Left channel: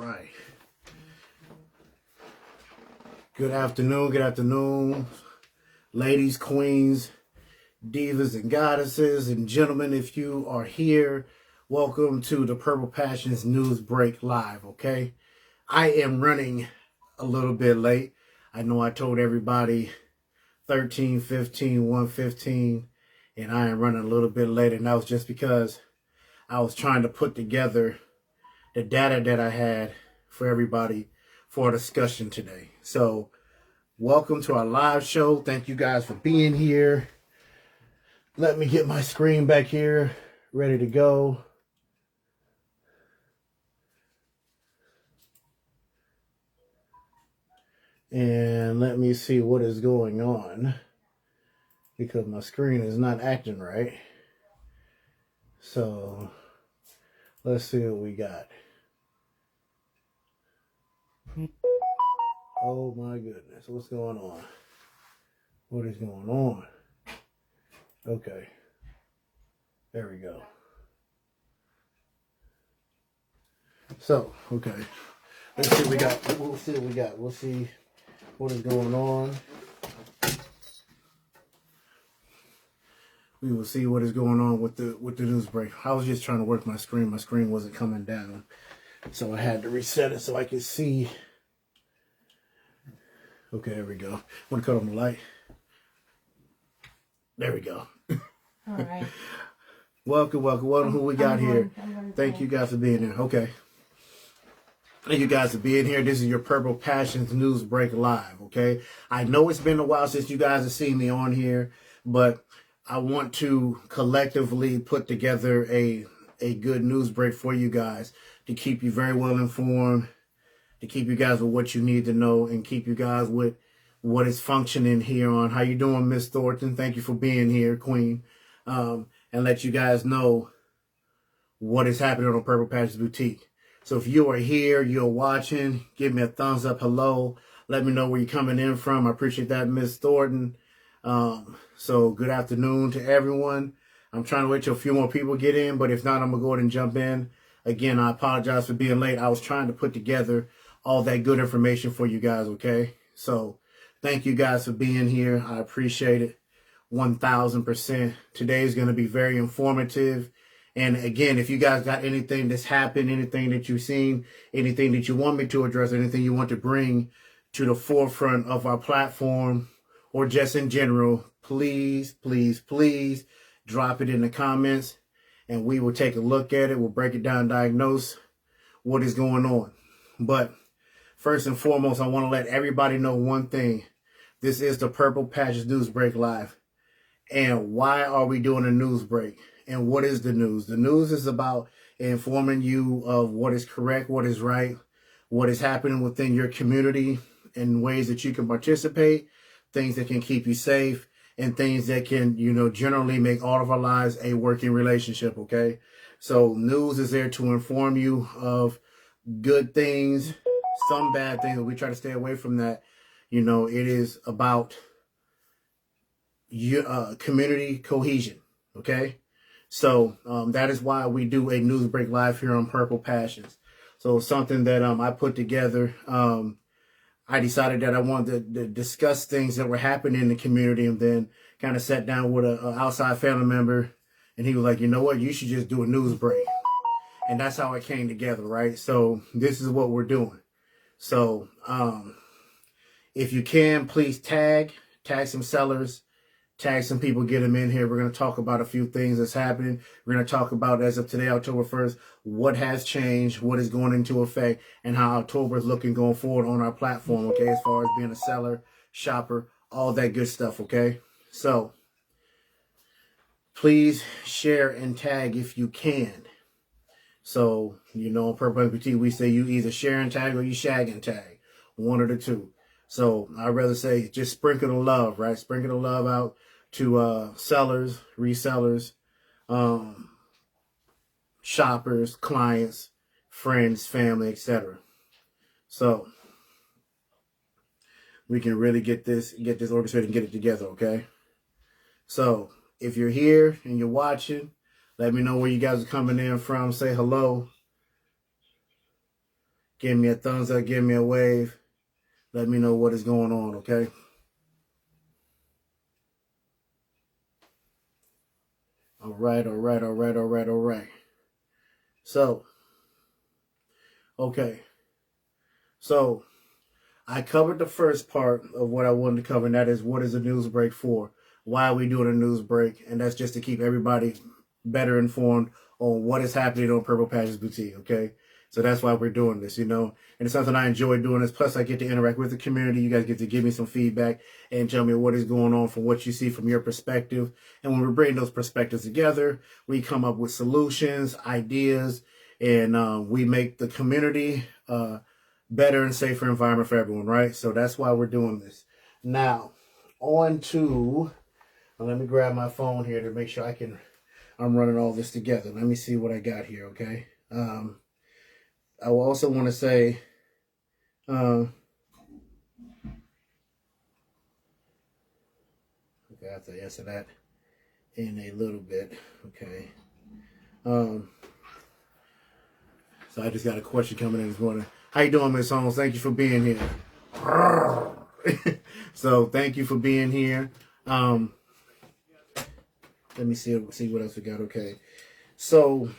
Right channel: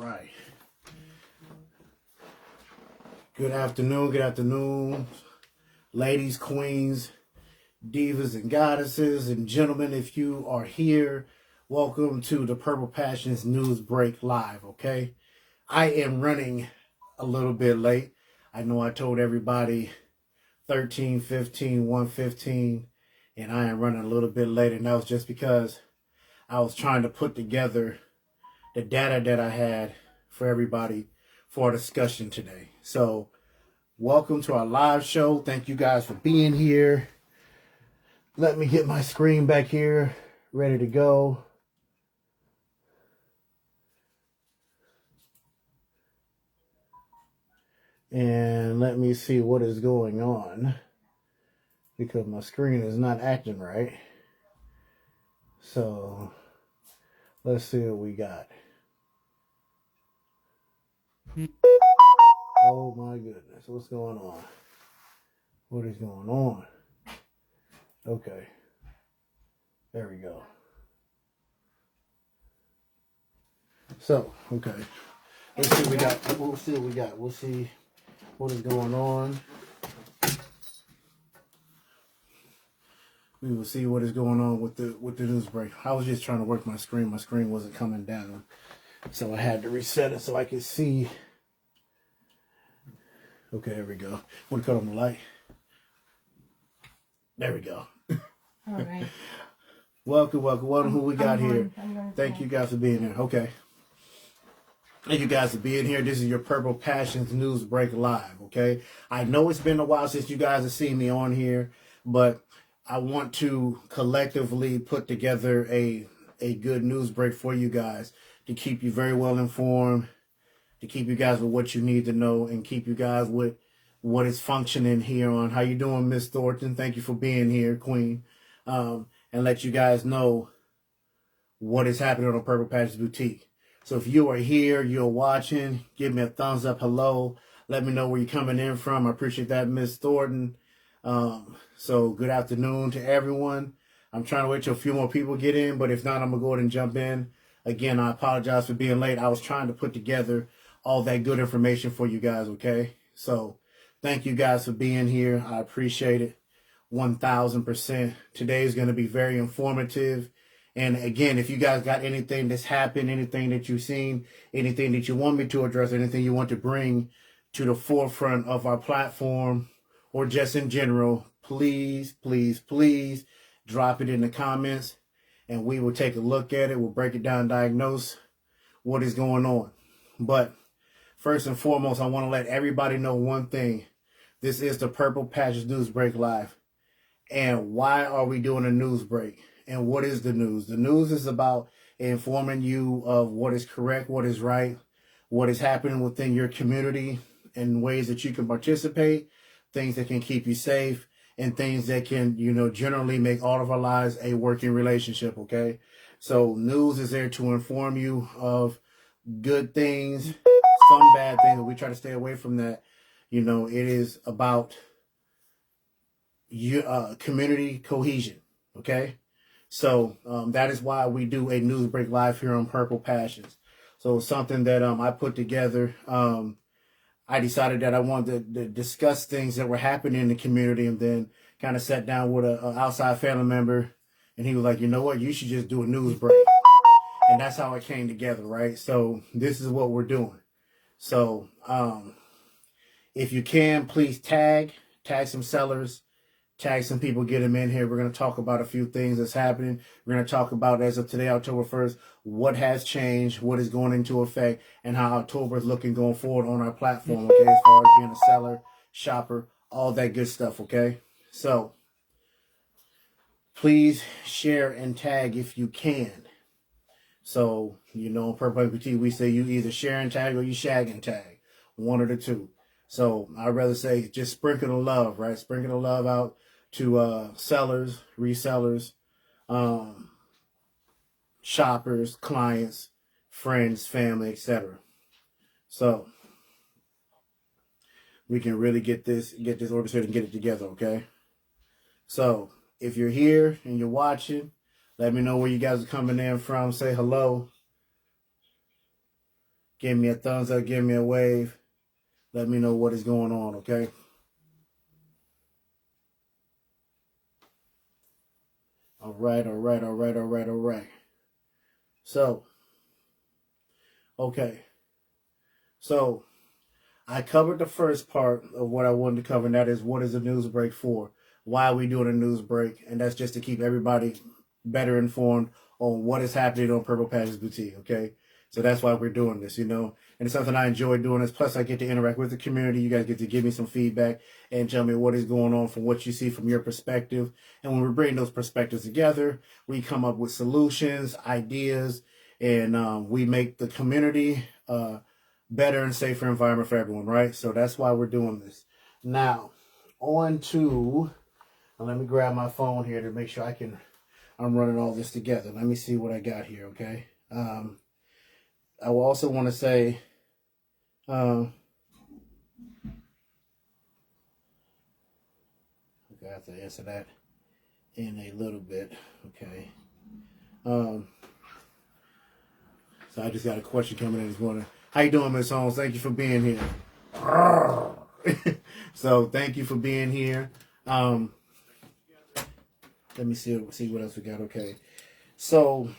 Right. Good afternoon, ladies, queens, divas, and goddesses, and gentlemen. If you are here, welcome to the Purple Passions News Break Live, okay? I am running a little bit late. I know I told everybody 13:15, 1:15, and I am running a little bit late, and that was just because I was trying to put together the data that I had for everybody for a discussion today. So welcome to our live show. Thank you guys for being here. Let me get my screen back here ready to go. And let me see what is going on because my screen is not acting right. So let's see what we got. Oh my goodness, what's going on? What is going on? Okay, there we go. So, okay, let's see what we got. We'll see what we got. We'll see what is going on. We will see what is going on with the news break. I was just trying to work my screen. My screen wasn't coming down, so I had to reset it so I could see. Okay, there we go. I'm gonna cut on the light. There we go. All right. Welcome. Who we got here? Thank you guys for being here. Okay. Thank you guys for being here. This is your Purple Passions News Break Live, okay? I know it's been a while since you guys have seen me on here, but I want to collectively put together a good news break for you guys to keep you very well informed, to keep you guys with what you need to know, and keep you guys with what is functioning here on. How you doing, Miss Thornton? Thank you for being here, Queen. And let you guys know what is happening on Purple Passions Boutique. So if you are here, you're watching, give me a thumbs up, hello. Let me know where you're coming in from. I appreciate that, Miss Thornton. So good afternoon to everyone. I'm trying to wait till a few more people get in, but if not, I'm going to go ahead and jump in. Again, I apologize for being late. I was trying to put together all that good information for you guys, okay? So thank you guys for being here. I appreciate it 1,000%. Today is going to be very informative. And again, if you guys got anything that's happened, anything that you've seen, anything that you want me to address, anything you want to bring to the forefront of our platform or just in general, please drop it in the comments and we will take a look at it. We'll break it down, diagnose what is going on. But first and foremost, I want to let everybody know one thing. This is the Purple Passions News Break Live. And why are we doing a news break? And what is the news? The news is about informing you of what is correct, what is right, what is happening within your community and ways that you can participate, things that can keep you safe, and things that can, generally make all of our lives a working relationship, okay? So news is there to inform you of good things, some bad things, but we try to stay away from that. It is about community cohesion, okay? So that is why we do a news break live here on Purple Passions. So something that I put together. I decided that I wanted to discuss things that were happening in the community, and then kind of sat down with an outside family member, and he was like, you know what, you should just do a news break. And that's how it came together, right? So this is what we're doing. So if you can, please tag some sellers, tag some people, get them in here. We're going to talk about a few things that's happening. We're going to talk about, as of today, October 1st, what has changed, what is going into effect, and how October is looking going forward on our platform, okay, as far as being a seller, shopper, all that good stuff, okay? So please share and tag if you can. So, on Purple Boutique, we say you either share and tag or you shag and tag, one of the two. So I'd rather say just sprinkle the love, right? Sprinkle the love out to sellers, resellers, shoppers, clients, friends, family, etc. So we can really get this orchestrated and get it together, okay? So if you're here and you're watching, let me know where you guys are coming in from. Say hello. Give me a thumbs up, give me a wave. Let me know what is going on, okay? All right. So, okay. So, I covered the first part of what I wanted to cover, and that is what is a news break for? Why are we doing a news break? And that's just to keep everybody better informed on what is happening on Purple Patches Boutique, okay? So that's why we're doing this, And it's something I enjoy doing this. Plus, I get to interact with the community. You guys get to give me some feedback and tell me what is going on from what you see from your perspective. And when we bring those perspectives together, we come up with solutions, ideas, and we make the community better and safer environment for everyone, right? So that's why we're doing this. Now, on to, let me grab my phone here to make sure I'm running all this together. Let me see what I got here, okay? I will also want to say, okay, I have to answer that in a little bit, okay? So I just got a question coming in this morning. How you doing, Miss Holmes? Thank you for being here. So thank you for being here. Let me see what else we got. Okay, so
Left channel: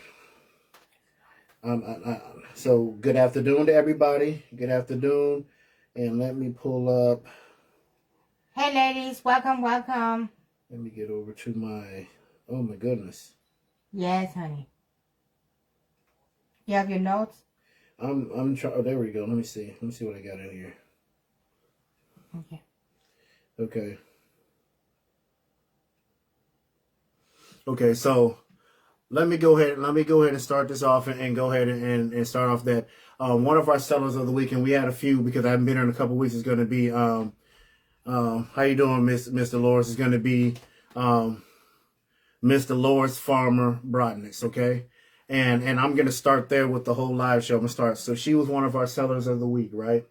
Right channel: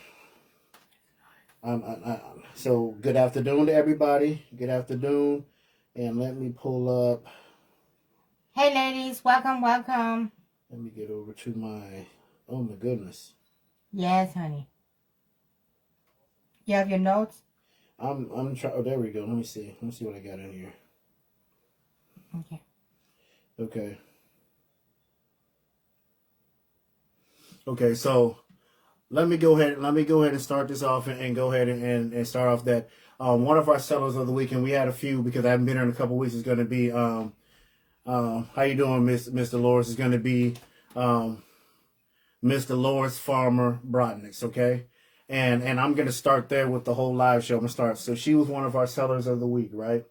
so good afternoon to everybody. Good afternoon, and let me pull up. Hey, ladies, welcome. Let me get over to my. Oh my goodness. Yes, honey. You have your notes. I'm trying. Oh, there we go. Let me see what I got in here. Okay. Okay, so let me go ahead and start this off and go ahead and start off that one of our sellers of the week, and we had a few because I haven't been here in a couple of weeks, is going to be how you doing, Miss Dolores? Is going to be Miss Dolores Farmer Brodniks, okay? And I'm going to start there with the whole live show. I'm going to start. So she was one of our sellers of the week, right?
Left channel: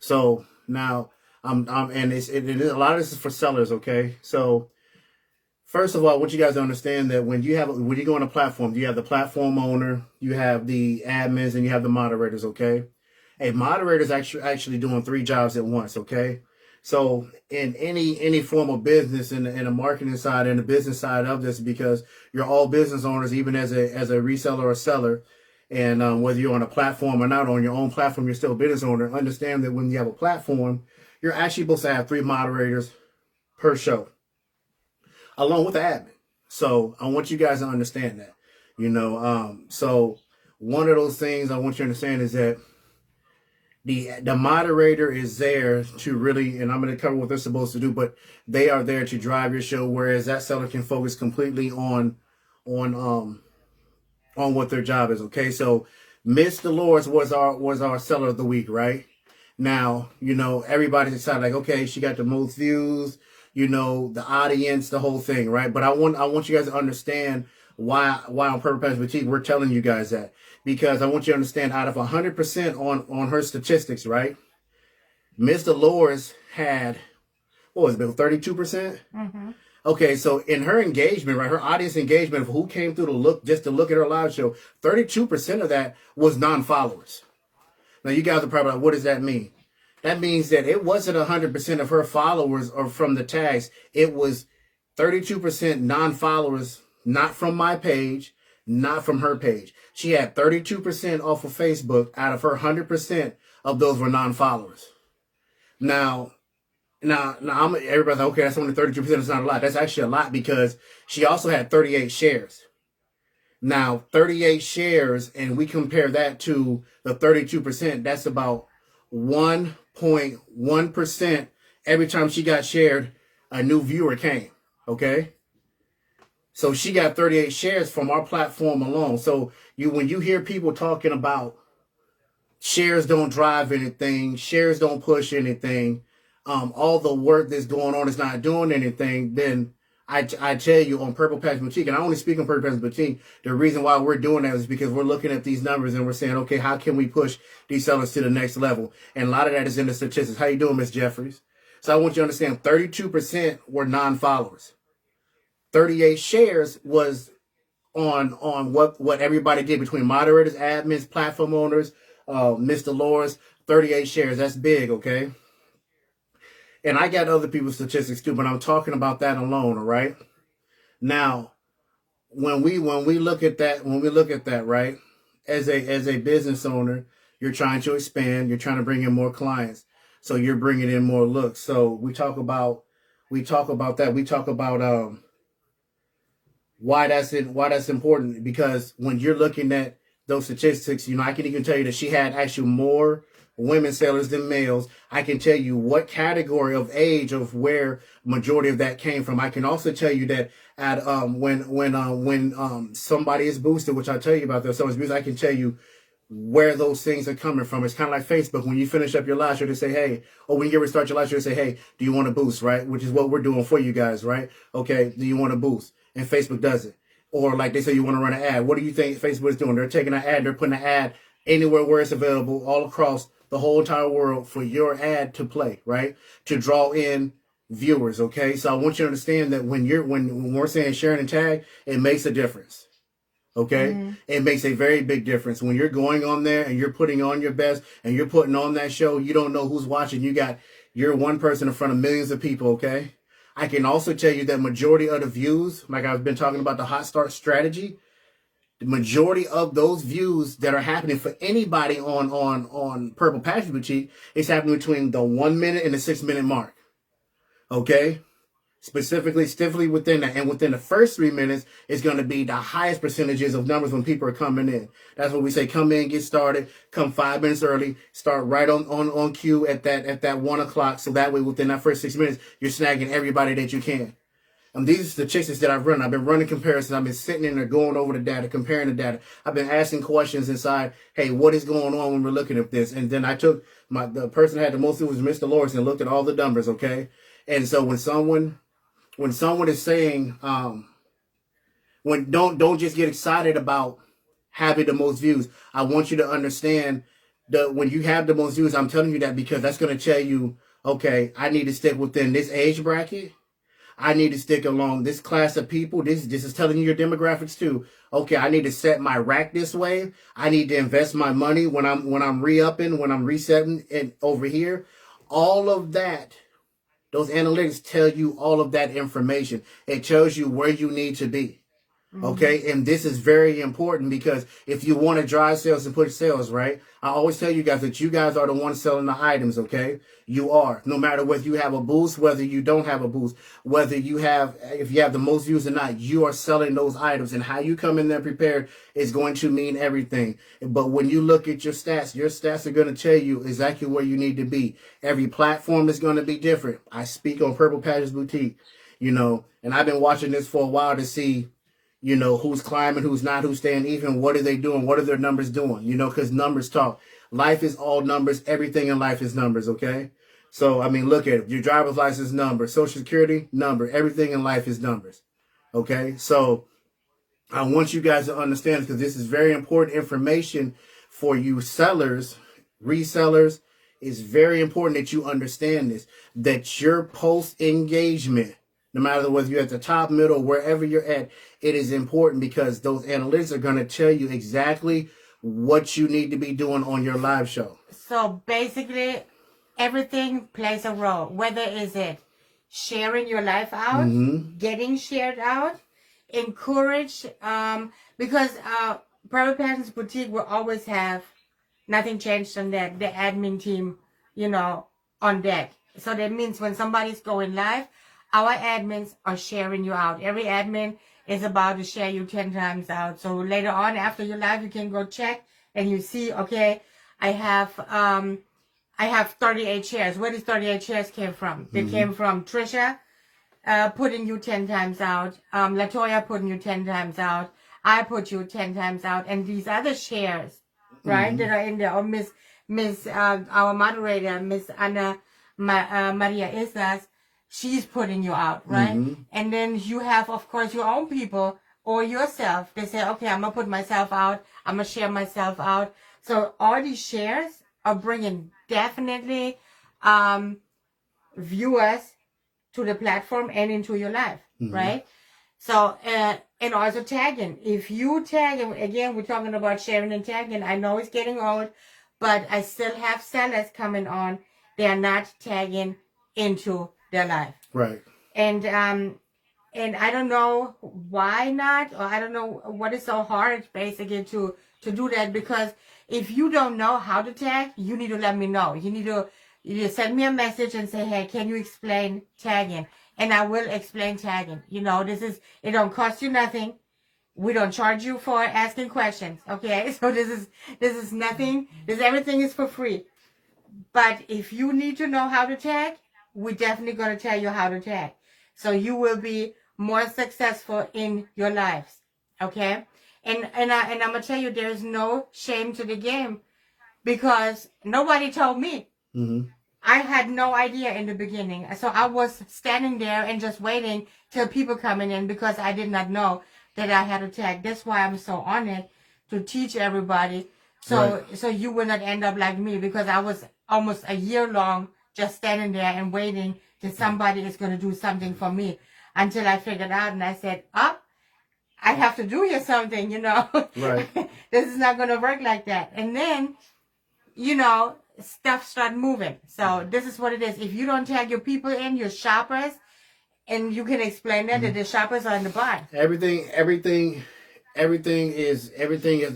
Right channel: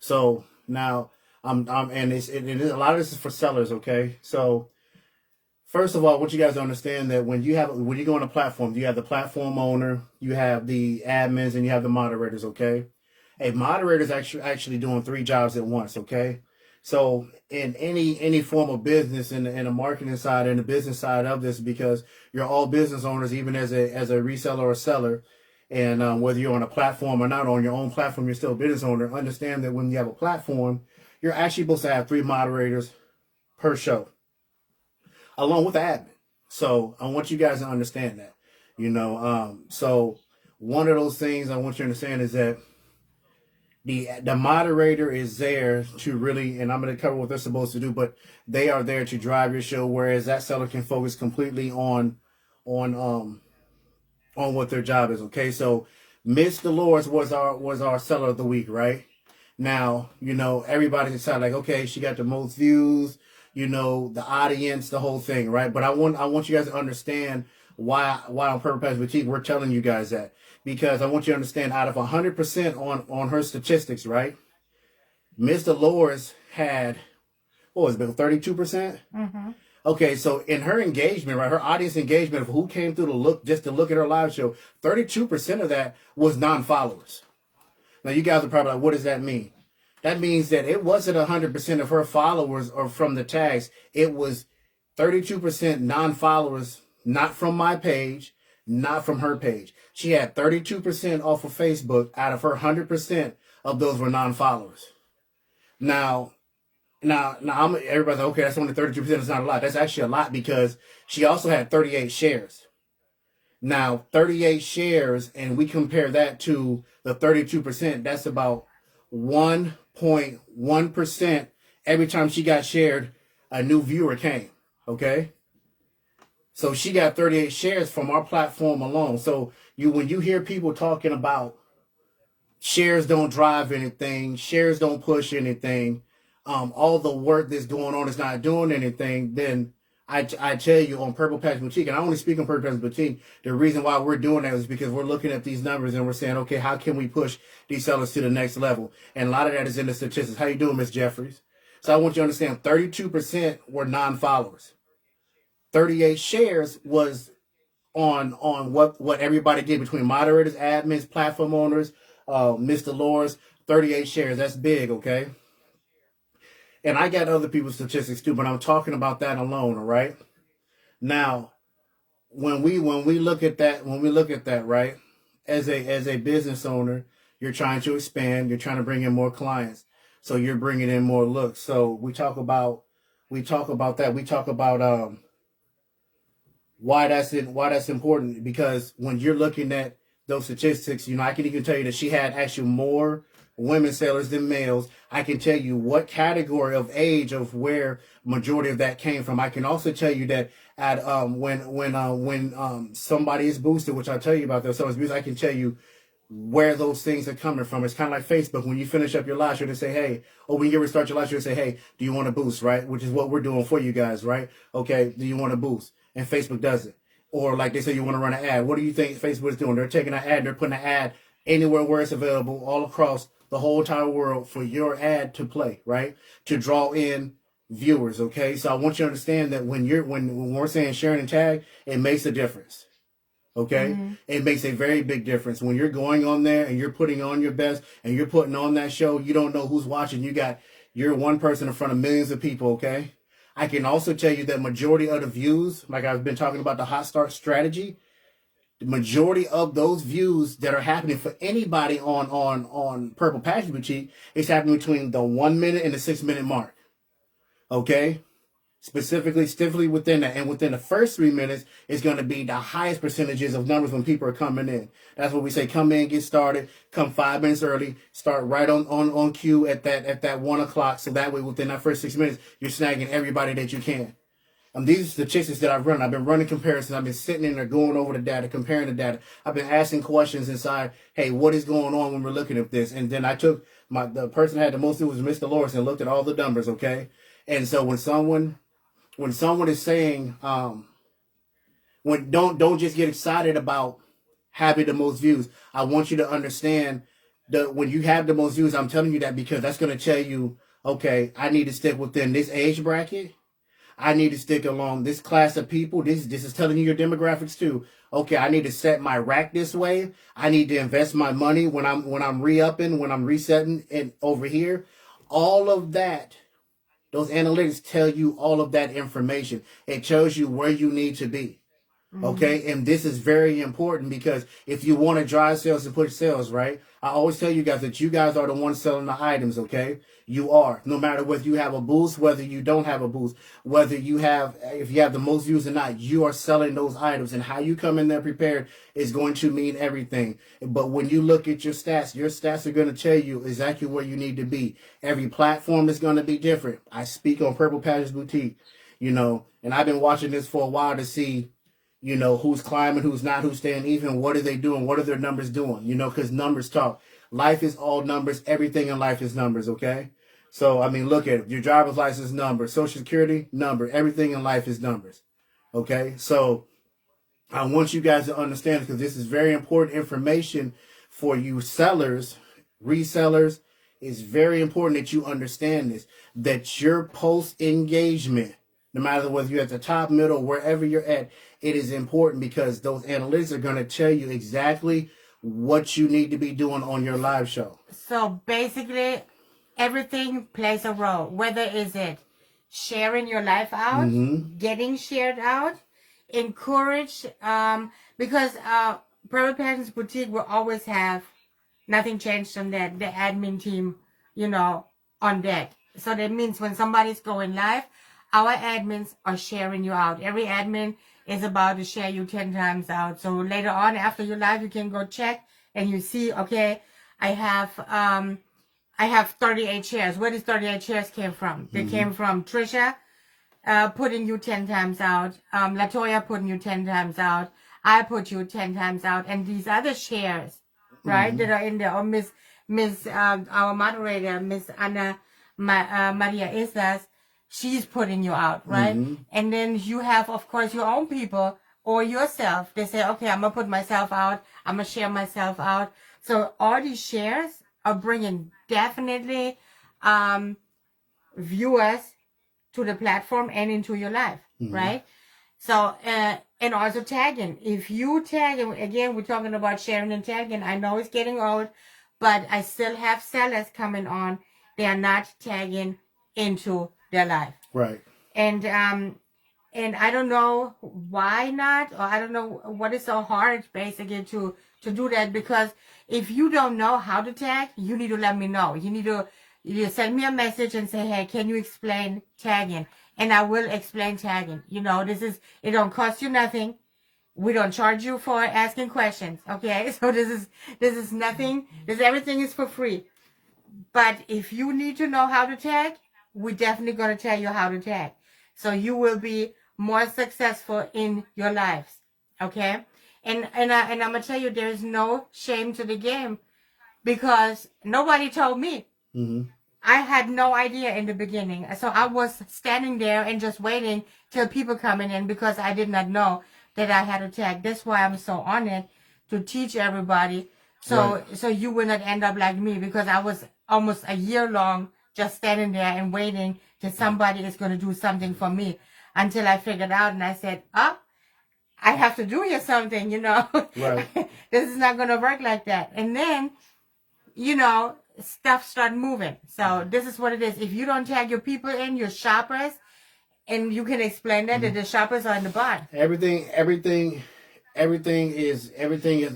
So now and a lot of this is for sellers, okay? So first of all, I want you guys to understand that when you go on a platform, you have the platform owner, you have the admins, and you have the moderators, okay? A moderator is actually doing 3 jobs at once, okay? So in any form of business, in the marketing side and the business side of this, because you're all business owners, even as a reseller or seller, and whether you're on a platform or not on your own platform, you're still a business owner. Understand that when you have a platform, you're actually supposed to have 3 moderators per show, along with the admin. So I want you guys to understand that, so one of those things I want you to understand is that the moderator is there to really, and I'm going to cover what they're supposed to do, but they are there to drive your show, whereas that seller can focus completely on what their job is. Okay, so Miss Dolores was our seller of the week, right? Now, everybody decided like, okay, she got the most views, the audience, the whole thing, right? But I want you guys to understand why on Purple Patches Boutique we're telling you guys that. Because I want you to understand, out of 100% on her statistics, right? Miss Dolores had, what was it, 32%? Mm-hmm. Okay, so in her engagement, right, her audience engagement of who came through to look at her live show, 32% of that was non-followers. Now, you guys are probably like, what does that mean? That means that it wasn't 100% of her followers or from the tags. It was 32% non-followers, not from my page, not from her page. She had 32% off of Facebook. Out of her 100% of those were non-followers. Now, everybody's like, okay, that's only 32%. It's not a lot. That's actually a lot because she also had 38 shares. Now, 38 shares, and we compare that to the 32%, that's about 1.1% every time she got shared, a new viewer came, okay? So she got 38 shares from our platform alone. So when you hear people talking about shares don't drive anything, shares don't push anything, all the work that's going on is not doing anything, then I tell you on Purple Patches Boutique, and I only speak on Purple Patches Boutique, the reason why we're doing that is because we're looking at these numbers and we're saying, okay, how can we push these sellers to the next level? And a lot of that is in the statistics. How you doing, Miss Jeffries? So I want you to understand 32% were non-followers. 38 shares was on what everybody did between moderators, admins, platform owners, Miss Dolores, 38 shares. That's big, okay? And I got other people's statistics too, but I'm talking about that alone, all right? Now, when we look at that, right? As a business owner, you're trying to expand, you're trying to bring in more clients. So you're bringing in more looks. So we talk about that. We talk about why that's important, because when you're looking at those statistics, I can even tell you that she had actually more women sellers than males. I can tell you what category of age of where majority of that came from. I can also tell you that at when somebody is boosted, which I tell you about, there's boosted, I can tell you where those things are coming from. It's kind of like Facebook. When you finish up your live show, they say, hey, or when you restart your live show, they say, hey, do you want to boost, right? Which is what we're doing for you guys, right? Okay, do you want to boost? And Facebook does it. Or like they say, you want to run an ad. What do you think Facebook is doing? They're taking an ad, they're putting an ad anywhere where it's available all across the whole entire world for your ad to play, right? To draw in viewers, okay? So I want you to understand that when we're saying sharing and tag, it makes a difference. Okay. Mm-hmm. It makes a very big difference when you're going on there and you're putting on your best and you're putting on that show. You don't know who's watching. You're one person in front of millions of people. Okay. I can also tell you that majority of the views, like I've been talking about the hot start strategy, the majority of those views that are happening for anybody on Purple Passion Boutique is happening between the 1 minute and the 6 minute mark. Okay. Stiffly within that. And within the first 3 minutes is going to be the highest percentages of numbers when people are coming in. That's what we say. Come in, get started, come 5 minutes early, start right on cue at that 1 o'clock. So that way within that first 6 minutes, you're snagging everybody that you can. These are the statistics that I've run. I've been running comparisons. I've been sitting in there going over the data, comparing the data. I've been asking questions inside, hey, what is going on when we're looking at this? And then I took the person that had the most was Mr. Lawrence and looked at all the numbers, okay? And so when someone is saying, don't just get excited about having the most views. I want you to understand that when you have the most views, I'm telling you that because that's going to tell you, okay, I need to stick within this age bracket. I need to stick along this class of people. This is telling you your demographics too. Okay, I need to set my rack this way. I need to invest my money when I'm re-upping, when I'm resetting and over here. All of that. Those analytics tell you all of that information. It tells you where you need to be. Okay. And this is very important because if you want to drive sales and push sales, right? I always tell you guys that you guys are the ones selling the items. Okay. You are, no matter whether you have a boost, whether you don't have a boost, if you have the most views or not, you are selling those items, and how you come in there prepared is going to mean everything. But when you look at your stats are going to tell you exactly where you need to be. Every platform is going to be different. I speak on Purple Passion Boutique, and I've been watching this for a while to see, who's climbing, who's not, who's staying even, what are they doing, what are their numbers doing, because numbers talk. Life is all numbers. Everything in life is numbers, okay? So, look at it. Your driver's license number, Social Security number, everything in life is numbers, okay? So, I want you guys to understand, because this is very important information for you sellers, resellers. It's very important that you understand this, that your post-engagement, no matter whether you're at the top, middle, wherever you're at, it is important because those analytics are going to tell you exactly what you need to be doing on your live show. So basically, everything plays a role. Whether is it sharing your life out, getting shared out, encourage, because Purple Passion Boutique will always have, nothing changed on that, the admin team, on deck. So that means when somebody's going live, our admins are sharing you out. Every admin is about to share you 10 times out. So later on, after you live, you can go check and you see, okay, I have 38 shares. Where these 38 shares came from? They came from Trisha putting you 10 times out, Latoya putting you 10 times out, I put you 10 times out, and these other shares, right, that are in there, or Miss our moderator, Miss Ana Maria Islas, she's putting you out, right? And then you have, of course, your own people or yourself. They say, okay, I'm going to put myself out. I'm going to share myself out. So all these shares are bringing definitely viewers to the platform and into your life, right? So, and also tagging. If you tag, and again, we're talking about sharing and tagging. I know it's getting old, but I still have sellers coming on. They are not tagging into their life. Right. And I don't know why not, or I don't know what is so hard basically to do that, because if you don't know how to tag, you need to let me know. You send me a message and say, hey, can you explain tagging? And I will explain tagging. You know, it don't cost you nothing. We don't charge you for asking questions. Okay. So this is nothing. Everything is for free. But if you need to know how to tag, we're definitely going to tell you how to tag. So you will be more successful in your lives. Okay? And I'm going to tell you, there is no shame to the game, because nobody told me. Mm-hmm. I had no idea in the beginning. So I was standing there and just waiting till people coming in, because I did not know that I had to tag. That's why I'm so honored to teach everybody. So you will not end up like me, because I was almost a year long just standing there and waiting till somebody is going to do something for me, until I figured out and I said, I have to do here something, you know. Right. This is not going to work like that. And then, you know, stuff start moving. So this is what it is. If you don't tag your people in, your shoppers, and you can explain that the shoppers are in the bar. Everything is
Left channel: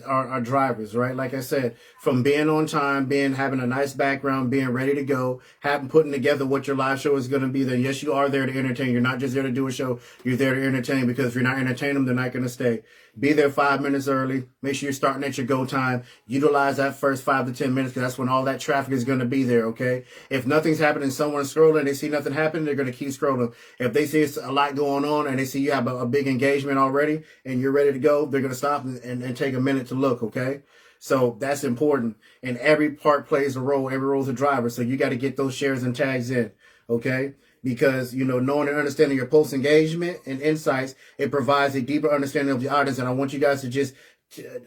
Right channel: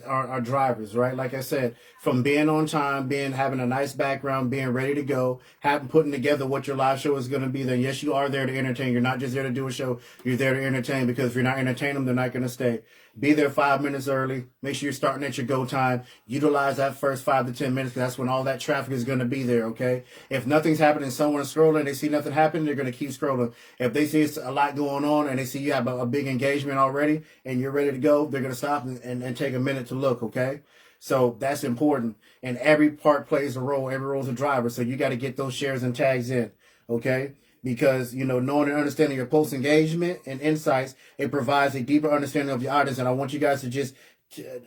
our drivers, right? Like I said, from being on time, having a nice background, being ready to go, putting together what your live show is going to be. Then yes, you are there to entertain. You're not just there to do a show. You're there to entertain, because if you're not entertaining them, they're not going to stay. Be there 5 minutes early. Make sure you're starting at your go time. Utilize that first 5 to 10 minutes, because that's when all that traffic is going to be there, okay? If nothing's happening, someone's scrolling, they see nothing happen, they're going to keep scrolling. If they see it's a lot going on and they see you have a big engagement already and you're ready to go, they're going to stop and take a minute to look, okay? So that's important. And every part plays a role. Every role is a driver. So you got to get those shares and tags in, okay? Because, you know, knowing and understanding your post engagement and insights, it provides a deeper understanding of the audience. And I want you guys to just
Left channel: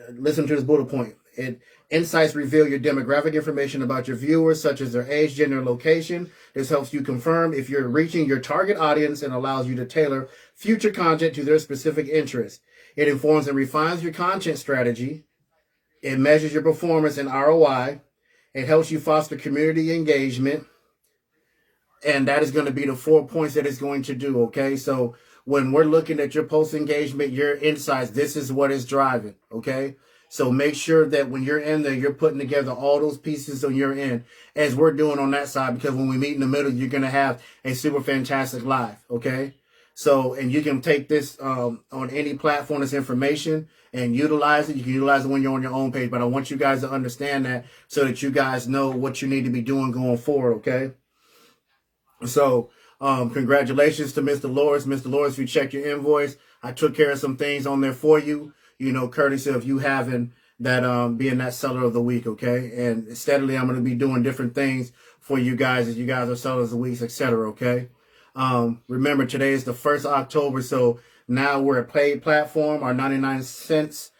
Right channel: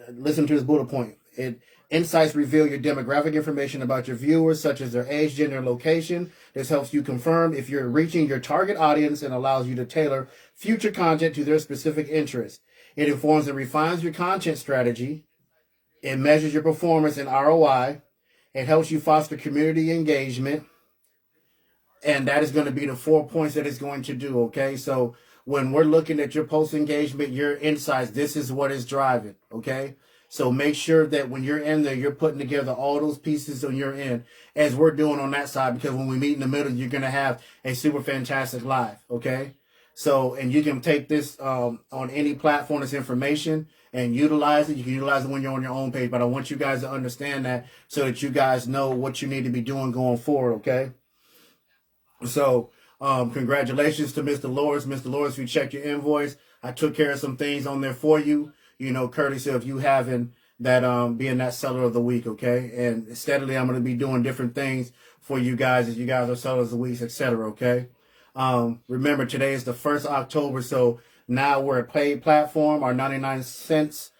listen to this bullet point. Insights reveal your demographic information about your viewers, such as their age, gender, and location. This helps you confirm if you're reaching your target audience and allows you to tailor future content to their specific interests. It informs and refines your content strategy. It measures your performance and ROI. It helps you foster community engagement. And that is going to be the 4 points that it's going to do, okay? So when we're looking at your post engagement, your insights, this is what is driving, okay? So make sure that when you're in there, you're putting together all those pieces on your end, as we're doing on that side, because when we meet in the middle, you're going to have a super fantastic live, okay? So, and you can take this on any platform, this information, and utilize it. You can utilize it when you're on your own page, but I want you guys to understand that so that you guys know what you need to be doing going forward, okay? So, congratulations to Mr. Lawrence. Mr. Lawrence, you check your invoice. I took care of some things on there for you, you know, courtesy of you having that, being that seller of the week, okay? And steadily, I'm going to be doing different things for you guys as you guys are sellers of the week, etc., okay? Remember, today is the 1st of October, so now we're a paid platform. Our 99 cents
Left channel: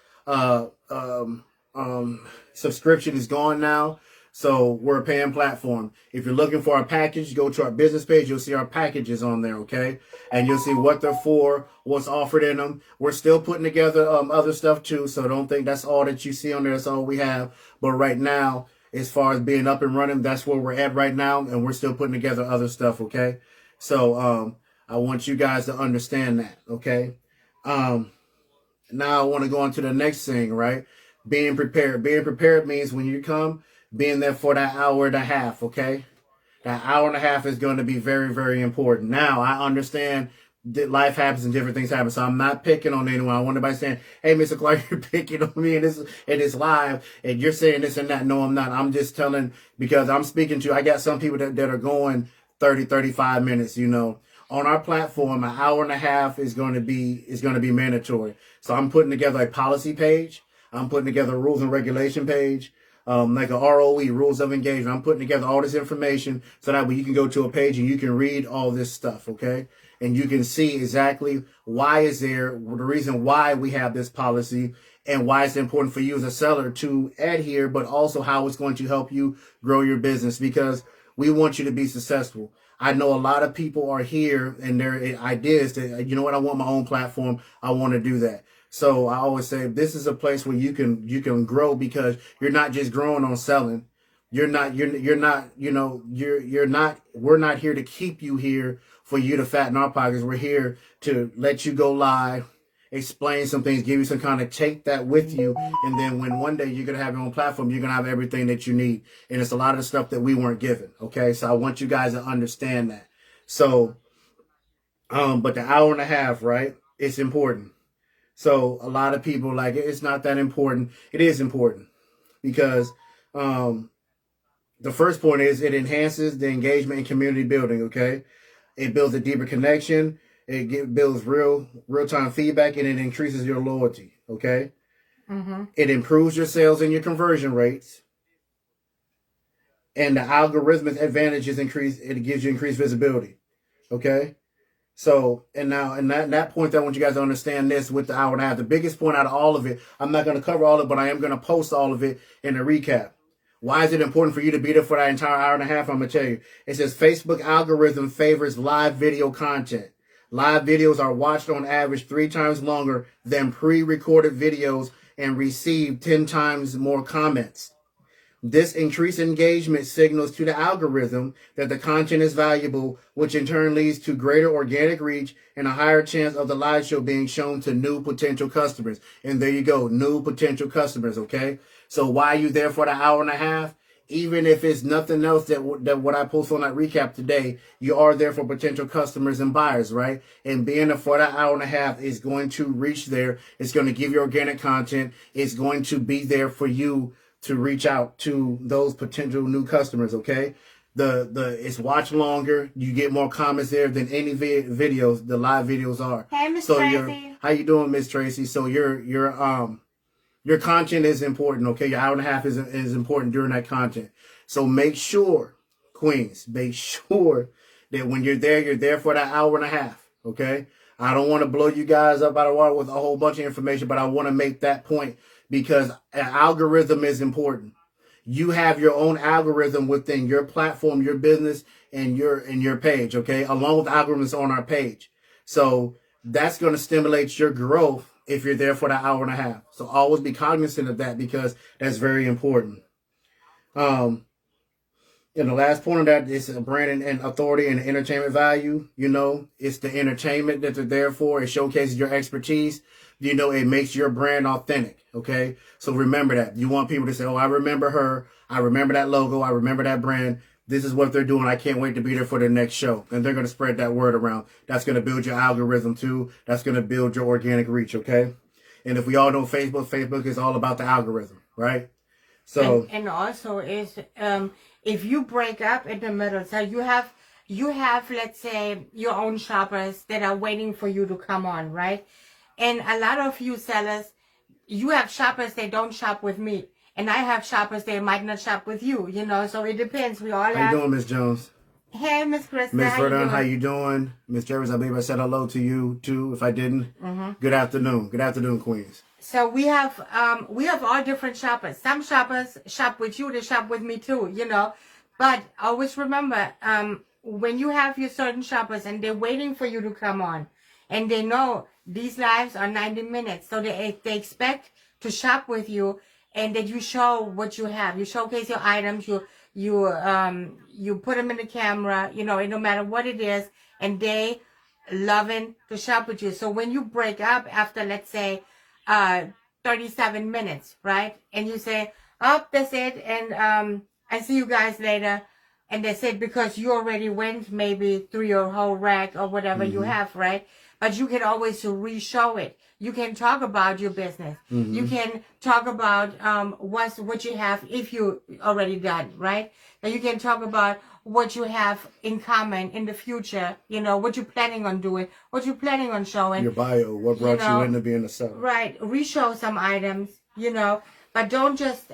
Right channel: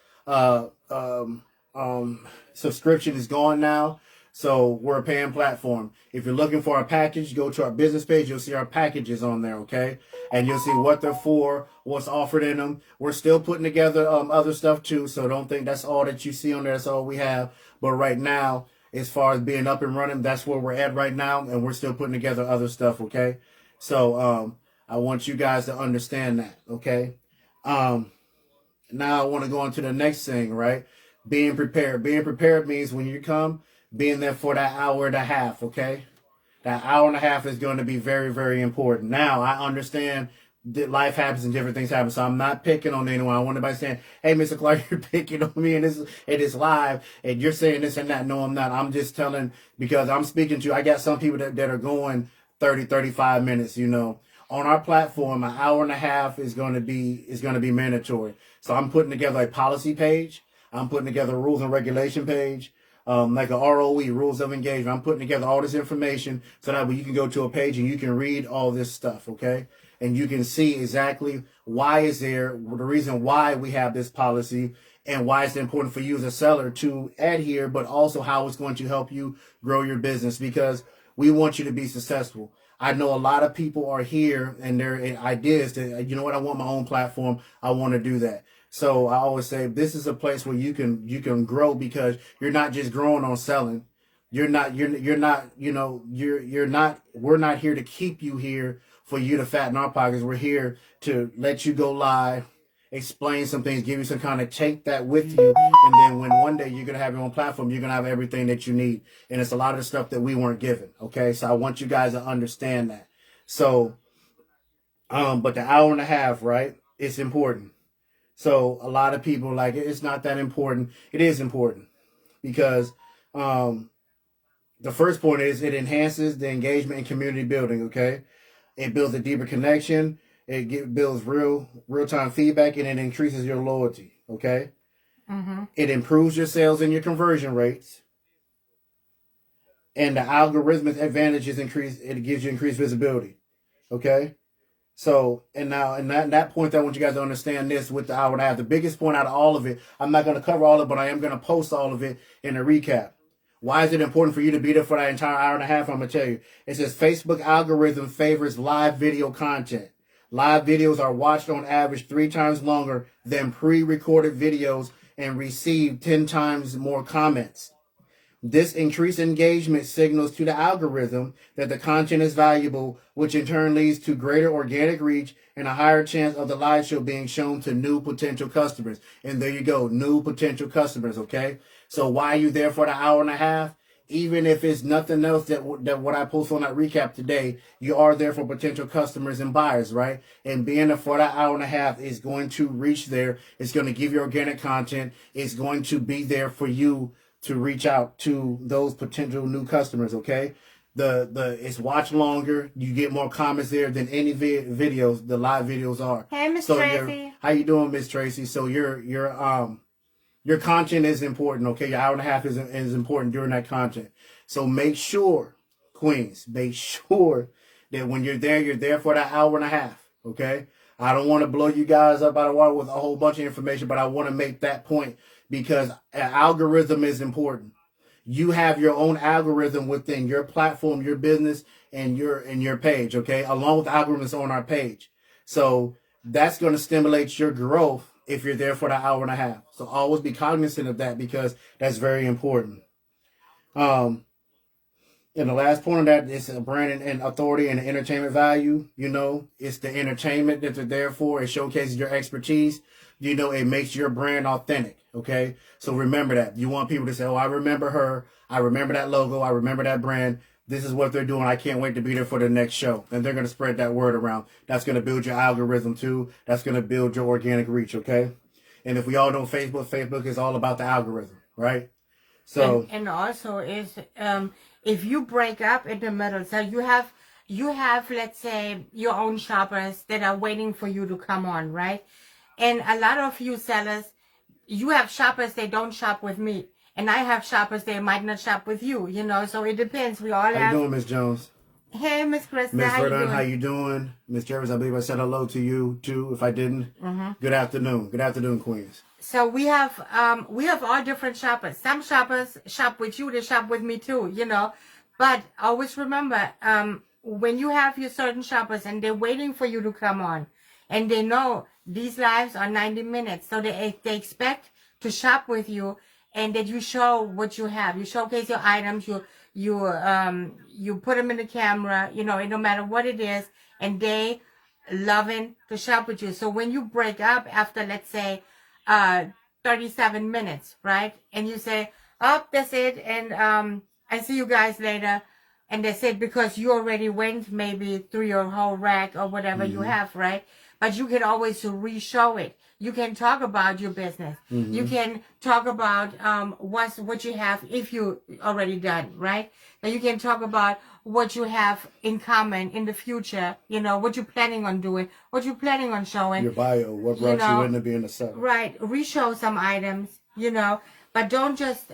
subscription is gone now. So we're a paying platform. If you're looking for a package, go to our business page. You'll see our packages on there, okay? And you'll see what they're for, what's offered in them. We're still putting together other stuff too, so don't think that's all that you see on there. That's all we have. But right now, as far as being up and running, that's where we're at right now, and we're still putting together other stuff, okay? So I want you guys to understand that, okay? Now I want to go on to the next thing, right? Being prepared. Being prepared means when you come, being there for that hour and a half, okay? That hour and a half is going to be very, very important. Now, I understand that life happens and different things happen, so I'm not picking on anyone. I want everybody saying, hey, Mr. Clark, you're picking on me and this live, and you're saying this and that. No, I'm not. I'm just telling, because I'm speaking to, I got some people that are going 30, 35 minutes, you know. On our platform, an hour and a half is going to be mandatory. So I'm putting together a policy page. I'm putting together a rules and regulation page. Like a ROE, rules of engagement. I'm putting together all this information so that way you can go to a page and you can read all this stuff, okay? And you can see exactly why is there, the reason why we have this policy and why it's important for you as a seller to adhere, but also how it's going to help you grow your business, because we want you to be successful. I know a lot of people are here and their ideas that, you know what, I want my own platform. I want to do that. So I always say this is a place where you can grow, because you're not just growing on selling. You're not, we're not here to keep you here for you to fatten our pockets. We're here to let you go live, explain some things, give you some kind of, take that with you. And then when one day you're going to have your own platform, you're going to have everything that you need. And it's a lot of the stuff that we weren't given. Okay. So I want you guys to understand that. So, but the hour and a half, right? It's important. So a lot of people are like, it's not that important. It is important, because, the first point is it enhances the engagement and community building. Okay. It builds a deeper connection. It builds real-time feedback, and it increases your loyalty. Okay. Mm-hmm. It improves your sales and your conversion rates. And the algorithmic advantages increase. It gives you increased visibility. Okay. So, and now, and that point, I want you guys to understand this with the hour and a half. The biggest point out of all of it, I'm not going to cover all of it, but I am going to post all of it in a recap. Why is it important for you to be there for that entire hour and a half? I'm going to tell you. It says Facebook algorithm favors live video content. Live videos are watched on average 3 times longer than pre-recorded videos and receive 10 times more comments. This increased engagement signals to the algorithm that the content is valuable, which in turn leads to greater organic reach and a higher chance of the live show being shown to new potential customers. And there you go, new potential customers, okay? So why are you there for the hour and a half? Even if it's nothing else that what I post on that recap today, you are there for potential customers and buyers, right? And being there for that hour and a half is going to reach there. It's going to give you organic content. It's going to be there for you to reach out to those potential new customers, okay? It's watched longer. You get more comments there than any videos, the live videos are. Hey, Miss Tracy. How you doing, Miss Tracy? So your content is important, okay? Your hour and a half is important during that content. So make sure, Queens, make sure that when you're there for that hour and a half, okay? I don't want to blow you guys up out of water with a whole bunch of information, but I want to make that point, because an algorithm is important. You have your own algorithm within your platform, your business, and your page, okay? Along with algorithms on our page. So that's going to stimulate your growth if you're there for that hour and a half. So always be cognizant of that, because that's very important. And the last point of that is brand and authority and entertainment value. You know, it's the entertainment that they're there for. It showcases your expertise. You know, it makes your brand authentic. Okay. So remember that. You want people to say, oh, I remember her. I remember that logo. I remember that brand. This is what they're doing. I can't wait to be there for the next show. And they're going to spread that word around. That's going to build your algorithm too. That's going to build your organic reach. Okay. And if we all know Facebook is all about the algorithm, right? So, and also is, if you break up in the middle, so you have, let's say, your own shoppers that are waiting for you to come on, right? And a lot of you sellers, you have shoppers that don't shop with me. And I have shoppers that might not shop with you, you know, so it depends. We all have. How you doing, Miss Jones? Hey, Miss Krista. Miss Verdun, how you doing? Miss Jervis, I believe I said hello to you, too, if I didn't. Mm-hmm. Good afternoon. Good afternoon, Queens. So we have all different shoppers. Some shoppers shop with you, they shop with me too, you know. But always remember, when you have your certain shoppers and they're waiting for you to come on, and they know these lives are 90 minutes, so they expect to shop with you, and that you show what you have. You showcase your items, you put them in the camera, you know, and no matter what it is, and they loving to shop with you. So when you break up after, let's say, 37 minutes, right? And you say, oh, that's it. And I see you guys later. And that's it, because you already went maybe through your whole rack or whatever you have, right? But you can always re-show it. You can talk about your business. You can talk about what you have if you already done, right? But you can talk about what you have in common in the future, you know, what you're planning on doing, what you're planning on showing. Your bio, what brought you into being a seller. Right. Re-show some items, you know, but don't just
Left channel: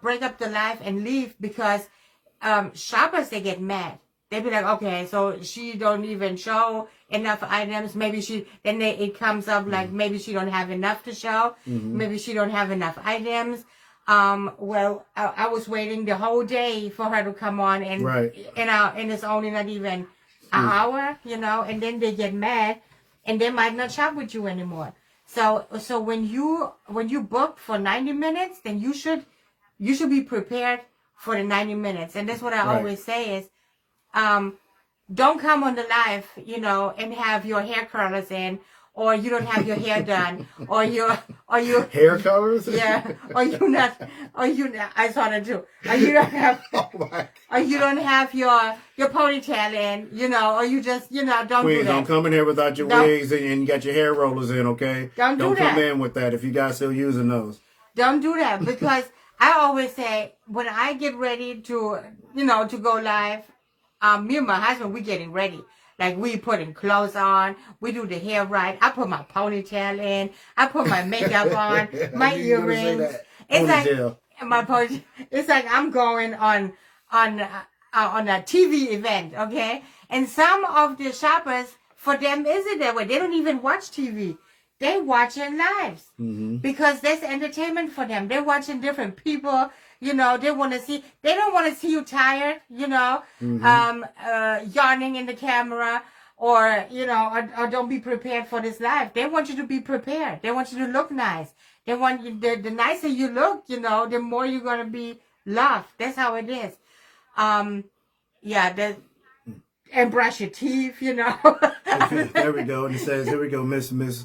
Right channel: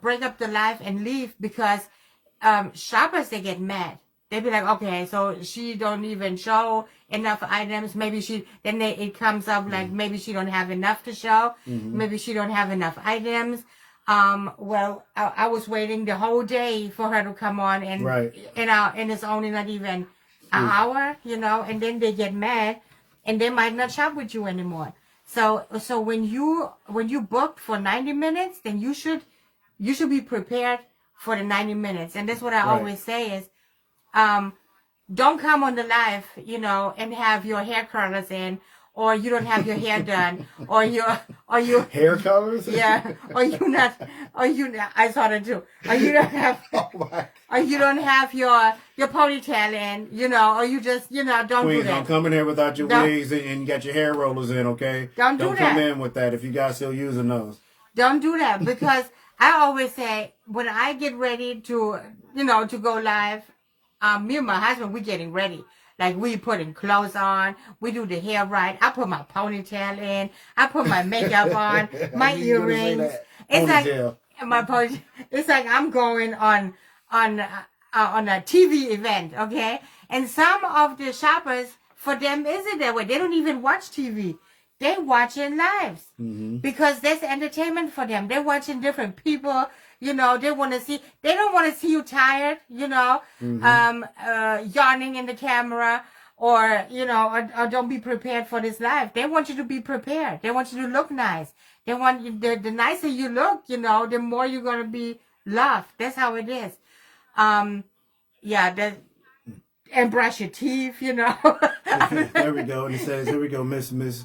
break up the life and leave, because shoppers, they get mad. They be like, okay, so she don't even show enough items. Maybe it comes up like maybe she don't have enough to show. Maybe she don't have enough items. Well, I was waiting the whole day for her to come on, and and it's only not even an hour, you know, and then they get mad and they might not shop with you anymore. So when you book for 90 minutes, then you should be prepared for the 90 minutes. And that's what I always say is, don't come on the live, and have your hair curlers in, or you don't have your hair done, or you hair colors. Yeah, or you not. I saw it too. Or you don't have. Or you don't have your ponytail in, or you just, don't Please, do that. don't come in here without your wigs and you got your hair rollers in, okay? Don't come in with that if you guys still using those. Don't do that, because I always say, when I get ready to, to go live, me and my husband, we getting ready. Like, we putting clothes on, we do the hair right. I put my ponytail in, I put my makeup on, my earrings. It's ponytail. like my ponytail. It's like I'm going on a TV event, okay? And some of the shoppers, for them, isn't that way? They don't even watch TV. They watching lives, because that's entertainment for them. They're watching different people. They want to see. They don't want to see you tired. Yawning in the camera, or or don't be prepared for this live. They want you to be prepared. They want you to look nice. They want you. The nicer you look, the more you're gonna be loved. That's how it is. And brush your teeth. There we go. And it says, here we go, Miss Manny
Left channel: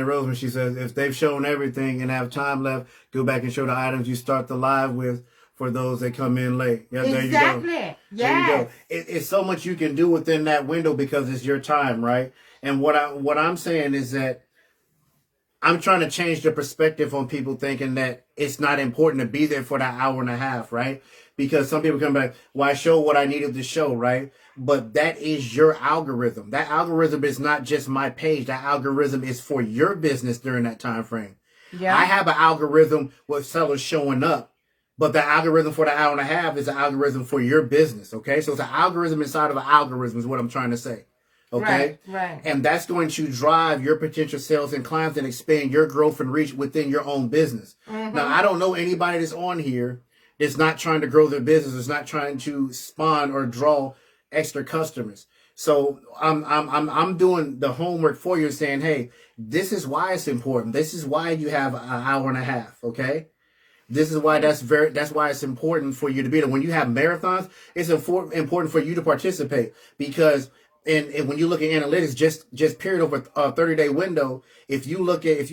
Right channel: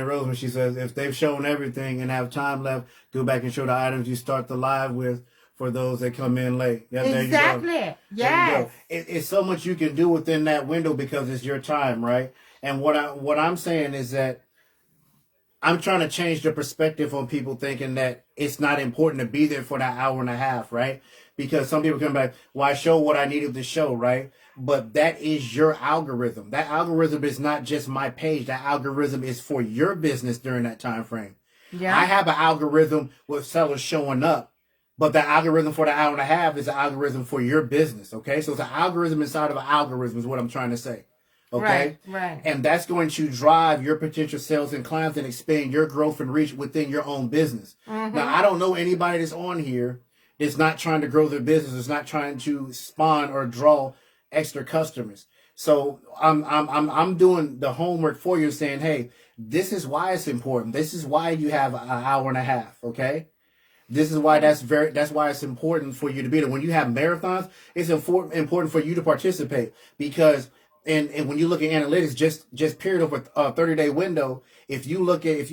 Roseman. She says, if they've shown everything and have time left, go back and show the items you start the live with for those that come in late. Yeah, exactly. There you go. Yes. There you go. It's so much you can do within that window because it's your time, right? And what I'm saying is that I'm trying to change the perspective on people thinking that it's not important to be there for that hour and a half, right? Because some people come back, well, I show what I needed to show, right? But that is your algorithm. That algorithm is not just my page. That algorithm is for your business during that time frame. Yeah. I have an algorithm with sellers showing up, but the algorithm for the hour and a half is an algorithm for your business, okay? So it's an algorithm inside of an algorithm is what I'm trying to say, okay? Right. And that's going to drive your potential sales and clients and expand your growth and reach within your own business. Now, I don't know anybody that's on here that's not trying to grow their business, that's not trying to spawn or draw extra customers. So I'm doing the homework for you, saying, hey, this is why it's important. This is why you have an hour and a half. Okay. This is why that's why it's important for you to be there. When you have marathons, it's important for you to participate, because and when you look at analytics, just period over a 30-day window, if you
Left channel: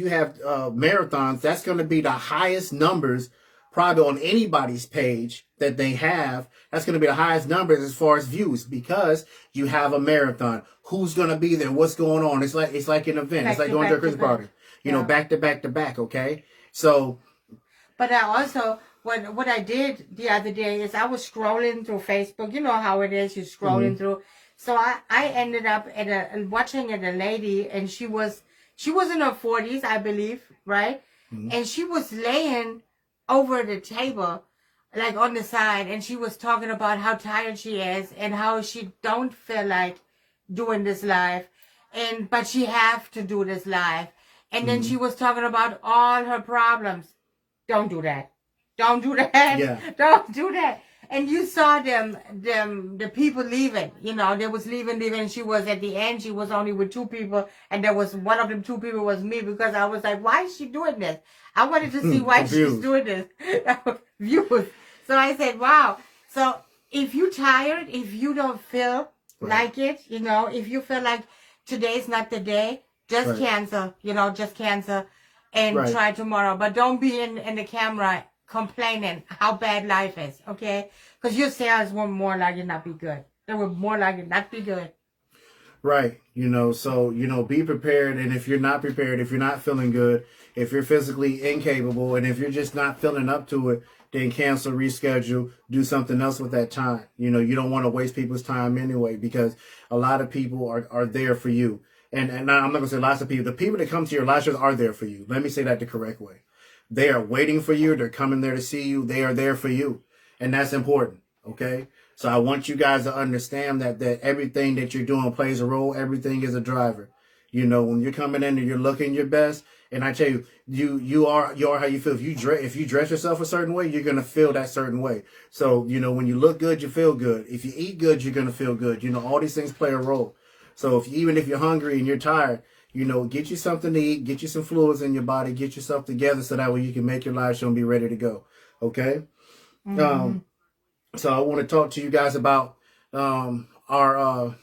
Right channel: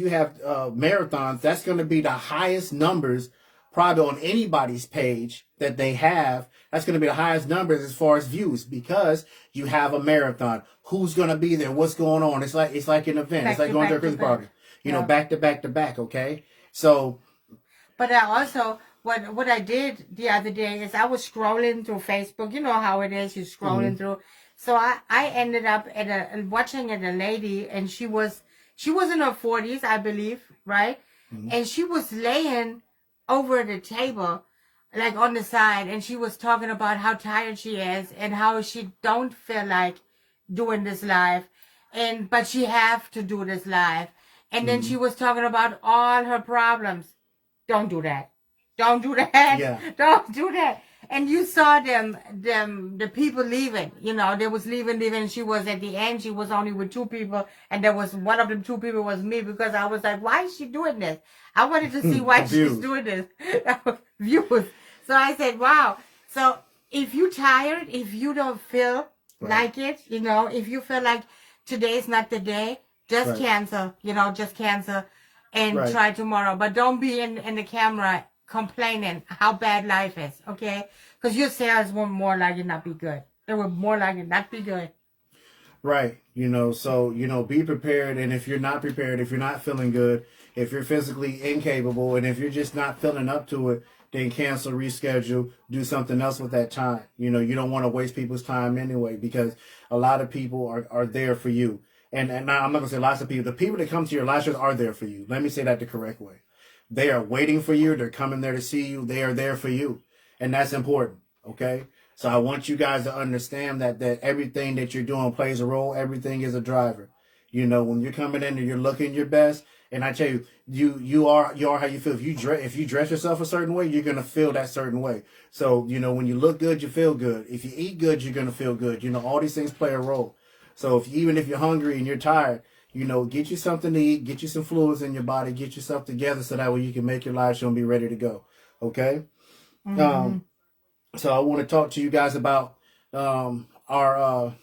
have marathons, that's going to be the highest numbers probably on anybody's page that they have. That's going to be the highest numbers as far as views, because you have a marathon. Who's going to be there? What's going on? It's like an event. It's like going to a Christmas party. Back to back to back. Okay. So. But I also, what I did the other day is I was scrolling through Facebook. You know how it is. You're scrolling through. So I ended up watching a lady, and she was in her 40s, I believe, right? And she was laying over the table, like on the side, and she was talking about how tired she is and how she don't feel like doing this live, but she have to do this live. And then she was talking about all her problems. Don't do that. Don't do that. Yeah. Don't do that. And you saw the people leaving. They was leaving. And she was at the end. She was only with two people, and there was one of them two people was me, because I was like, why is she doing this? I wanted to see why she's doing this. Views. So I said, wow. So if you're tired, if you don't feel like it, if you feel like today's not the day, just cancel. Just cancel and try tomorrow. But don't be in the camera complaining how bad life is, okay? Because your sales will more likely not be good. It will more likely not be good. Right. So, be prepared. And if you're not prepared, if you're not feeling good, if you're physically incapable, and if you're just not feeling up to it, then cancel, reschedule, do something else with that time. You don't want to waste people's time anyway, because a lot of people are there for you. And now I'm not going to say lots of people. The people that come to your live shows are there for you. Let me say that the correct way. They are waiting for you. They're coming there to see you. They are there for you. And that's important. Okay. So I want you guys to understand that everything that you're doing plays a role. Everything is a driver. When you're coming in and you're looking your best, and I tell you, you are how you feel. If you dress yourself a certain way, you're going to feel that certain way. So, when you look good, you feel good. If you eat good, you're going to feel good. All these things play a role. So even if you're hungry and you're tired, get you something to eat, get you some fluids in your body, get yourself together so that way you can make your live show and be ready to go. Okay. So I want to talk to you guys about our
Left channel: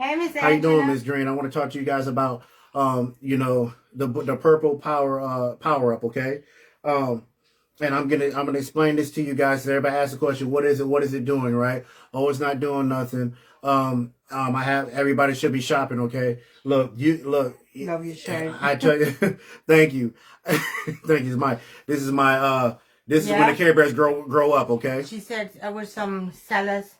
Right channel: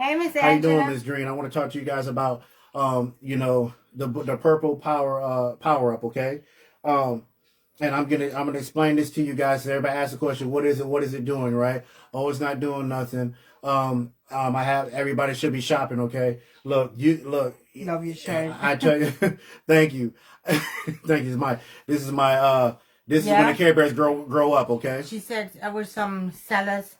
Hey, Miss how you doing, Angela. Miss Green? I want to talk to you guys about the purple power up, okay? And I'm gonna explain this to you guys. So everybody asks the question, what is it? What is it doing, right? Oh, it's not doing nothing. I have everybody should be shopping, okay? Look. Love your shirt. I tell you, thank you. Thank you. This is when the Care Bears grow up, okay? She said with some sellers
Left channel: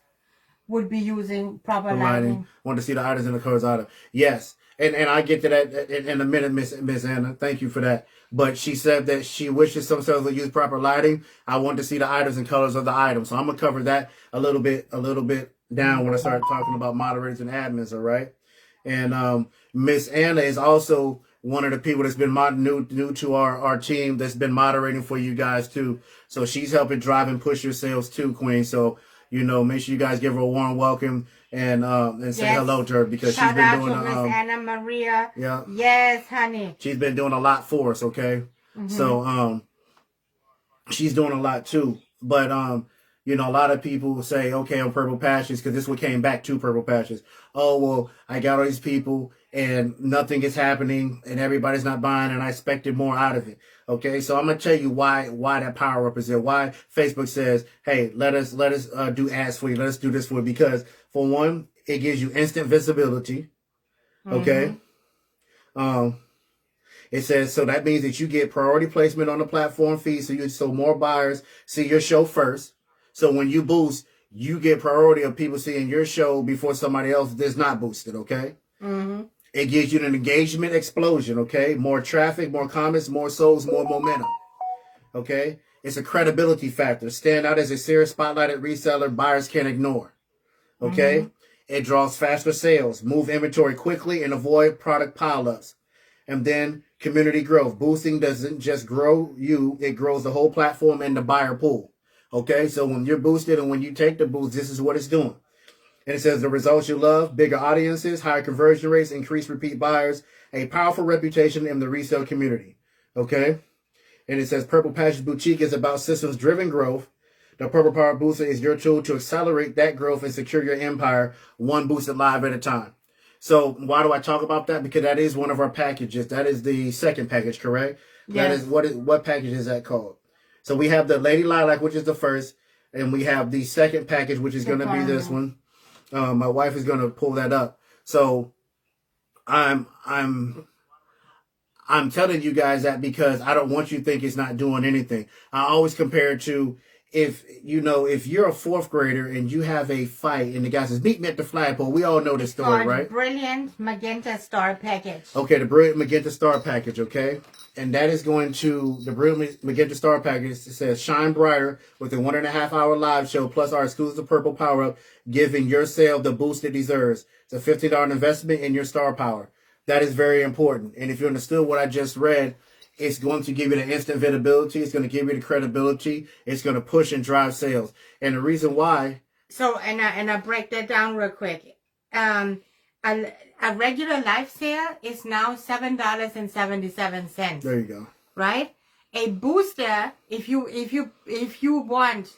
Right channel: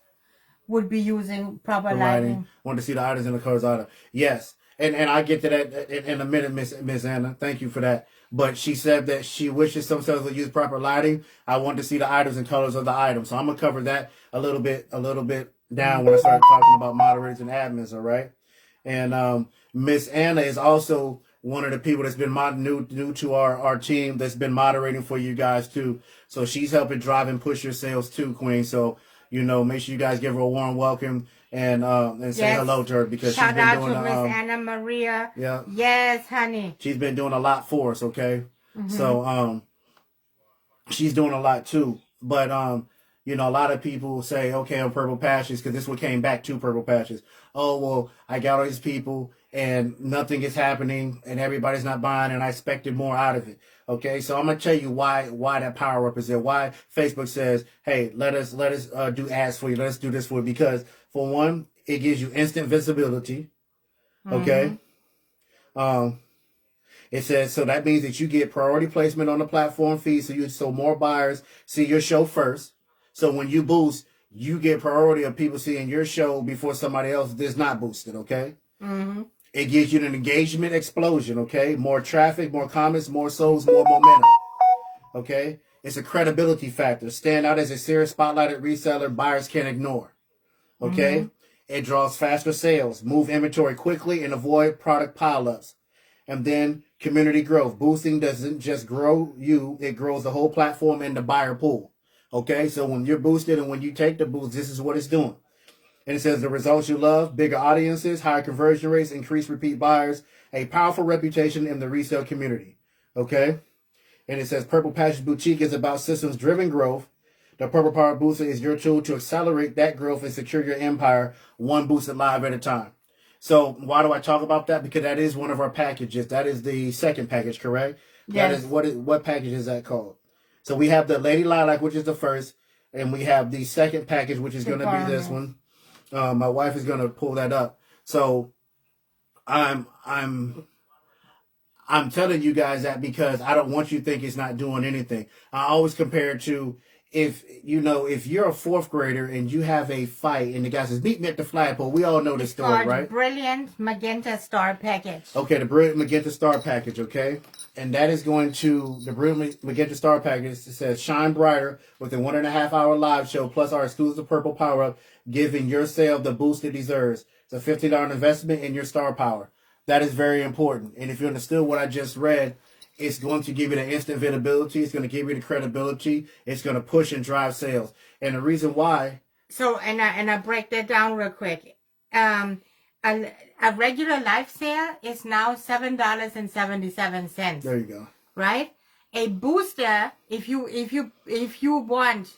would be using proper Lighting. lighting. Want to see the items in the colors out of. Yes. And I get to that in a minute, Miss Anna. Thank you for that. But she said that she wishes some sellers would use proper lighting. I want to see the items and colors of the items. So I'm gonna cover that a little bit down when I start talking about moderators and admins, all right? And Miss Anna is also one of the people that's been new to our team that's been moderating for you guys too. So she's helping drive and push your sales too, Queen. So make sure you guys give her a warm welcome and say hello to her because she's been doing Miss Anna Maria. Yeah. Yes, honey. She's been doing a lot for us, okay? So she's doing a lot too. But a lot of people say, okay, on Purple Patches, because this is what came back to Purple Patches. Oh, well, I got all these people and nothing is happening and everybody's not buying and I expected more out of it. Okay, so I'm gonna tell you why that power up is there. Why Facebook says, hey, let us do ads for you. Let us do this for you. Because for one, it gives you instant visibility. Okay. It says, so that means that you get priority placement on the platform feed. So more buyers see your show first. So when you boost, you get priority of people seeing your show before somebody else that's not boosted. Okay. It gives you an engagement explosion, okay? More traffic, more comments, more souls, more momentum, okay? It's a credibility factor. Stand out as a serious spotlighted reseller buyers can't ignore, okay? It draws faster sales, move inventory quickly, and avoid product pileups. And then community growth. Boosting doesn't just grow you, it grows the whole platform and the buyer pool, okay? So when you're boosted and when you take the boost, this is what it's doing. And it says the results you love, bigger audiences, higher conversion rates, increased repeat buyers, a powerful reputation in the resale community. Okay? And it says Purple Patches Boutique is about systems-driven growth. The Purple Power Booster is your tool to accelerate that growth and secure your empire one boosted live at a time. So why do I talk about that? Because that is one of our packages. That is the second package, correct? Yes. That is what package is that called? So we have the Lady Lilac, which is the first, and we have the second package, which is going to be this one. My wife is going to pull that up. So I'm telling you guys that because I don't want you to think it's not doing anything. I always compare it to if you're a fourth grader and you have a fight and the guy says, meet me at the flagpole. We all know the story, right? Brilliant Magenta Star Package. Okay, the Brilliant Magenta Star Package, okay? And that is going to, the Brilliant Magenta Star Package, it says, shine brighter with a 1.5 hour live show plus our exclusive Purple Power Up, giving your sale the boost it deserves. It's a $15 investment in your star power. That is very important. And if you understood what I just read, it's going to give you the instant visibility. It's going to give you the credibility. It's going to push and drive sales. And the reason why. So, and I break that down real quick. A regular live sale is now $7.77. There you go. Right? A booster, if you want,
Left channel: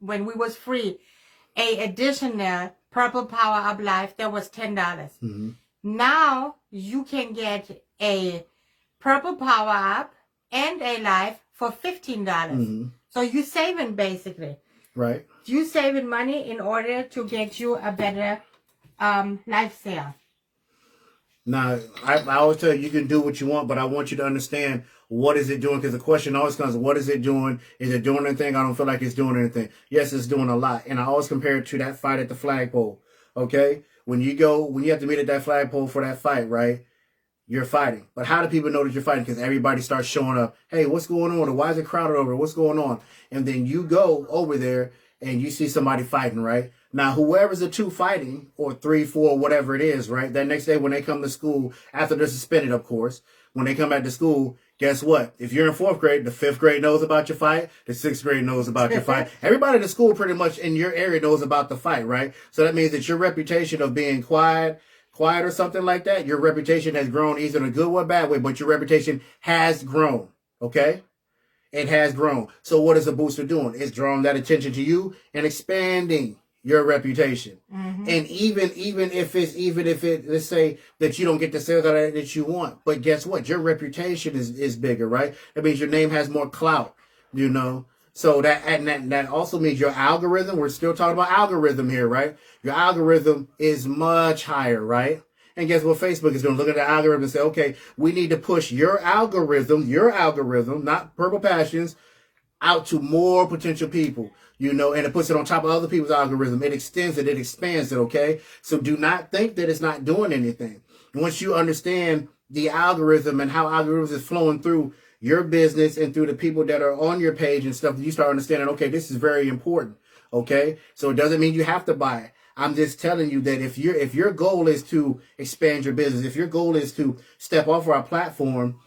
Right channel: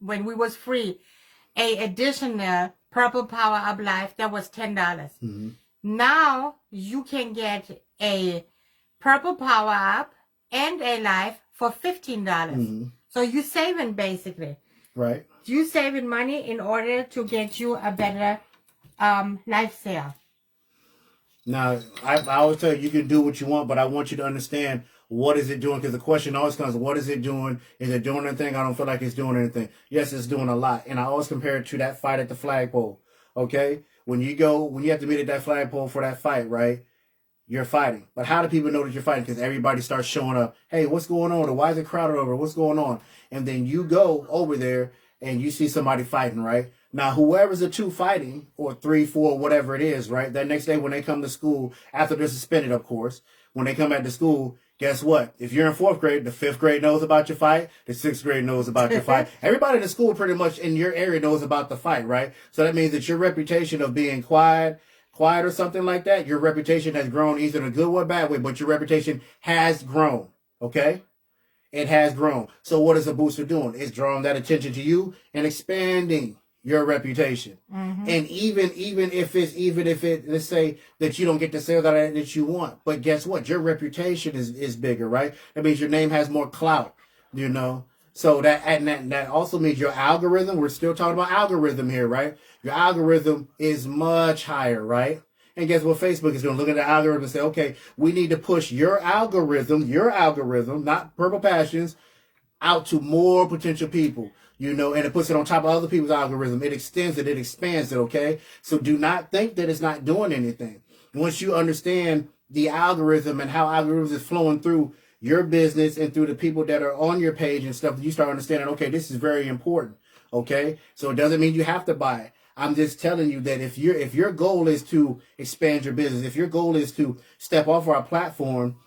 when we was free, a additional Purple Power Up Live, that was $10. Now you can get a Purple Power Up and a live for $15. So you're saving basically. Right. You saving money in order to get you a better live sale. Now, I always tell you can do what you want, but I want you to understand what is it doing? Because the question always comes, what is it doing? Is it doing anything? I don't feel like it's doing anything. Yes, it's doing a lot. And I always compare it to that fight at the flagpole. Okay? When you have to meet at that flagpole for that fight, right? You're fighting. But how do people know that you're fighting? Because everybody starts showing up. Hey, what's going on? Or why is it crowded over? What's going on? And then you go over there and you see somebody fighting, right? Now, whoever's the two fighting, or 3, 4, whatever it is, right? That next day when they come to school, after they're suspended, of course, when they come back to school, guess what? If you're in 4th grade, the 5th grade knows about your fight. The 6th grade knows about your fight. Everybody in the school pretty much in your area knows about the fight, right? So that means that your reputation of being quiet, quiet or something like that, your reputation has grown, either in a good or bad way, but your reputation has grown. Okay? It has grown. So what is a booster doing? It's drawing that attention to you and expanding your reputation. Mm-hmm. And even if it, let's say that you don't get the sales that you want, but guess what? Your reputation is bigger, right? That means your name has more clout, you know. So that also means your algorithm. We're still talking about algorithm here, right? Your algorithm is much higher, right? And guess what? Facebook is going to look at the algorithm and say, okay, we need to push your algorithm, not Purple Passions, out to more potential people, you know, and it puts it on top of other people's algorithm. It extends it, it expands it, okay? So do not think that it's not doing anything. Once you understand the algorithm and how algorithms is flowing through your business and through the people that are on your page and stuff, you start understanding, okay, this is very important, okay? So it doesn't mean you have to buy it. I'm just telling you that if your goal is to expand your business, if your goal is to step off our platform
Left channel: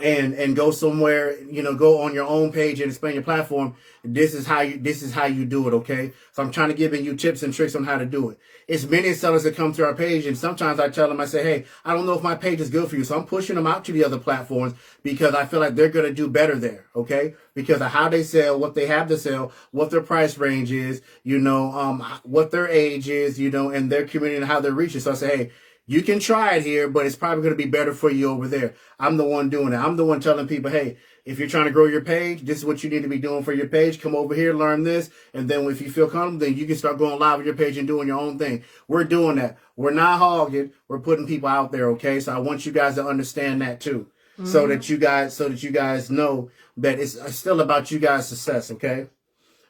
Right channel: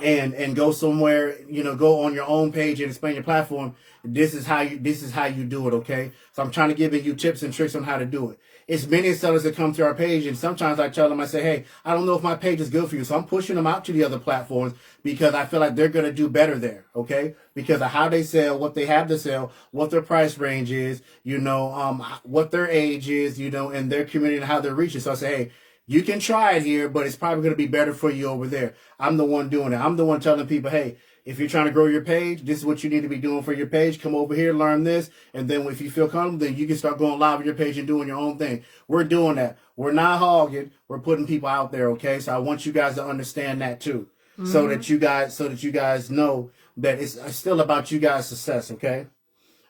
and go somewhere, you know, go on your own page and expand your platform, this is how you do it, okay? So I'm trying to give you tips and tricks on how to do it. It's many sellers that come to our page, and sometimes I tell them, I say, hey, I don't know if my page is good for you, so I'm pushing them out to the other platforms because I feel like they're going to do better there, okay? Because of how they sell, what they have to sell, what their price range is, you know, what their age is, you know, and their community and how they're reaching. So I say, hey, you can try it here, but it's probably going to be better for you over there. I'm the one doing it. I'm the one telling people, hey, if you're trying to grow your page, this is what you need to be doing for your page. Come over here, learn this. And then if you feel comfortable, then you can start going live with your page and doing your own thing. We're doing that. We're not hogging. We're putting people out there, okay? So I want you guys to understand that too. Mm-hmm. So that you guys know that it's still about you guys' success, okay?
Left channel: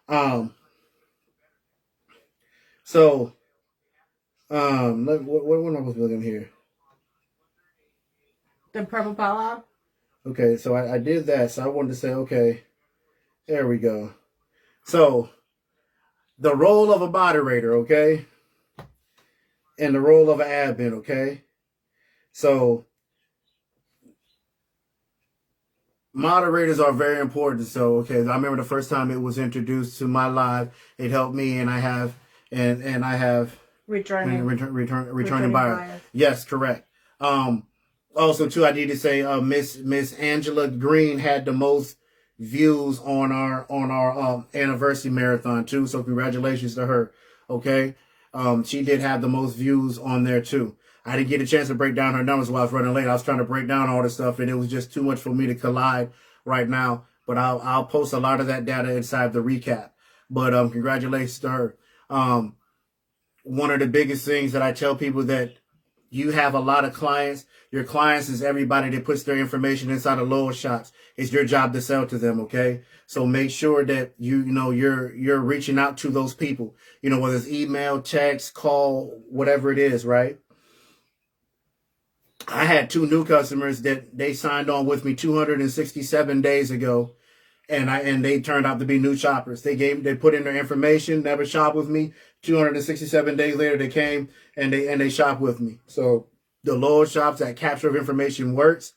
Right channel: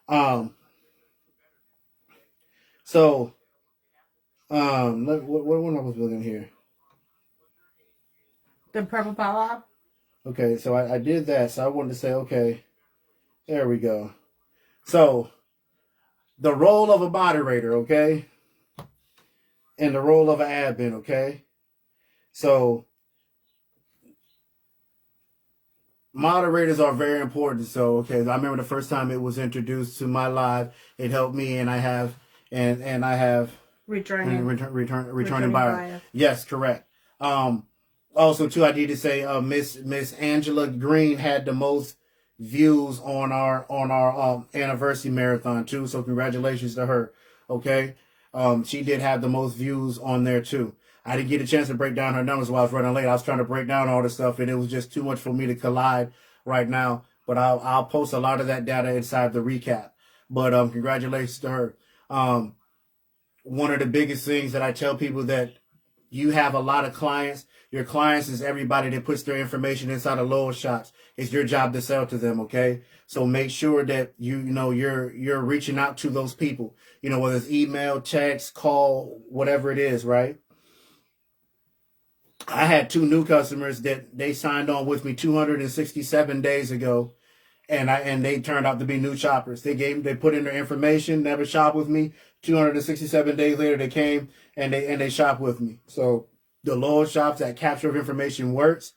What am I supposed to look in here? The Purple Power. Okay, so I did that. So I wanted to say, okay, there we go. So the role of a moderator, okay, and the role of an admin, okay. So moderators are very important. So okay, I remember the first time it was introduced to my live, it helped me, and I have returning buyer. Yes, correct. Also, too, I need to say, Miss Angela Green had the most views on our anniversary marathon too. So congratulations to her. Okay, she did have the most views on there too. I didn't get a chance to break down her numbers while I was running late. I was trying to break down all this stuff, and it was just too much for me to collide right now. But I'll post a lot of that data inside the recap. But congratulations to her. One of the biggest things that I tell people that you have a lot of clients. Your clients is everybody that puts their information inside of lower shops. It's your job to sell to them, okay? So make sure that you're reaching out to those people. You know, whether it's email, text, call, whatever it is, right? I had 2 new customers that they signed on with me 267 days ago, and they turned out to be new shoppers. They put in their information, never shopped with me. 267 days later, they came and they shopped with me. So the lower shops, that capture of information works.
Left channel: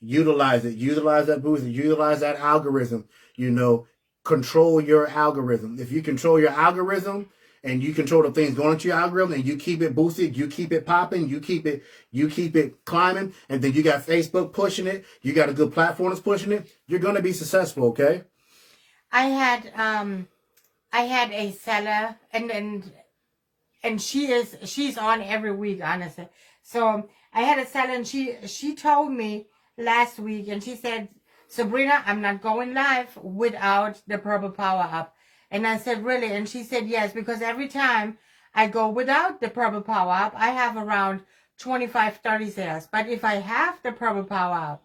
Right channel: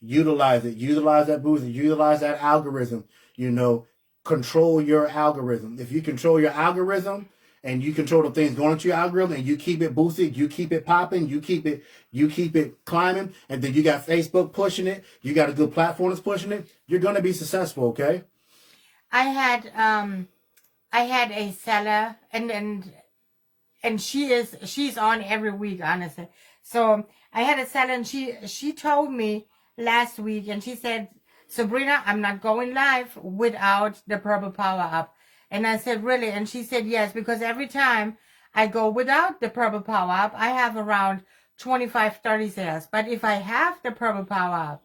Utilize it. Utilize that booster. Utilize that algorithm. You know, control your algorithm. If you control your algorithm and you control the things going into your algorithm and you keep it boosted, you keep it popping, you keep it climbing, and then you got Facebook pushing it, you got a good platform that's pushing it, you're going to be successful, okay? I had a seller and she's on every week, honestly. So I had a seller and she told me last week, and she said, Sabrina, I'm not going live without the Purple Power Up. And I said, really? And she said, yes, because every time I go without the Purple Power Up, I have around 25, 30 sales. But if I have the Purple Power Up,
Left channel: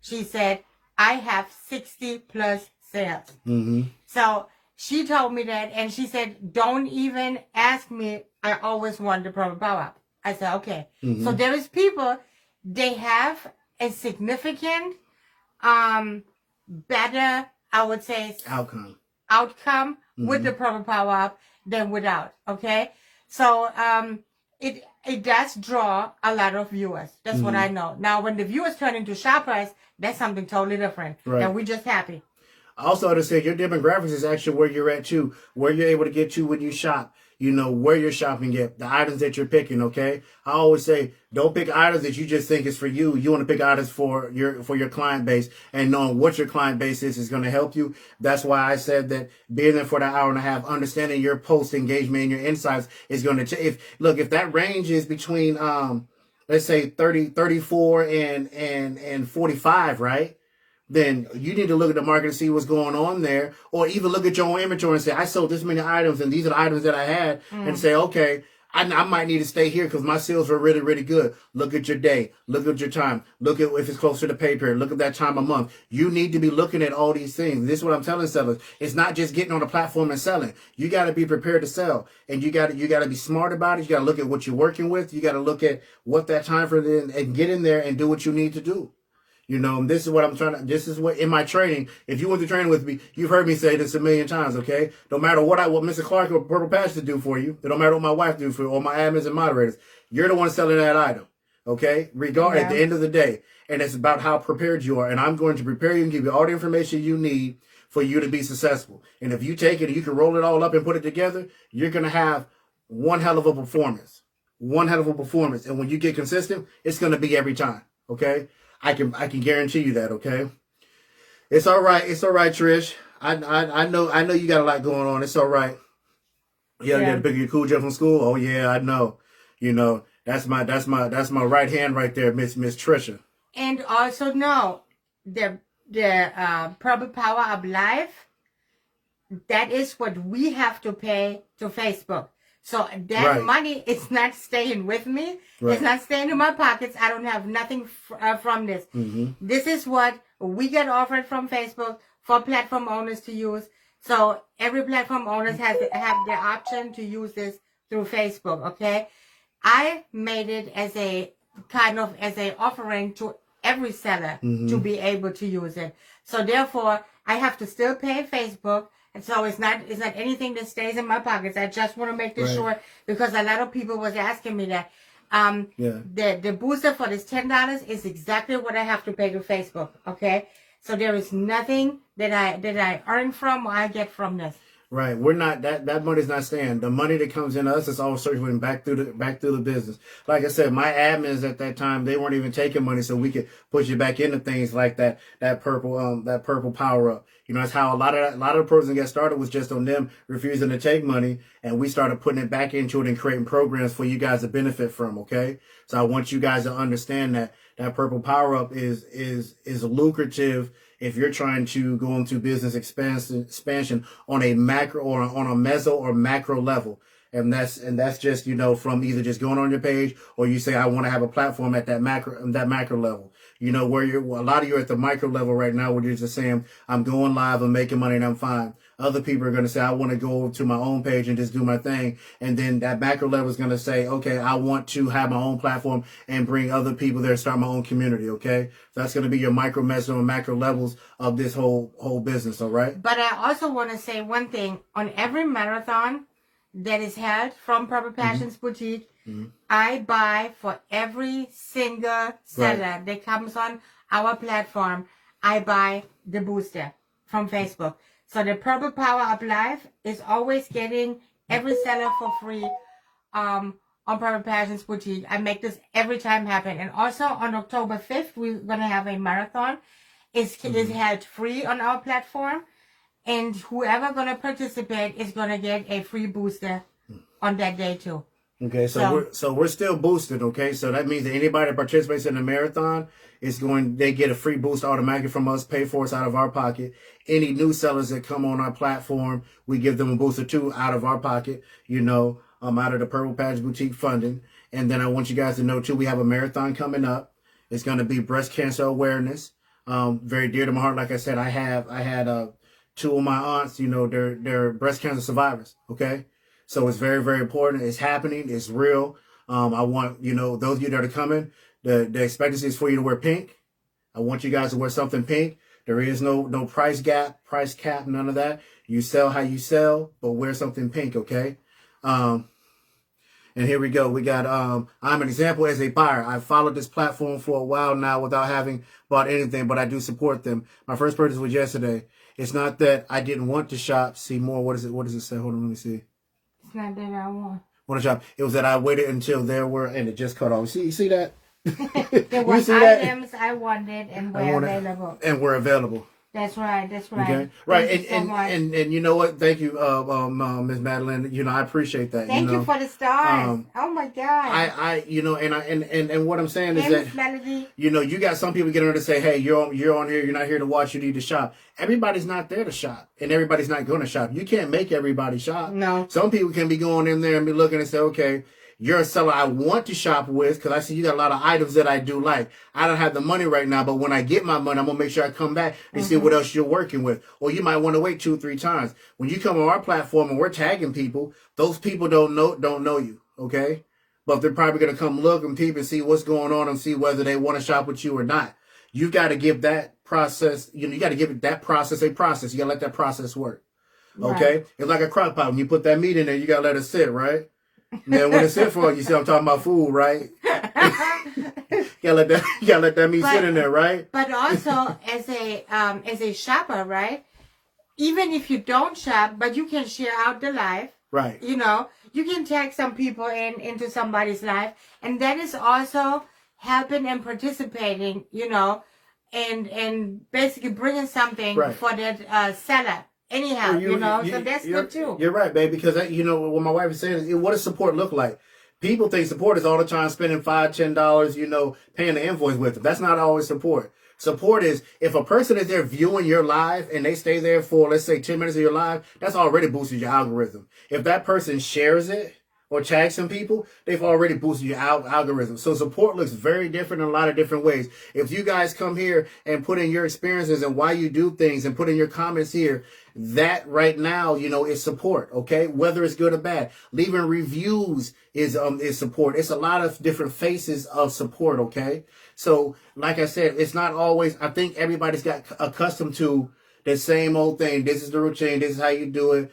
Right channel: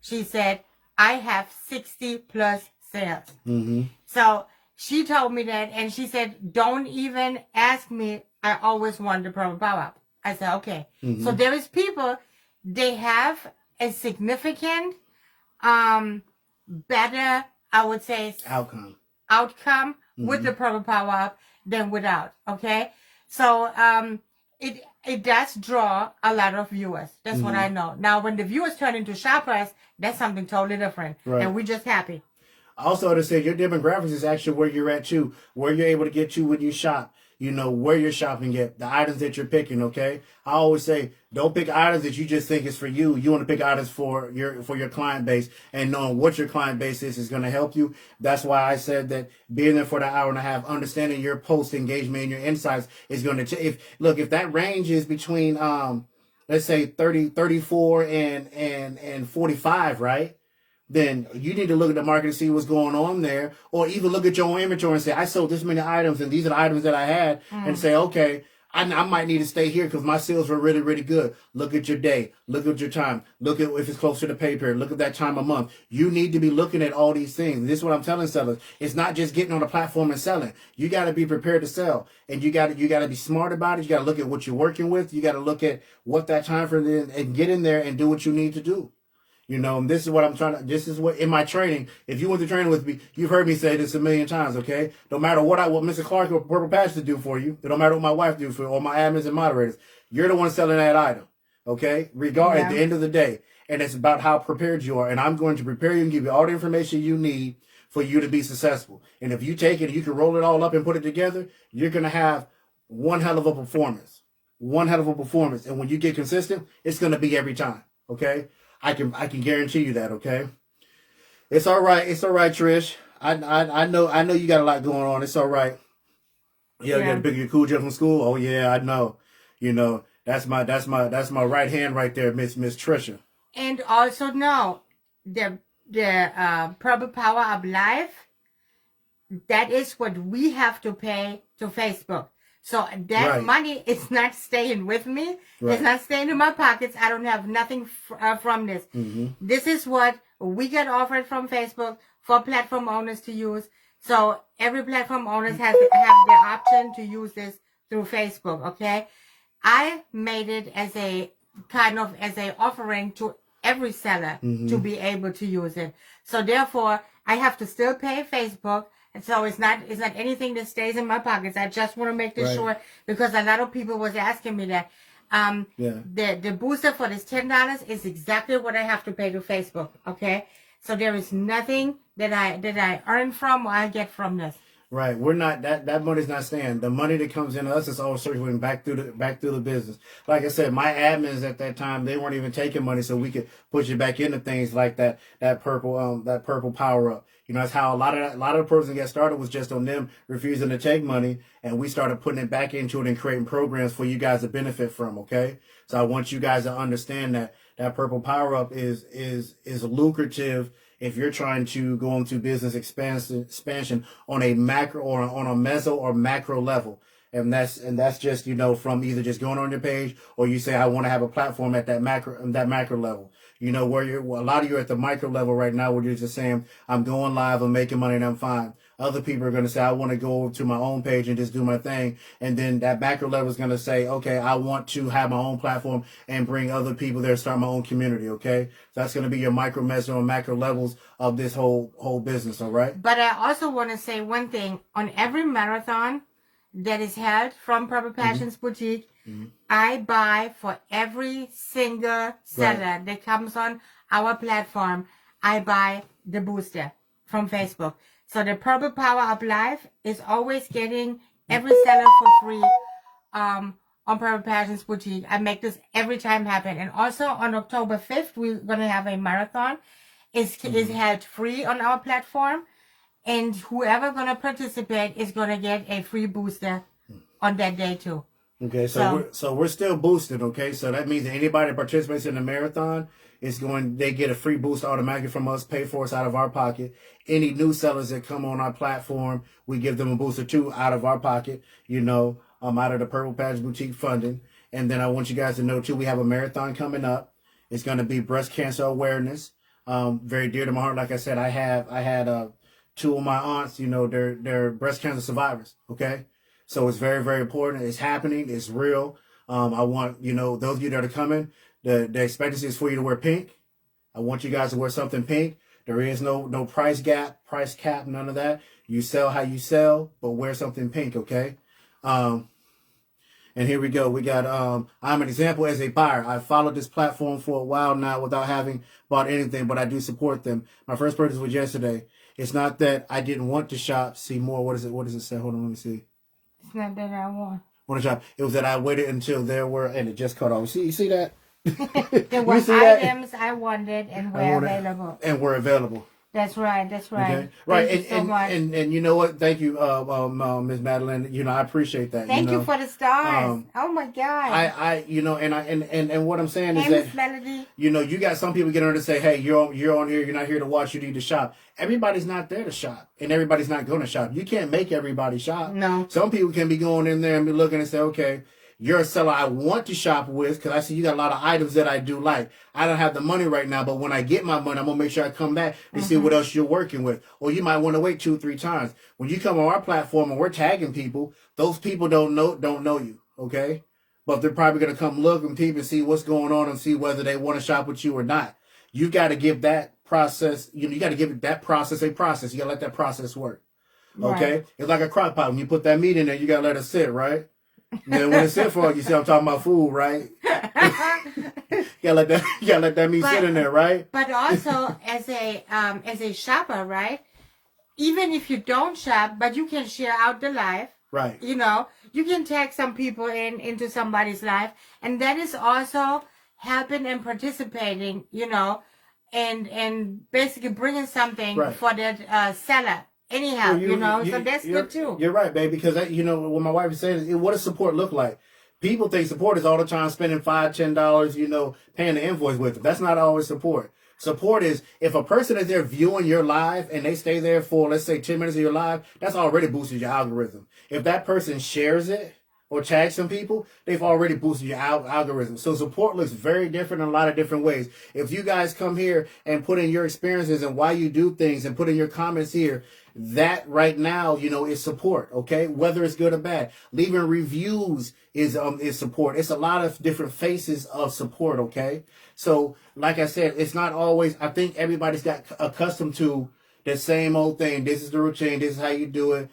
she said, I have 60 plus sales. Mm-hmm. So she told me that, and she said, don't even ask me. I always want the Purple Power Up. I said, okay. Mm-hmm. So there is people, they have a significant, better, I would say, outcome mm-hmm. with the Purple Power Up than without. Okay. So, it does draw a lot of viewers. That's mm-hmm. what I know. Now, when the viewers turn into shoppers, that's something totally different. Right. And we're just happy. Also, to say your demographics is actually where you're at too, where you're able to get to when you shop. you know, where you're shopping at, the items that you're picking, okay? I always say, don't pick items that you just think is for you. You want to pick items for your client base, and knowing what your client base is going to help you. That's why I said that being there for the hour and a half, understanding your post engagement and your insights is going to if that range is between, let's say 34 and 45, right? Then you need to look at the market and see what's going on there, or even look at your own inventory and say, I sold this many items and these are the items that I had, and say, okay, I might need to stay here because my sales were really, really good. Look at your day. Look at your time. Look at if it's close to the pay period. Look at that time of month. You need to be looking at all these things. This is what I'm telling sellers. It's not just getting on the platform and selling. You got to be prepared to sell, and you got to be smart about it. You got to look at what you're working with. You got to look at what that time frame is and get in there and do what you need to do. You know, this is what this is what in my training, if you went to training with me, you've heard me say this a million times, okay? No matter what Mr. Clark or Purple Passion do for you, it don't matter what my wife do for you, or my admins and moderators, you're the one selling that item, okay? At the end of the day. And it's about how prepared you are. And I'm going to prepare you and give you all the information you need for you to be successful. And if you take it and you can roll it all up and put it together, you're going to have one hell of a performance. One hell of a performance. And when you get consistent, it's going to be every time, okay? I can guarantee you that, okay? It's all right, Trish. I know you got a lot going on. It's all right. Yeah, you got to pick your cool jet from school. Oh yeah, I know. You know, that's my right hand right there, Miss Trisha. And also know the Purple Power of Life, that is what we have to pay to Facebook. So that money is not staying with me. Right. It's not staying in my pockets. I don't have nothing from this. Mm-hmm. This is what we get offered from Facebook for platform owners to use. So every platform owner has the option to use this through Facebook, okay? I made it as a kind of as a offering to every seller to be able to use it. So therefore, I have to still pay Facebook. And so it's not anything that stays in my pockets. I just want to make this sure, because a lot of people was asking me that. The booster for this $10 is exactly what I have to pay to Facebook. Okay, so there is nothing that I earn from or I get from this. Right, we're not that money's not staying. The money that comes in us is all circulating back through the business. Like I said, my admins at that time, they weren't even taking money, so we could put you back into things like that purple power up. You know, that's how a lot of the person got started, was just on them refusing to take money, and we started putting it back into it and creating programs for you guys to benefit from. Okay, so I want you guys to understand that purple power up is lucrative if you're trying to go into business expansion on a macro or on a meso or macro level. And that's just, you know, from either just going on your page, or you say, I want to have a platform at that macro level. You know, where a lot of you are at the micro level right now, where you're just saying, I'm going live, I'm making money, and I'm fine. Other people are going to say, I want to go to my own page and just do my thing. And then that macro level is going to say, okay, I want to have my own platform and bring other people there, start my own community. Okay. So that's going to be your micro, meso, and macro levels of this whole business. All right. But I also want to say one thing. On every marathon that is held from Purple Passions Boutique, I buy for every single seller that comes on our platform. I buy the booster from Facebook. So the Purple Power of Life is always getting every seller for free on Purple Passions Boutique. I make this every time happen. And also on October 5th, we're going to have a marathon. It's held free on our platform. And whoever going to participate is going to get a free booster on that day too. Okay, so we're still boosted, okay? So that means that anybody that participates in the marathon they get a free boost automatically from us, pay for us out of our pocket. Any new sellers that come on our platform, we give them a booster too out of our pocket, you know, out of the Purple Patch Boutique funding. And then I want you guys to know too, we have a marathon coming up. It's going to be breast cancer awareness. Very dear to my heart. Like I said, I had two of my aunts, you know, they're breast cancer survivors, okay? So it's very, very important. It's happening. It's real. I want, you know, those of you that are coming, the expectancy is for you to wear pink. I want you guys to wear something pink. There is no price cap, none of that. You sell how you sell, but wear something pink, okay? And here we go. We got, I'm an example as a buyer. I've followed this platform for a while now without having bought anything, but I do support them. My first purchase was yesterday. It's not that I didn't want to shop, see more. What does it say? Hold on, let me see. It's not that I want. Want to shop? It was that I waited until there were, and it just cut off. You see that? There were items I wanted and were available. And were available. That's right. That's right. Okay. Right. Thank you so much. And you know what? Thank you, Ms. Madeline. You know, I appreciate that. Thank you for the stars. Oh my God. You know, and what I'm saying is that, Melody. you know, you got some people getting ready to say, hey, you're on here. You're not here to watch. You need to shop. Everybody's not there to shop, and everybody's not going to shop. You can't make everybody shop. No. Some people can be going in there and be looking and say, okay, you're a seller I want to shop with because I see you got a lot of items that I do like. I don't have the money right now, but when I get my money, I'm going to make sure I come back and see what else you're working with. Or you might want to wait 2 or 3 times. When you come on our platform and we're tagging people, those people don't know you, okay? But they're probably going to come look and peep and see what's going on and see whether they want to shop with you or not. You got to give that process, you got to give that process a process. You got to let that process work, okay? Right. It's like a crock pot. When you put that meat in there, you got to let it sit, right? Then when it's sit for, you see I'm talking about food, right? you gotta let that meat sit in there, right? But also as a shopper, right? Even if you don't shop, but you can share out the life. Right. You know, you can tag some people into somebody's life, and that is also helping and participating, you know, and basically bringing something for that seller. Anyhow, so that's good too. You're right, babe, because, you know, what my wife is saying is, what does support look like? People think support is all the time spending $5, $10, you know, paying the invoice with them. That's not always support. Support is if a person is there viewing your live and they stay there for, let's say, 10 minutes of your live, that's already boosted your algorithm. If that person shares it or tags some people, they've already boosted your algorithm. So support looks very different in a lot of different ways. If you guys come here and put in your experiences and why you do things and put in your comments here, that right now, you know, is support, okay? Whether it's good or bad. Leaving reviews is support. It's a lot of different faces of support, okay? So, like I said, it's not always, I think everybody's got accustomed to the same old thing. This is the routine. This is how you do it.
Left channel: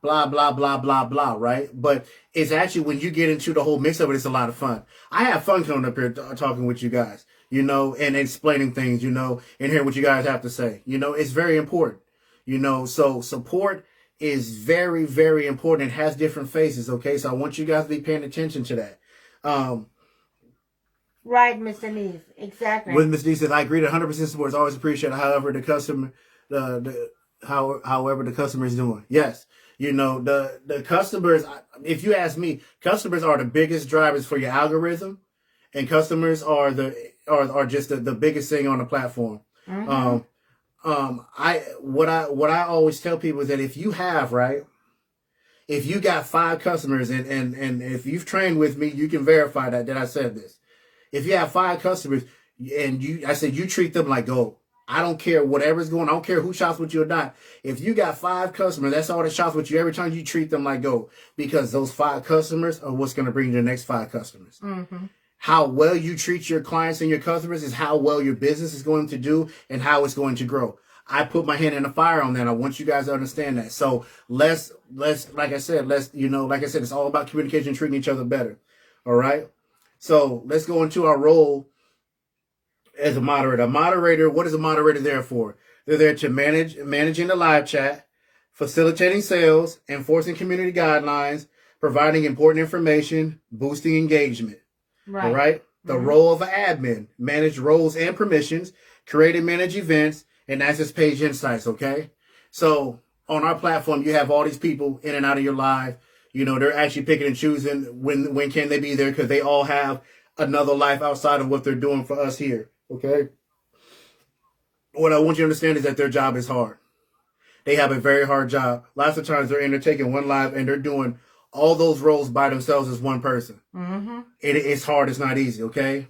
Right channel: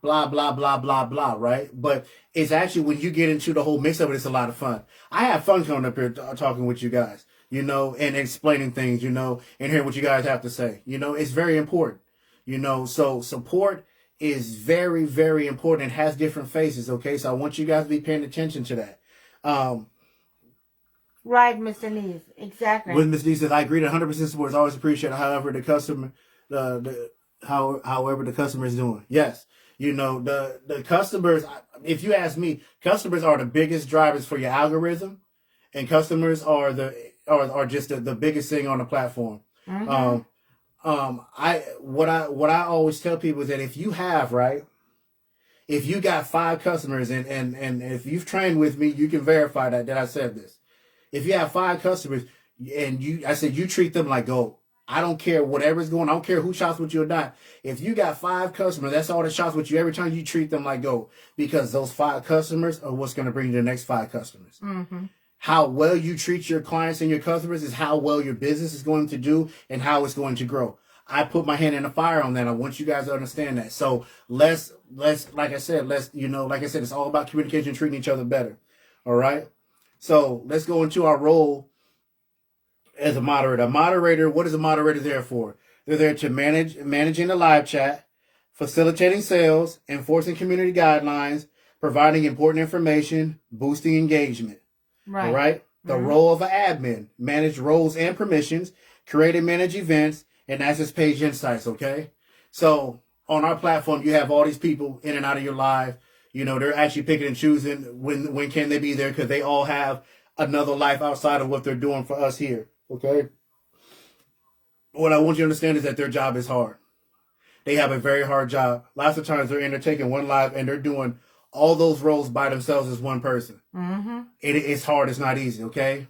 Blah, blah, blah, blah, blah, right? But it's actually, when you get into the whole mix of it, it's a lot of fun. I have fun coming up here talking with you guys, you know, and explaining things, you know, and hearing what you guys have to say. You know, it's very important. You know, so support is very, very important. It has different faces, okay? So I want you guys to be paying attention to that. Right, Mr. Neese. Exactly. With Ms. Neese said, I agree that 100% support is always appreciated, however the customer, however the customer is doing. Yes. You know, the customers, if you ask me, customers are the biggest drivers for your algorithm, and customers are just the biggest thing on the platform. Mm-hmm. What I always tell people is that if you got 5 customers and if you've trained with me, you can verify that I said this. If you have 5 customers and I said you treat them like gold. I don't care whatever's going on. I don't care who shops with you or not. If you got 5 customers, that's all that shops with you every time, you treat them like gold, because those 5 customers are what's going to bring you the next 5 customers. Mm-hmm. How well you treat your clients and your customers is how well your business is going to do and how it's going to grow. I put my hand in the fire on that. I want you guys to understand that. So let's, like I said, it's all about communication, treating each other better. All right. So let's go into our role as a moderator. A moderator, what is a moderator there for? They're there to managing the live chat, facilitating sales, enforcing community guidelines, providing important information, boosting engagement. Right. All right. The role of an admin, manage roles and permissions, create and manage events, and access page insights. Okay. So on our platform, you have all these people in and out of your live. You know, they're actually picking and choosing when can they be there, because they all have another life outside of what they're doing for us here. Okay. What I want you to understand is that their job is hard. They have a very hard job. Lots of times they're taking one live and they're doing all those roles by themselves as one person. Mm-hmm. It's hard. It's not easy. Okay.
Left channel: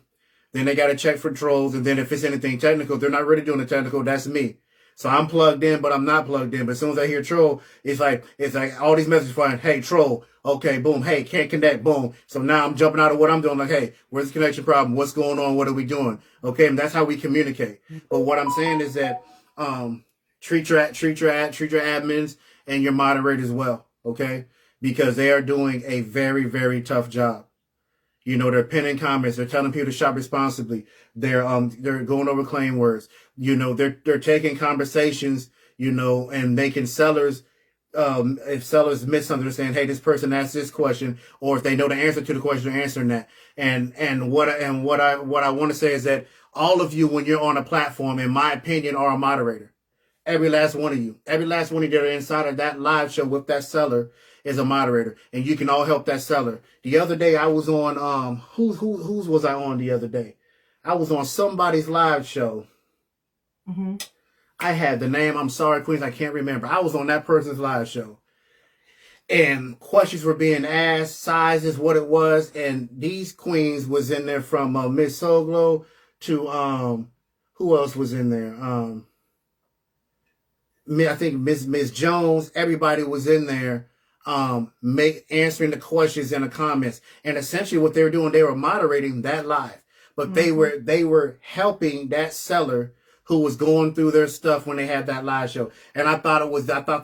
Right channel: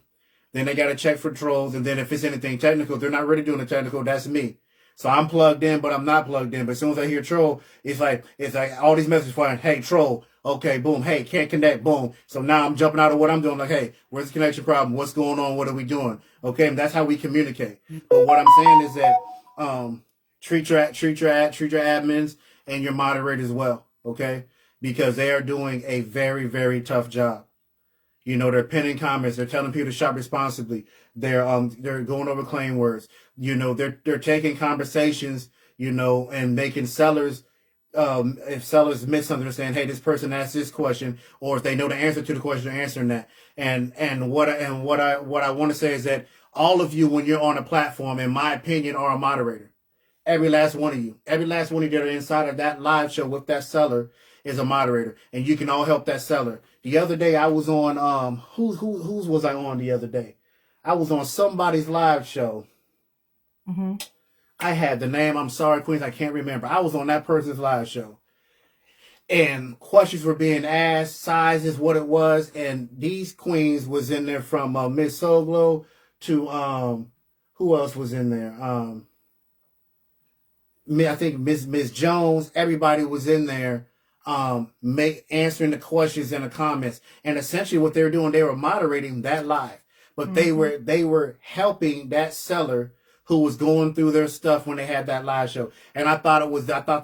Then they got to check for trolls. And then if it's anything technical, they're not really doing the technical. That's me. So I'm plugged in, but I'm not plugged in. But as soon as I hear troll, it's like all these messages flying. Hey, troll. Okay, boom. Hey, can't connect. Boom. So now I'm jumping out of what I'm doing. Like, hey, where's the connection problem? What's going on? What are we doing? Okay. And that's how we communicate. But what I'm saying is that, treat your admins and your moderators well. Okay. Because they are doing a very, very tough job. You know, they're pinning comments. They're telling people to shop responsibly. They're going over claim words. You know, they're taking conversations, you know, and making sellers if sellers misunderstand, hey, this person asked this question, or if they know the answer to the question, they're answering that. And what I want to say is that all of you, when you're on a platform, in my opinion, are a moderator. Every last one of you that are inside of that live show with that seller is a moderator, and you can all help that seller. The other day I was on whose was I on the other day? I was on somebody's live show. Mm-hmm. I had the name. I'm sorry, Queens, I can't remember. I was on that person's live show, and questions were being asked, sizes, what it was, and these queens was in there from Miss Soglo to who else was in there? I think Miss Jones. Everybody was in there, answering the questions in the comments, and essentially what they were doing, they were moderating that live, but mm-hmm. they were helping that seller who was going through their stuff when they had that live show. And I thought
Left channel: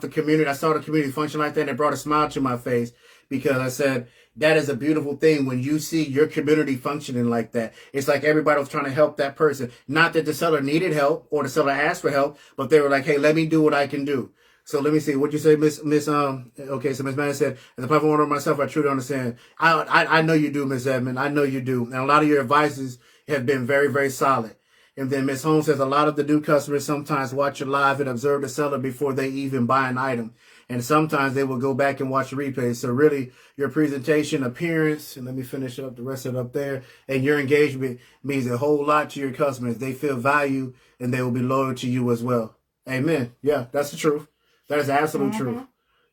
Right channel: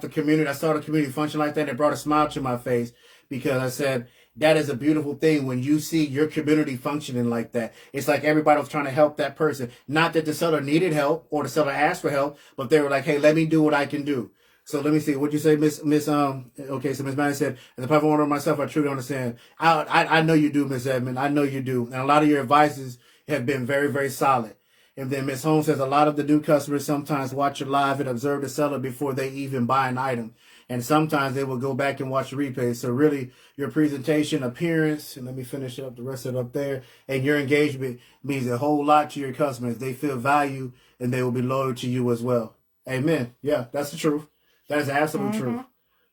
the community, I saw the community function like that, and it brought a smile to my face, because I said, that is a beautiful thing when you see your community functioning like that. It's like everybody was trying to help that person. Not that the seller needed help or the seller asked for help, but they were like, hey, let me do what I can do. So let me see. What'd you say, okay, so Miss Manning said, as a platform owner myself, I truly understand. I know you do, Miss Edmond. I know you do. And a lot of your advices have been very, very solid. And then Miss Holmes says, a lot of the new customers sometimes watch your live and observe the seller before they even buy an item. And sometimes they will go back and watch the replays. So really, your presentation, appearance, and let me finish up the rest of it up there, and your engagement means a whole lot to your customers. They feel value, and they will be loyal to you as well. Amen. Yeah, that's the truth. That is absolute mm-hmm. truth.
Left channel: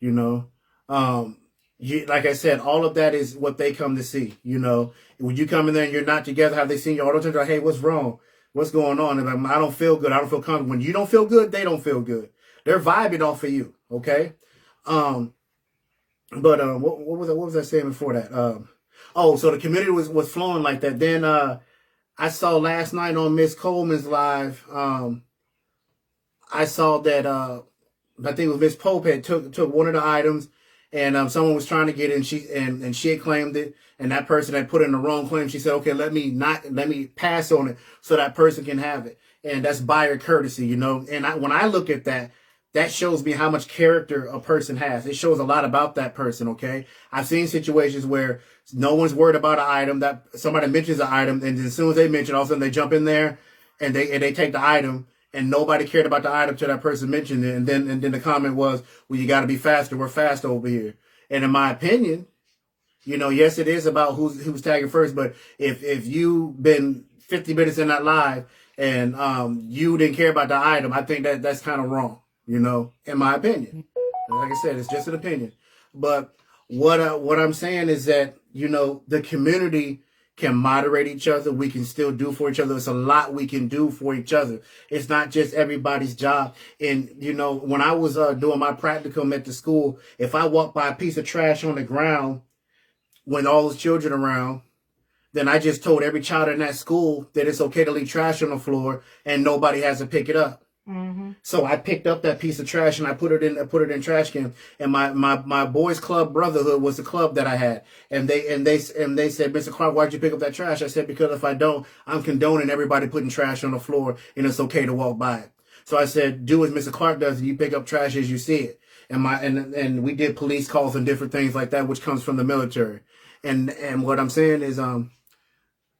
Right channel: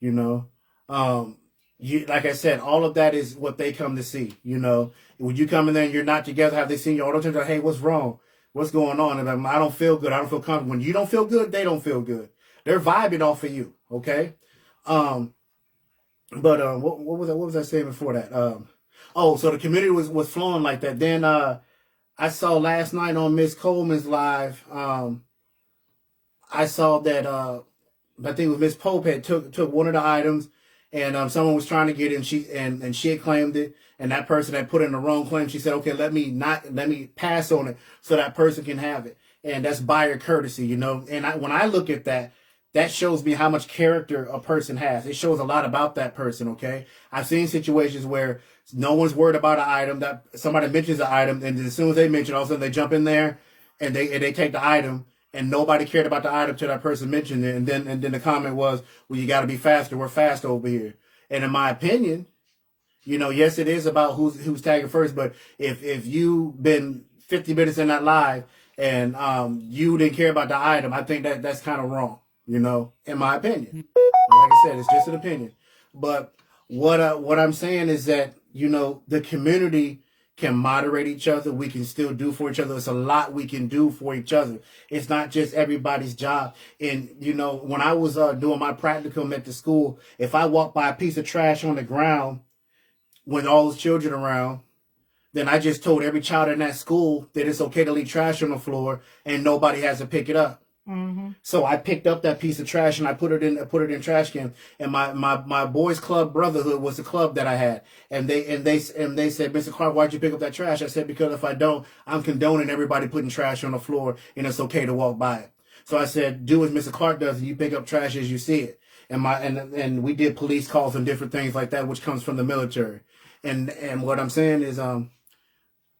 You know, like I said, all of that is what they come to see. You know, when you come in there and you're not together, have they seen you all the time? Like, hey, what's wrong? What's going on? And I don't feel good. I don't feel comfortable. When you don't feel good, they don't feel good. They're vibing off of you. Okay. What was I saying before that? So the community was flowing like that. Then, I saw last night on Miss Coleman's live, I saw that, I think it was Miss Pope had took one of the items, and, someone was trying to get it, and she had claimed it, and that person had put in the wrong claim. She said, okay, let me pass on it so that person can have it. And that's buyer courtesy, you know? And when I look at that, that shows me how much character a person has. It shows a lot about that person, okay? I've seen situations where no one's worried about an item, that somebody mentions an item, and as soon as they mention it, all of a sudden they jump in there and they take the item, and nobody cared about the item till that person mentioned it. And then the comment was, well, you got to be faster. We're fast over here. And in my opinion, you know, yes, it is about who's tagging first, but if you've been 50 minutes in that live and you didn't care about the item, I think that's kind of wrong. You know, in my opinion. Like I said, it's just an opinion. But what I'm saying is that, you know, the community can moderate each other. We can still do for each other. There's a lot we can do for each other. It's not just everybody's job. And, you know, when I was doing my practicum at the school, if I walked by a piece of trash on the ground with all those children around, then I just told every child in that school that it's okay to leave trash on the floor and nobody has to pick it up. Mm-hmm. So I picked up that piece of trash and I put it in trash can. And my boys club brotherhood was the club that I had. And they said, Mr. Clark, why'd you pick up that trash? I said, because if I don't, I'm condoning everybody putting trash on the floor and it's okay to walk by it. So I said, do as Mr. Clark does and you pick up trash as you see it. And we did police calls and different things like that, which comes from the military. And what I'm saying is,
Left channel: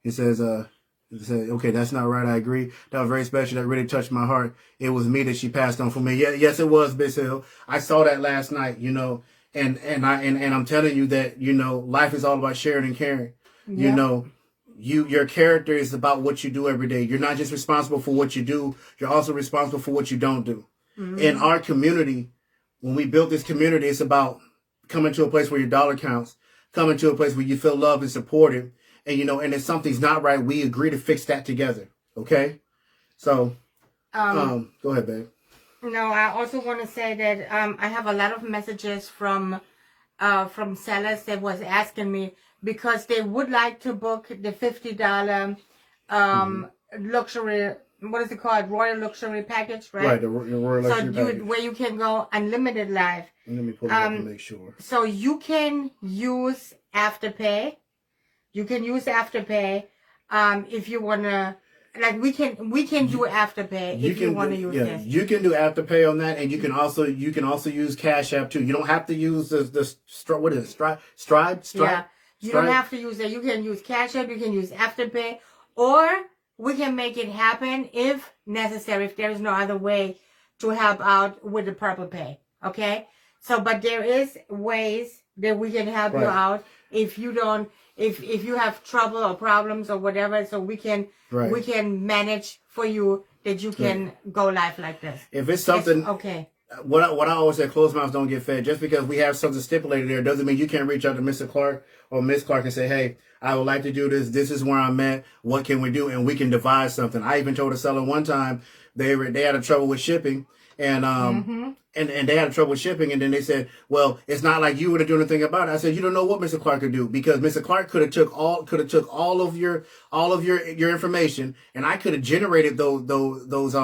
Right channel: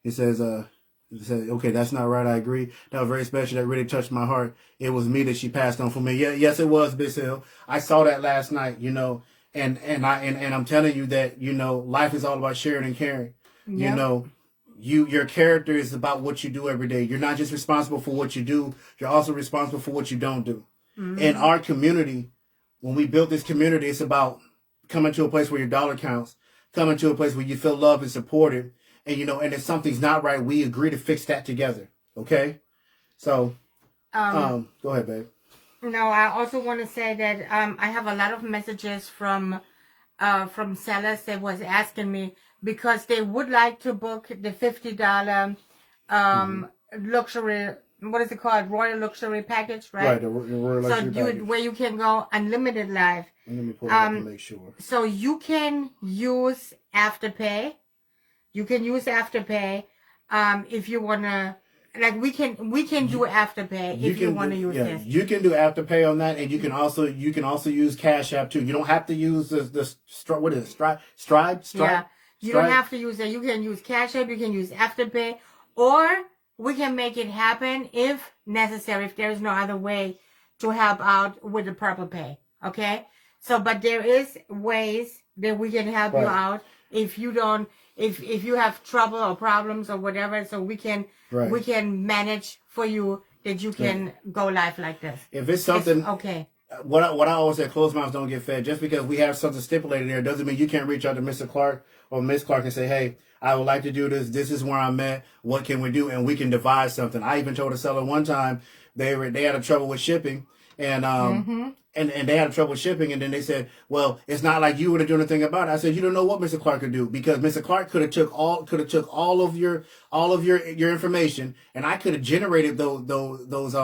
it says, okay, that's not right. I agree. That was very special. That really touched my heart. It was me that she passed on for me. Yeah, yes, it was, Miss Hill. I saw that last night, you know, and I'm telling you that, you know, life is all about sharing and caring. Yeah. You know, your character is about what you do every day. You're not just responsible for what you do. You're also responsible for what you don't do. Mm-hmm. In our community, when we built this community, it's about coming to a place where your dollar counts, coming to a place where you feel loved and supported. And, you know, and if something's not right, we agree to fix that together. Okay? So, go ahead, babe. No, I also want to say that I have a lot of messages from sellers that was asking me because they would like to book the $50 luxury, what is it called? Royal Luxury Package, right? Right, the Royal Luxury Package. Where you can go unlimited live. Let me pull it up and make sure. So you can use Afterpay. You can use Afterpay if you want to like we can do Afterpay if you want to use this. You can do Afterpay on that, and you can also use Cash App too. You don't have to use what is it? Stripe? Yeah, you don't have to use that. You can use Cash App. You can use Afterpay, or we can make it happen if necessary. If there is no other way to help out with the Purple Pay, okay? So, but there is ways that we can help you out if you don't. If you have trouble or problems or whatever, so we can manage for you that you can go live like this. If it's something okay. What I always say, closed mouths don't get fed. Just because we have something stipulated there doesn't mean you can't reach out to Mr. Clark or Miss Clark and say, hey, I would like to do this. This is where I'm at. What can we do? And we can devise something. I even told a seller one time they had a trouble with shipping, and and they had trouble with shipping, and then they said, well, it's not like you would have done anything about it. I said, you don't know what Mr. Clark could do, because Mr. Clark could have took all of your information, and I could have generated those what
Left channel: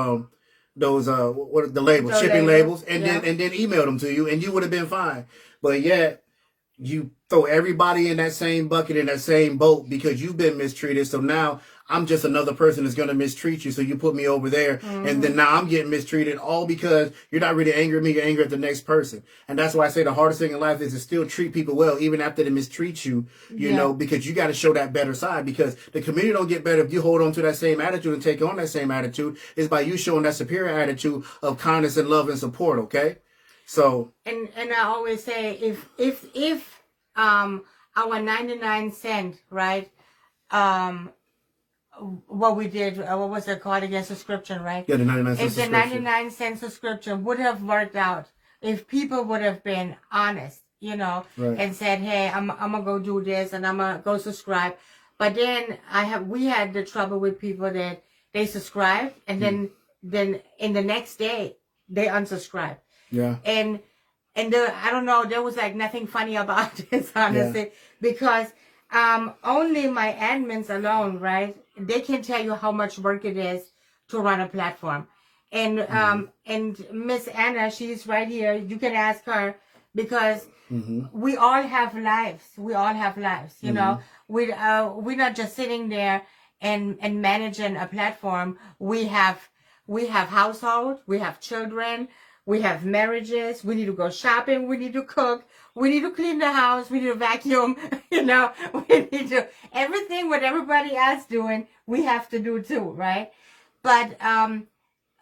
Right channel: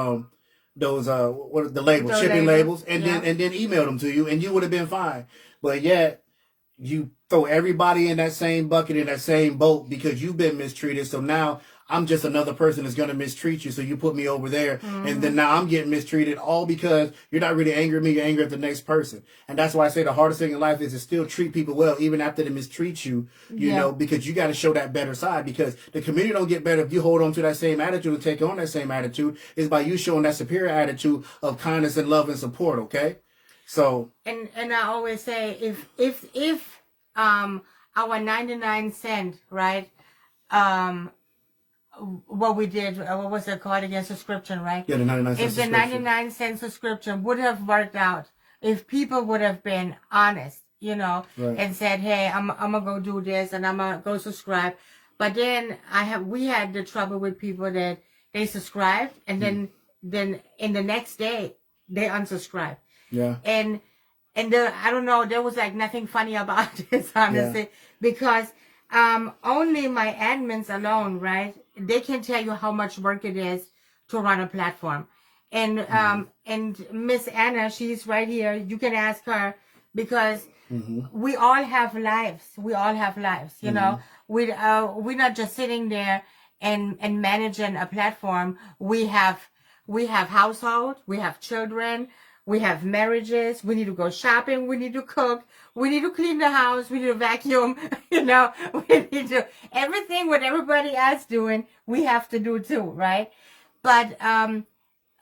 are the labels, shipping labels, and then emailed them to you, and you would have been fine. But yet you throw everybody in that same bucket, in that same boat, because you've been mistreated. So now I'm just another person that's going to mistreat you. So you put me over there, and then now I'm getting mistreated, all because you're not really angry at me, you're angry at the next person. And that's why I say the hardest thing in life is to still treat people well, even after they mistreat you, you know, because you got to show that better side, because the community don't get better if you hold on to that same attitude and take on that same attitude. It's by you showing that superior attitude of kindness and love and support, okay? So. And I always say, if our 99 cent, right, what we did, what was it called again, subscription, right? Yeah, the 99 cent subscription. If the 99 cent subscription would have worked out, if people would have been honest, you know, and said, hey, I'm gonna go do this and I'm gonna go subscribe. But then we had the trouble with people that they subscribed and then in the next day they unsubscribed. Yeah. And I don't know, there was like nothing funny about this, honestly, because only my admins alone, right? They can tell you how much work it is to run a platform. And and Miss Anna, she's right here. You can ask her, because we all have lives. We all have lives, you know. We're not just sitting there and managing a platform. We have household, we have children, we have marriages, we need to go shopping, we need to cook, we need to clean the house, we need to vacuum, you know, we need to, everything what everybody else doing, we have to do too, right? But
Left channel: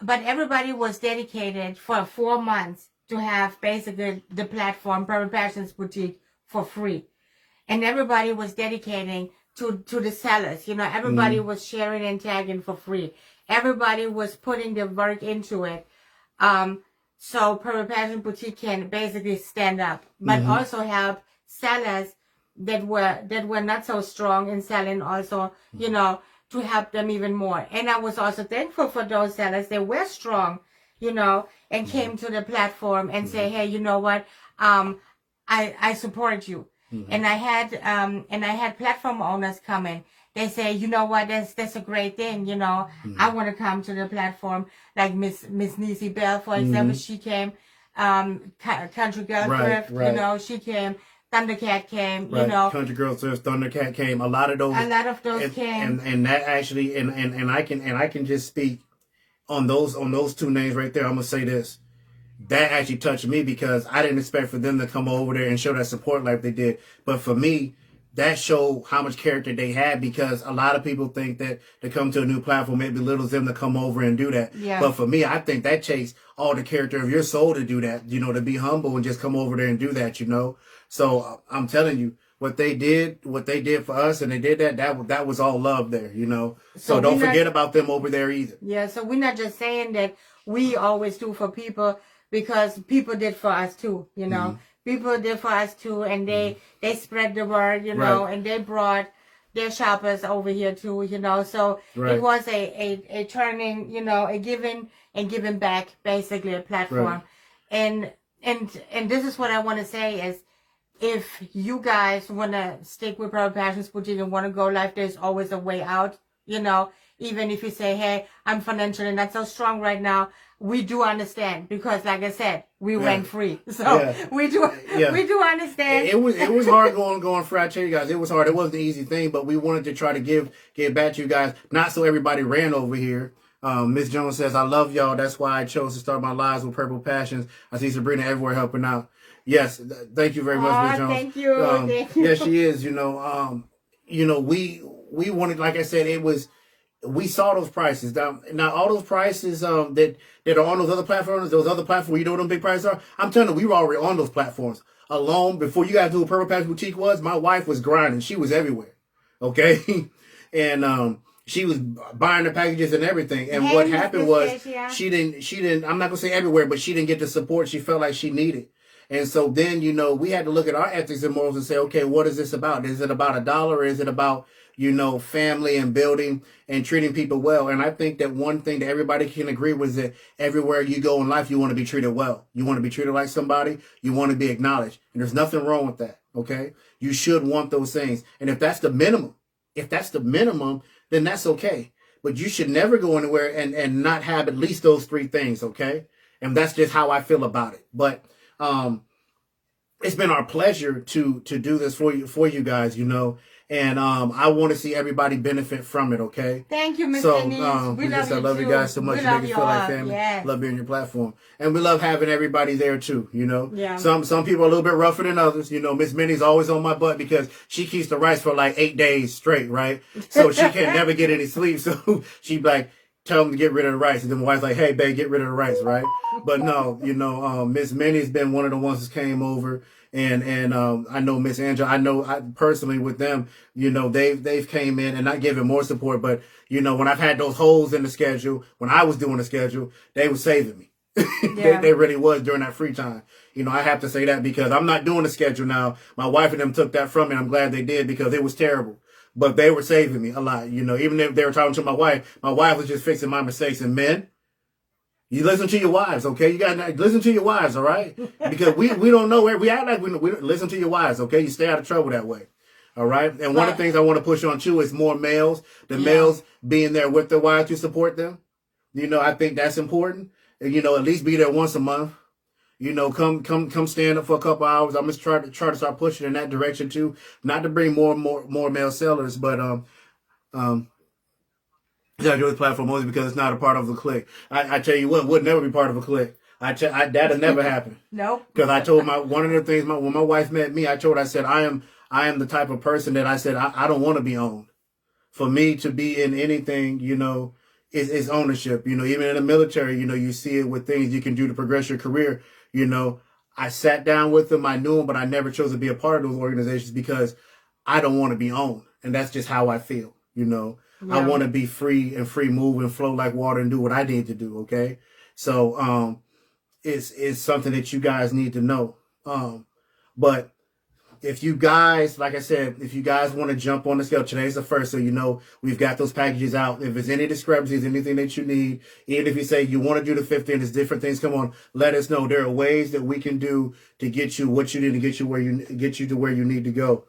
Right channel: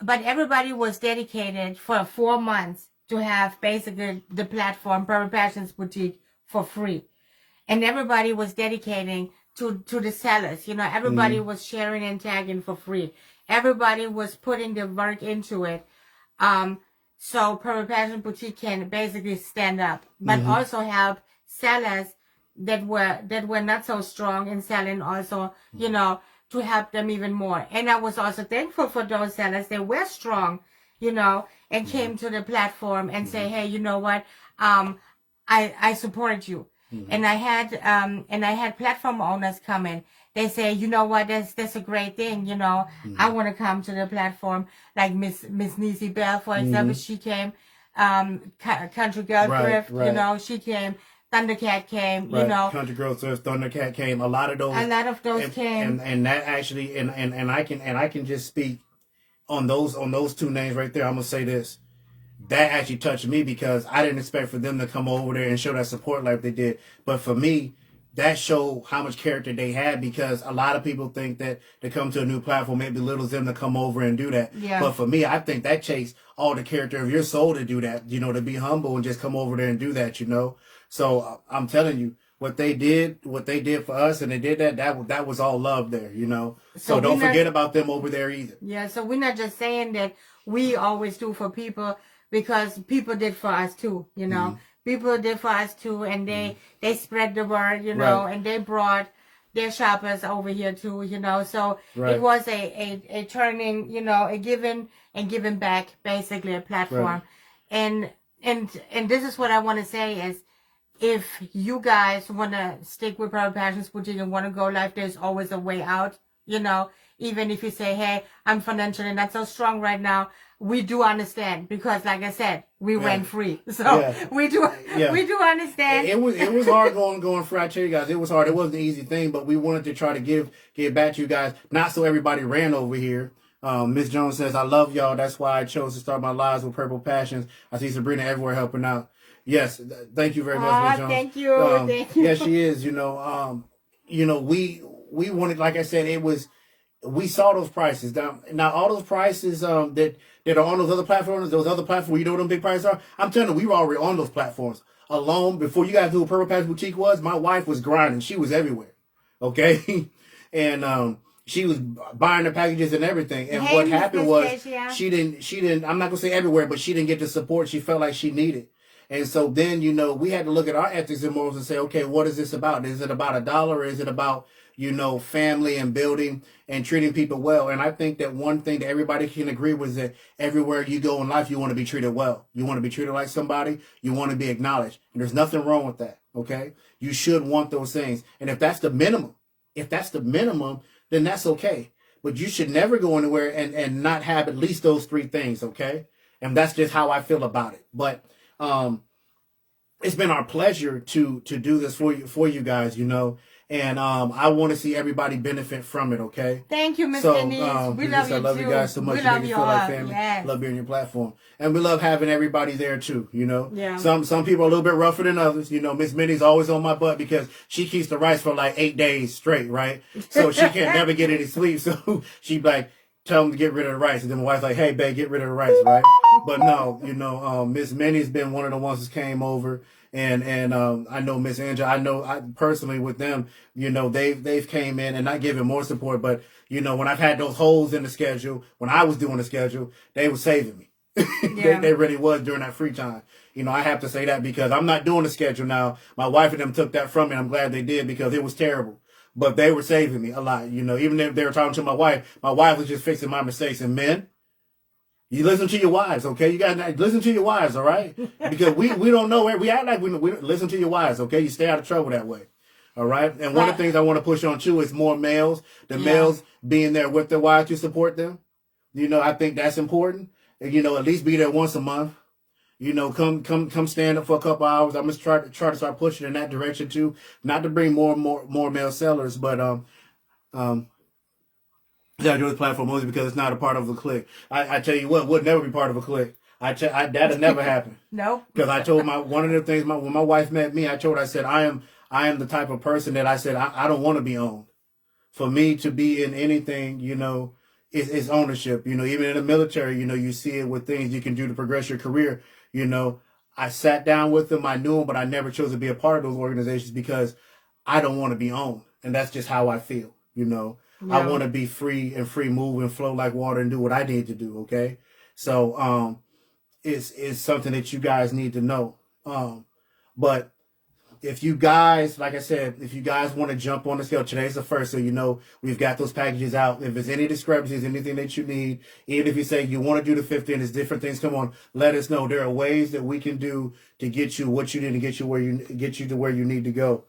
everybody was dedicated for 4 months to have basically the platform, Purple Passions Boutique, for free. And everybody was dedicating to the sellers, you know, everybody was sharing and tagging for free. Everybody was putting the work into it. So Purple Passion Boutique can basically stand up, but also help sellers that were not so strong in selling, also, you know, to help them even more. And I was also thankful for those sellers that were strong, you know, and came to the platform and say, hey, you know what, I support you. And I had platform owners coming. They say, you know what, that's a great thing, you know. I want to come to the platform, like Miss Niecy Bell, for example. She came, Country Girl Thrift, you know, she came. Thundercat came, you know. Country Girl Thrift, Thundercat came. A lot of those came. And that actually, and I can just speak on those two names right there. I'm gonna say this. That actually touched me, because I didn't expect for them to come over there and show that support like they did. But for me, that showed how much character they had, because a lot of people think that to come to a new platform, it belittles them to come over and do that. Yeah. But for me, I think that takes all the character of your soul to do that, you know, to be humble and just come over there and do that, you know. So I'm telling you, what they did for us, and they did that was all love there, you know. So don't forget about them over there either. Yeah, so we're not just saying that we always do for people, because people did for us too, you know. People did for us too, and they spread the word, you know, and they brought their shoppers over here too, you know. So it was a turning, you know, a giving and giving back, basically, a platform. And this is what I want to say is, if you guys want to stick with Purple Passions Boutique and want to go live, there's always a way out, you know. Even if you say, hey, I'm financially not so strong right now, we do understand because, like I said, we went free, so Yeah. we do understand. It was hard going free. I tell you guys, it was hard. It wasn't an easy thing, but we wanted to try to give back to you guys, not so everybody ran over here. Miss Jones says, I love y'all. That's why I chose to start my lives with Purple Passions. I see Sabrina everywhere helping out. Yes, thank you very much, Miss Jones. Thank you. Thank you. Yes, she is. We wanted, like I said, we saw those prices. Now all those prices that are on those other platforms where you know what them big prices are. I'm telling you, we were already on those platforms. Alone, before you guys knew what Purple Passion Boutique was, my wife was grinding. She was everywhere. Okay? And she was buying the packages and everything. And what happened was she didn't, I'm not going to say everywhere, but she didn't get the support she felt like she needed. And so then, we had to look at our ethics and morals and say, okay, what is this about? Is it about $1 or is it about, family and building and treating people well? And I think that one thing that everybody can agree with is that everywhere you go in life, you want to be treated well. You want to be treated like somebody. You want to be acknowledged. And there's nothing wrong with that. Okay. You should want those things. And if that's the minimum, then that's okay. But you should never go anywhere and not have at least those three things. Okay. And that's just how I feel about it. But, it's been our pleasure to do this for you guys, and I want to see everybody benefit from it. Okay. Thank you, Miss So, Denise. I love you guys so much. You make me feel like family. Yes. Love being on your platform, and we love having everybody there too. Yeah. Some people are a little bit rougher than others. Miss Minnie's always on my butt because she keeps the rice for like 8 days straight, right? So she can't never get any sleep. So she like tell them to get rid of the rice, and then my wife's like, "Hey, babe, get rid of the rice," right? But no, Miss Minnie's been one of the ones that came over. And I know Miss Angela, I personally with them, they've came in and not giving more support. But, when I've had those holes in the schedule, when I was doing the schedule, they were saving me. Yeah. they really was during that free time. I have to say that because I'm not doing the schedule now. My wife and them took that from me. I'm glad they did because it was terrible. But they were saving me a lot. Even if they were talking to my wife was just fixing my mistakes. And men, you listen to your wives, okay? You got to listen to your wives, all right? Because we don't know where we act like we listen to your wives, okay? You stay out of trouble that way, all right? And one of the things I want to push on too is more males. Males being there with their wives to support them. I think that's important. And, at least be there once a month. Come stand up for a couple hours. I'm just try to start pushing in that direction too. Not to bring more male sellers, but I do this platform mostly because it's not a part of a clique. I tell you what, would never be part of a clique. That'll never happen. Nope. Because I told one of the things when my wife met me, I said I am the type of person that I said I don't want to be owned. For me to be in anything, is ownership. Even in the military, you see it with things you can do to progress your career. I sat down with them, I knew them, but I never chose to be a part of those organizations because I don't want to be owned, and that's just how I feel. Yeah. I want to be free move and flow like water and do what I need to do. Okay. So, it's something that you guys need to know. But if you guys, like I said, if you guys want to jump on the scale, today's the first, so we've got those packages out. If there's any discrepancies, anything that you need, even if you say you want to do the 50 and there's different things, come on, let us know. There are ways that we can do to get you what you need to get you to where you need to go.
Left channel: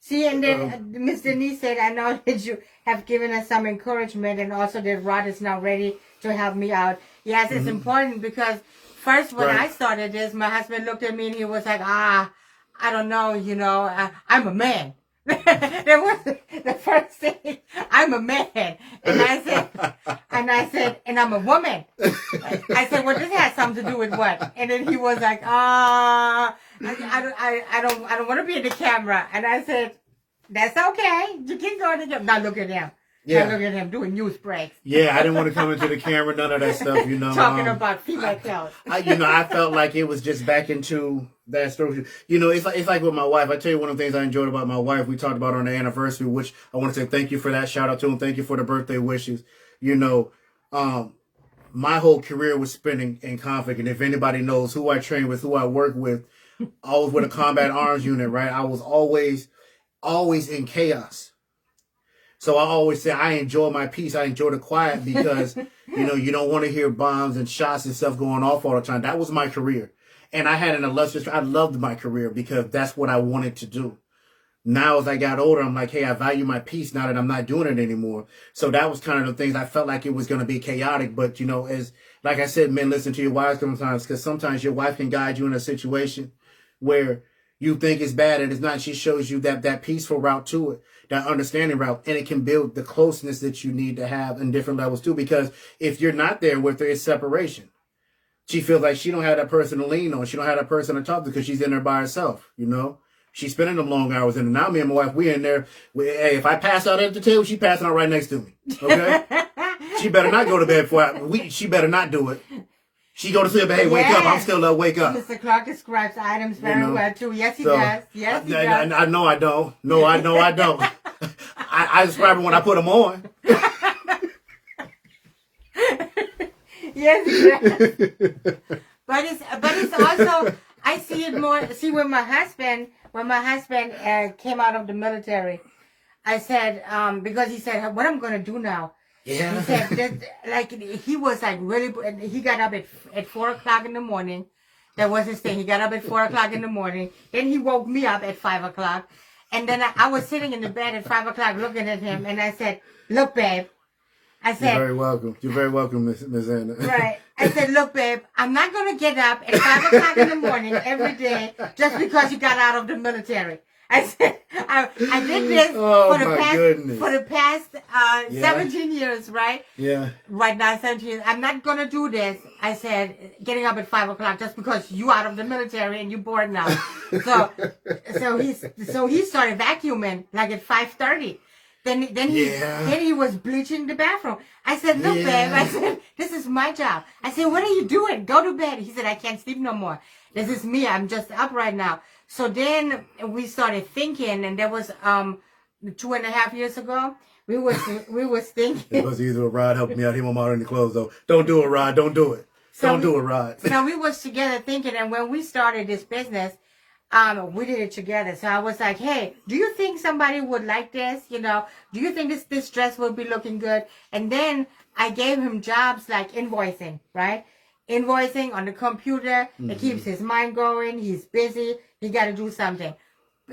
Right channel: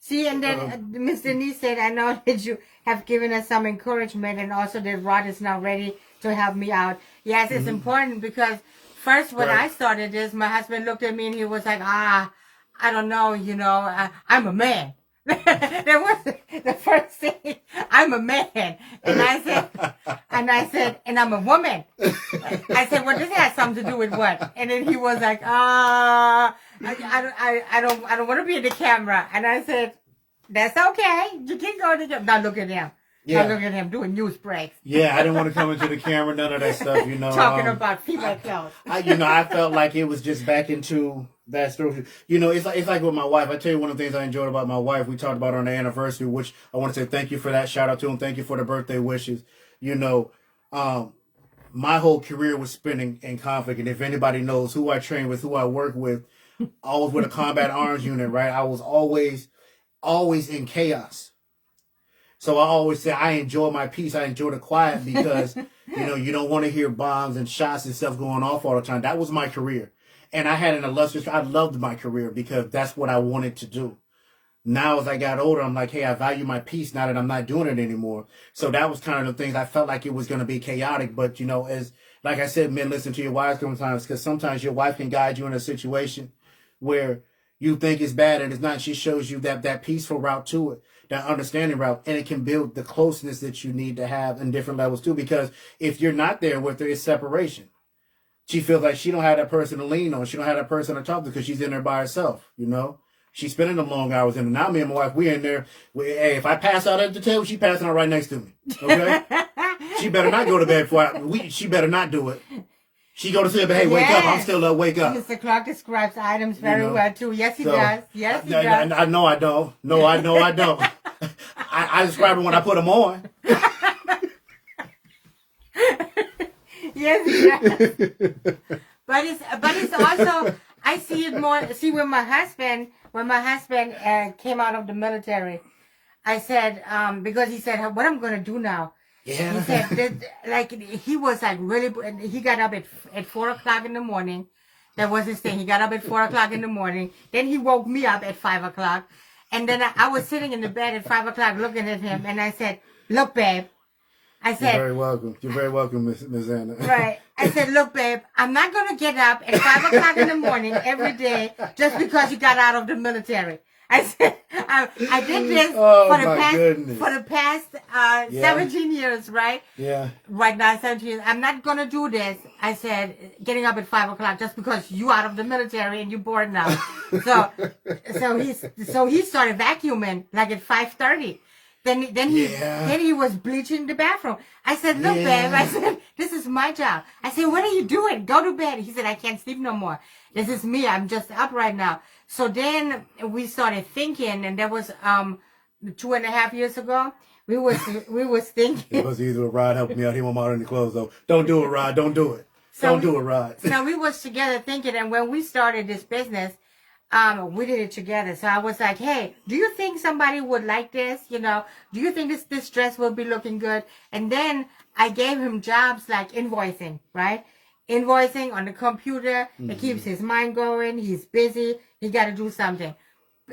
See, and then Miss Denise said, I know that you have given us some encouragement and also that Rod is now ready to help me out. Yes, it's important because first when I started this, my husband looked at me and he was like, I don't know, I'm a man. That was the first thing. I'm a man. And I said, and I'm a woman. I said, well, this has something to do with what? And then he was like, I don't want to be in the camera. And I said, that's okay. You can go to the camera. Now look at him. Yeah. Now look at him doing news breaks. Yeah, I didn't want to come into the camera, none of that stuff, Talking about female clothes. I felt like it was just back into that story. It's like with my wife. I tell you one of the things I enjoyed about my wife, we talked about on the anniversary, which I want to say thank you for that. Shout out to him. Thank you for the birthday wishes. My whole career was spent in conflict. And if anybody knows who I train with, who I work with, I was with a combat arms unit, right? I was always in chaos. So I always say I enjoy my peace. I enjoy the quiet because, you don't want to hear bombs and shots and stuff going off all the time. That was my career. And I had I loved my career because that's what I wanted to do. Now as I got older, I'm like, hey, I value my peace now that I'm not doing it anymore. So that was kind of the things I felt like it was going to be chaotic. But, you know, as like I said, men, listen to your wives sometimes, because sometimes your wife can guide you in a situation where you think it's bad and it's not. She shows you that peaceful route to it, that understanding route, and it can build the closeness that you need to have in different levels too. Because if you're not there with her, it's separation. She feels like she don't have that person to lean on. She don't have that person to talk to because she's in there by herself, you know. She's spending them long hours in. And now me and my wife, we're in there. Hey, if I pass out at the table, she passing out right next to me. Okay? She better not go to bed she better not do it. She go to sleep, but hey, wake up. I'm still up, wake up. Mr. Clark describes items very well, too. Yes, he does. Yes, he does. I know I don't. No, I know I don't. I describe it when I put them on. Yes, he does. But it's also, I see it more, when my husband came out of the military, I said, because he said, what I'm going to do now? Yeah. He said, he was like really, he got up at 4 o'clock in the morning. That was his thing. He got up at 4 o'clock in the morning. Then he woke me up at 5 o'clock. And then I was sitting in the bed at 5 o'clock looking at him. And I said, look, babe. I said, you're very welcome. You're very welcome, Miss Anna. Right. I said, look, babe, I'm not going to get up at 5 o'clock in the morning every day just because you got out of the military. I said, I did this for the past 17 years, right? Yeah. Right now, 17 years. I'm not going to do this. I said, getting up at 5 o'clock just because you out of the military and you bored now. So he started vacuuming like at 5:30. Then he was bleaching the bathroom. I said, look, babe, I said, this is my job. I said, what are you doing? Go to bed. He said, I can't sleep no more. This is me. I'm just up right now. So then we started thinking, and that was 2.5 years ago. We was thinking. It was either a Rod helping me out. He won't out any clothes though. Don't do it, Rod. Don't do it. Don't do it, Rod. So we was together thinking, and when we started this business, we did it together. So I was like, hey, do you think somebody would like this? You know, do you think this dress will be looking good? And then I gave him jobs like invoicing, right? Invoicing on the computer. It keeps his mind going. He's busy. He got to do something.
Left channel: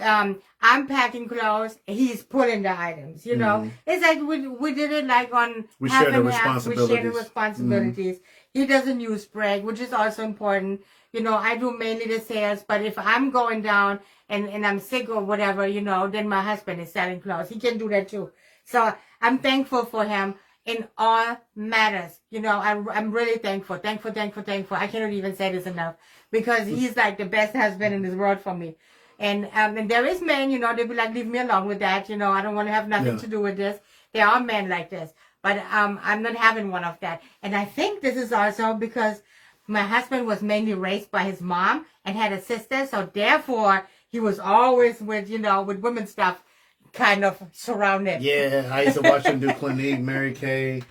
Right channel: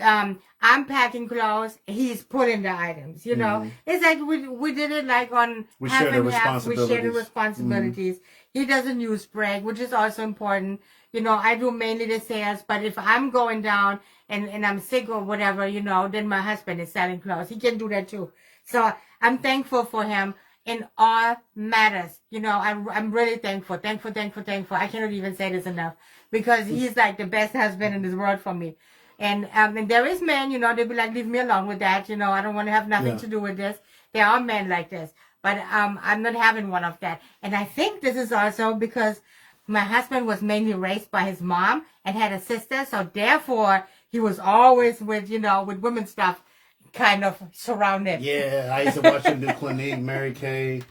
I'm packing clothes. He's pulling the items, you know. It's like we did it like on we half share the and half. We share the responsibilities. responsibilities. He doesn't use break, which is also important. You know, I do mainly the sales, but if I'm going down and I'm sick or whatever, you know, then my husband is selling clothes. He can do that too. So I'm thankful for him in all matters. You know, I'm really thankful. Thankful. I cannot even say this enough because he's like the best husband in this world for me. And there is men, you know, they be like, leave me alone with that. You know, I don't want to have nothing to do with this. There are men like this, but I'm not having one of that. And I think this is also because my husband was mainly raised by his mom and had a sister, so therefore he was always with women stuff kind of surrounded. Yeah, I used to watch him do Clinique, Mary Kay.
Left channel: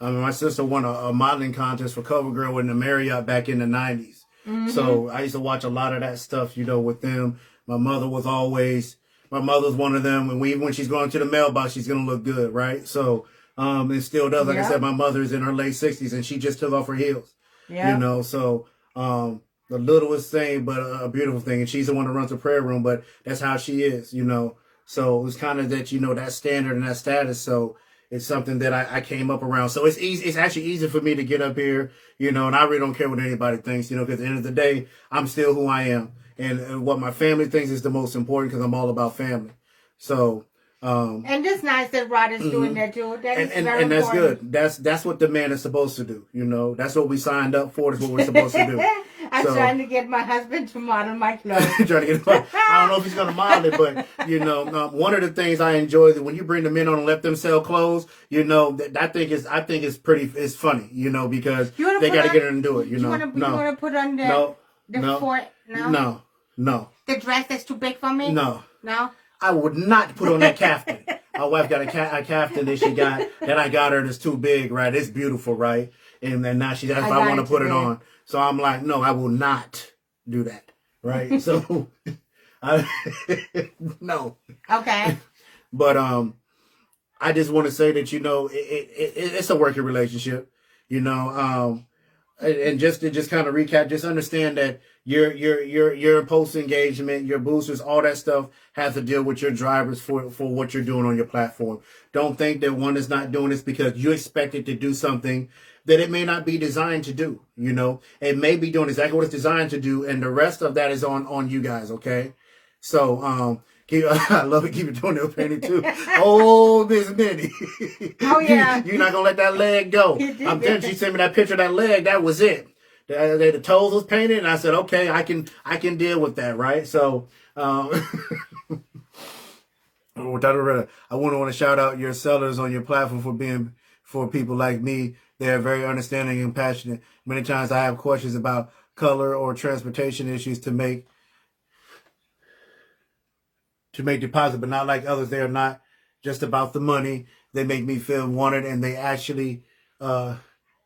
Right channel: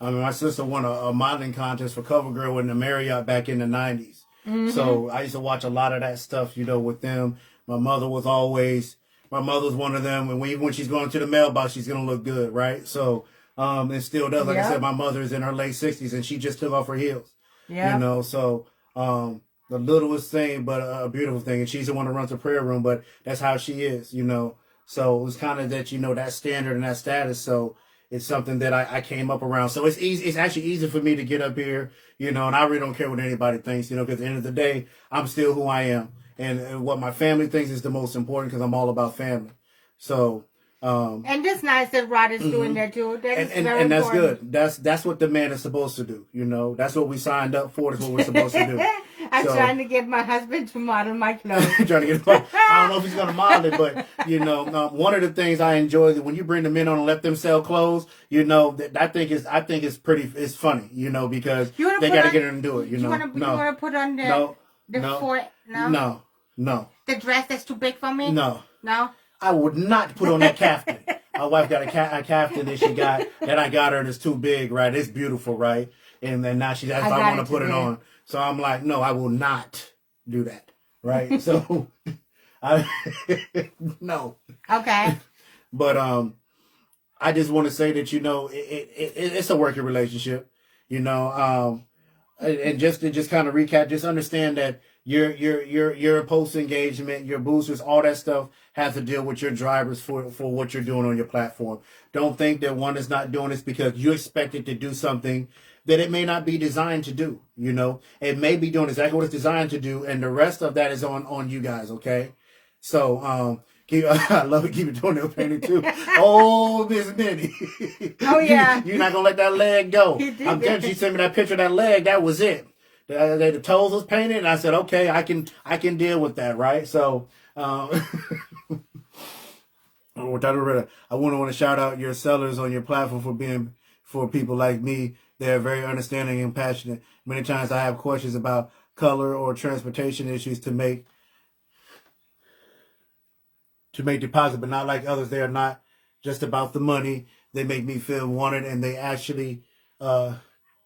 I mean, my sister won a modeling contest for CoverGirl in the Marriott back in the 90s. So I used to watch a lot of that stuff, you know, with them. My mother was one of them, and even when she's going to the mailbox, she's going to look good, right? So, and still does. Like I said, my mother's in her late 60s, and she just took off her heels. Yeah. You know, so the littlest thing, but a beautiful thing. And she's the one that runs the prayer room, but that's how she is, you know. So it's kind of that, you know, that standard and that status. So it's something that I came up around. So it's easy. It's actually easy for me to get up here, you know, and I really don't care what anybody thinks, you know, because at the end of the day, I'm still who I am. And what my family thinks is the most important because I'm all about family. So, and it's nice that Rod is doing that too. And that's good. That's what the man is supposed to do. You know, that's what we signed up for. That's what we're supposed to do. I'm trying to get my husband to model my clothes. I don't know if he's going to model it, but you know, one of the things I enjoy is when you bring the men on and let them sell clothes. You know, I think it's funny. You know, because they got to get in and do it. You know, you want to put on No. The dress that's too big for me? No. No? I would not put on that caftan. My wife got a caftan that I got her that's too big, right? It's beautiful, right? And then now she asks if I want to put it on. So I'm like, no, I will not do that, right? So, no. Okay. But I just want to say that, you know, it's a working relationship, you know, and just to kind of recap, just understand that your post engagement, your boosters, all that stuff have to deal with your drivers for what you're doing on your platform. Don't think that one is not doing this because you expect it to do something that it may not be designed to do. You know, it may be doing exactly what it's designed to do, and the rest of that is on you guys. Okay, so I love it. Keep it toenail painting too. Oh, Miss Minnie. Oh yeah. You're not gonna let that leg go. I'm telling you, she sent me that picture of that leg. That was it. The toes was painted, and I said, okay, I can deal with that, right? So, I want to shout out your sellers on your platform for people like me. They're very understanding and passionate. Many times I have questions about color or transportation issues to make deposit, but not like others. They are not just about the money. They make me feel wanted, and they actually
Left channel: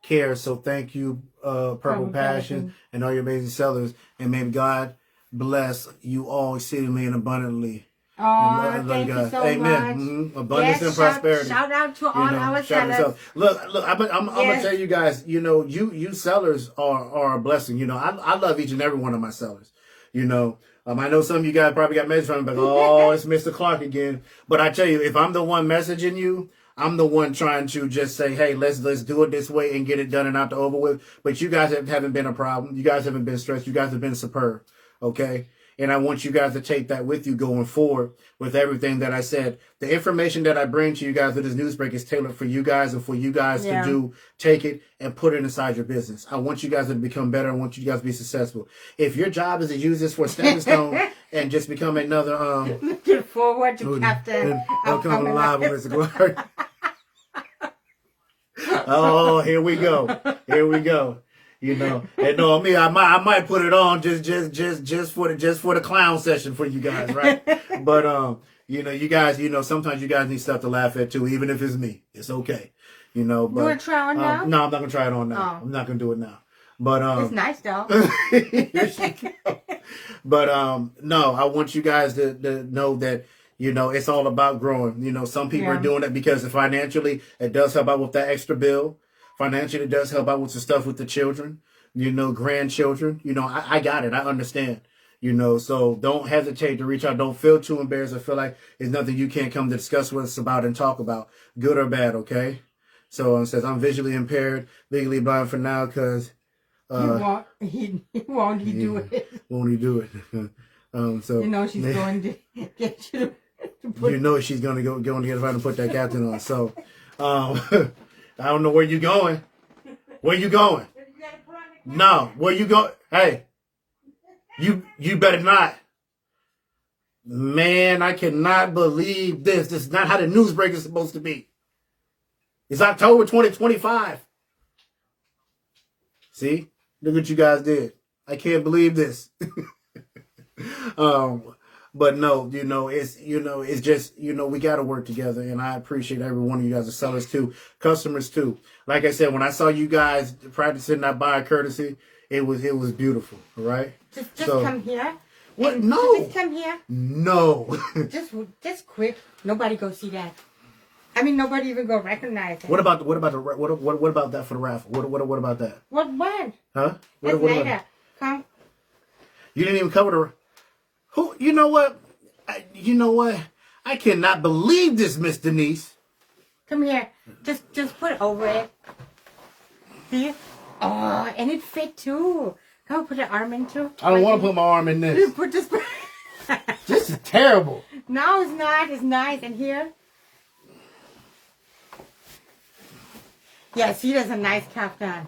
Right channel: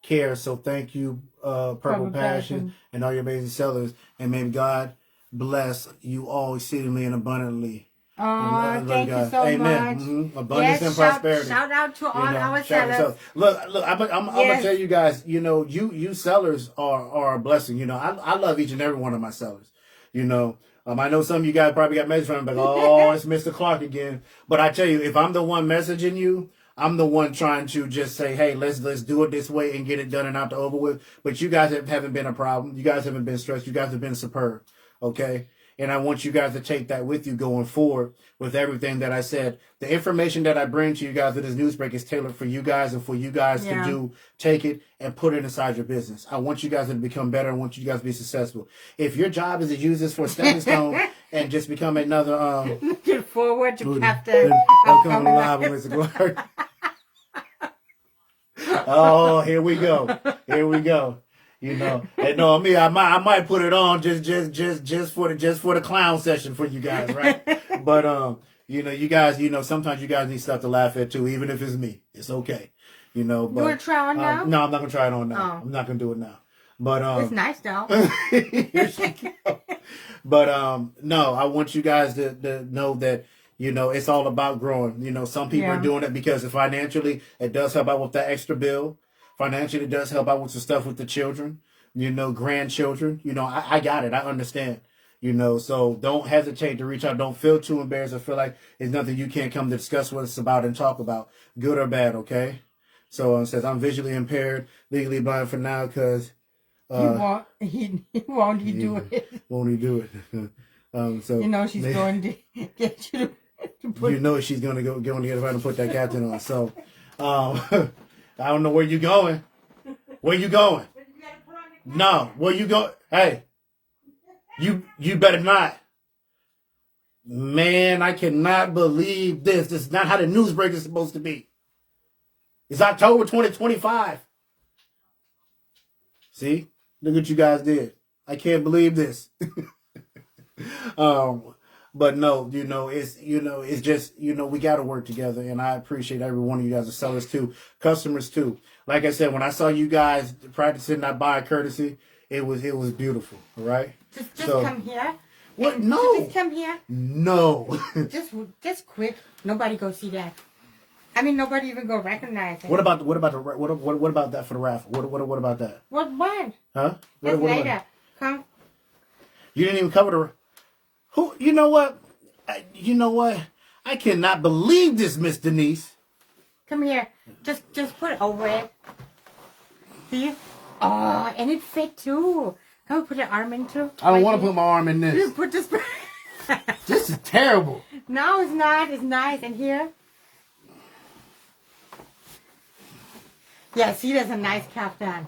care. So thank you, Purple Passion, and all your amazing sellers. And may God bless you all exceedingly and abundantly. Oh, thank you so Amen. much. Mm-hmm. Abundance and prosperity. Shout out to all our sellers. Look, I'm gonna tell you guys. You know, you sellers are a blessing. You know, I love each and every one of my sellers. You know. I know some of you guys probably got messages from me, but oh, it's Mr. Clark again. But I tell you, if I'm the one messaging you, I'm the one trying to just say, hey, let's do it this way and get it done and out over with. But you guys haven't been a problem. You guys haven't been stressed. You guys have been superb. Okay. And I want you guys to take that with you going forward with everything that I said. The information that I bring to you guys with this news break is tailored for you guys and for you guys to take it and put it inside your business. I want you guys to become better. I want you guys to be successful. If your job is to use this for a stepping stone and just become another... Looking forward to Captain. I'll come live with Mr. Clark. Oh, here we go. Here we go. You know, and no, me, I might put it on just for the clown session for you guys, right? But you know, you guys, you know, sometimes you guys need stuff to laugh at too, even if it's me. It's okay, you know. But you wanna try on now? No, I'm not gonna try it on now. I'm not gonna do it now. But it's nice though. But no, I want you guys to know that. You know, it's all about growing. You know, some people are doing it because financially it does help out with that extra bill. Financially, it does help out with the stuff with the children, you know, grandchildren. You know, I got it. I understand, you know, so don't hesitate to reach out. Don't feel too embarrassed. I feel like there's nothing you can't come to discuss with us about and talk about, good or bad, okay? So it says, I'm visually impaired, legally blind for now because... won't he do it? Won't he do it? So you know she's going to get you to put... You know she's going to go to get her to put that captain on. So... I don't know where you going. Where you going? No, where you going? Hey, you better not. Man, I cannot believe this. This is not how the news break is supposed to be. It's October 2025. See? Look what you guys did. I can't believe this. But no, it's just, we got to work together. And I appreciate every one of you guys, the sellers too, customers too. Like I said, when I saw you guys practicing that buyer courtesy, it was beautiful. All right. Just come here. What? No. Just come here. No. just quick. Nobody go see that. I mean, nobody even go recognize it. What about that for the raffle? What about that? What? Huh? What later. Come. You didn't even cover the. Who? You know what? I cannot believe this, Miss Denise. Come here. Just put it over it. See? Oh, and it fit too. Come put your arm in too. I don't want to put my arm in this. You put this. This is terrible. No, it's not. It's nice. And here. Yeah, see, there's a nice captain.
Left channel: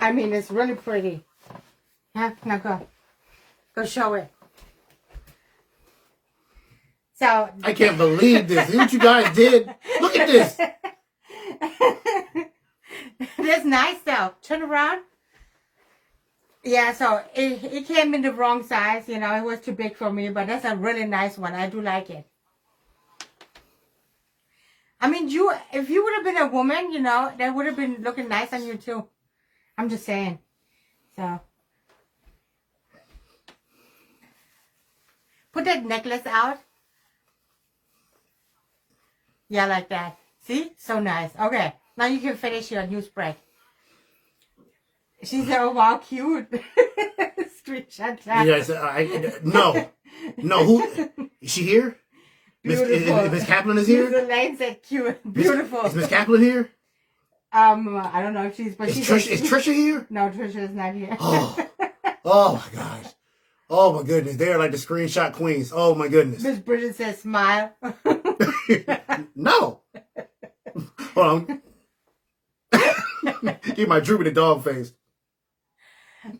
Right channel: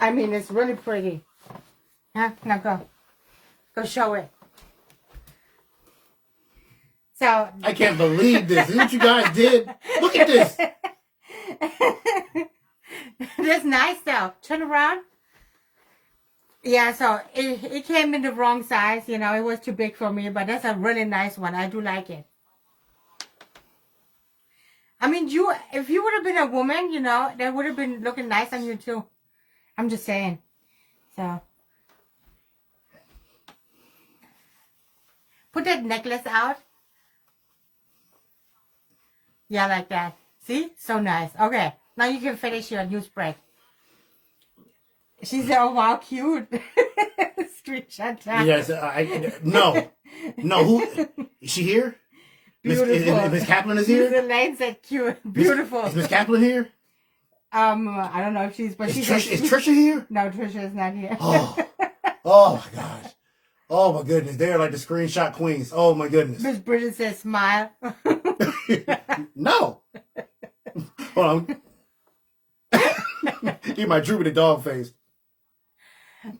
I mean, it's really pretty. Huh? Now go show it. So I can't believe this. See what you guys did? Look at this. That's nice though. Turn around. Yeah, so it came in the wrong size, it was too big for me, but that's a really nice one. I do like it. I mean, if you would have been a woman, that would have been looking nice on you too. I'm just saying. So put that necklace out. Yeah, like that. See? So nice. Okay. Now you can finish your news break. She said, oh, wow, cute. Screenshot that. Yes, no. No, who is she here? Miss Kaplan is here. The legs are cute, beautiful. Is Miss Kaplan here? I don't know if she's, but Is Trisha here? No, Trisha is not here. Oh my gosh. Oh my goodness. They're like the screenshot queens. Oh my goodness. Miss Bridget says smile. No. Hold on. He might droop with the dog face.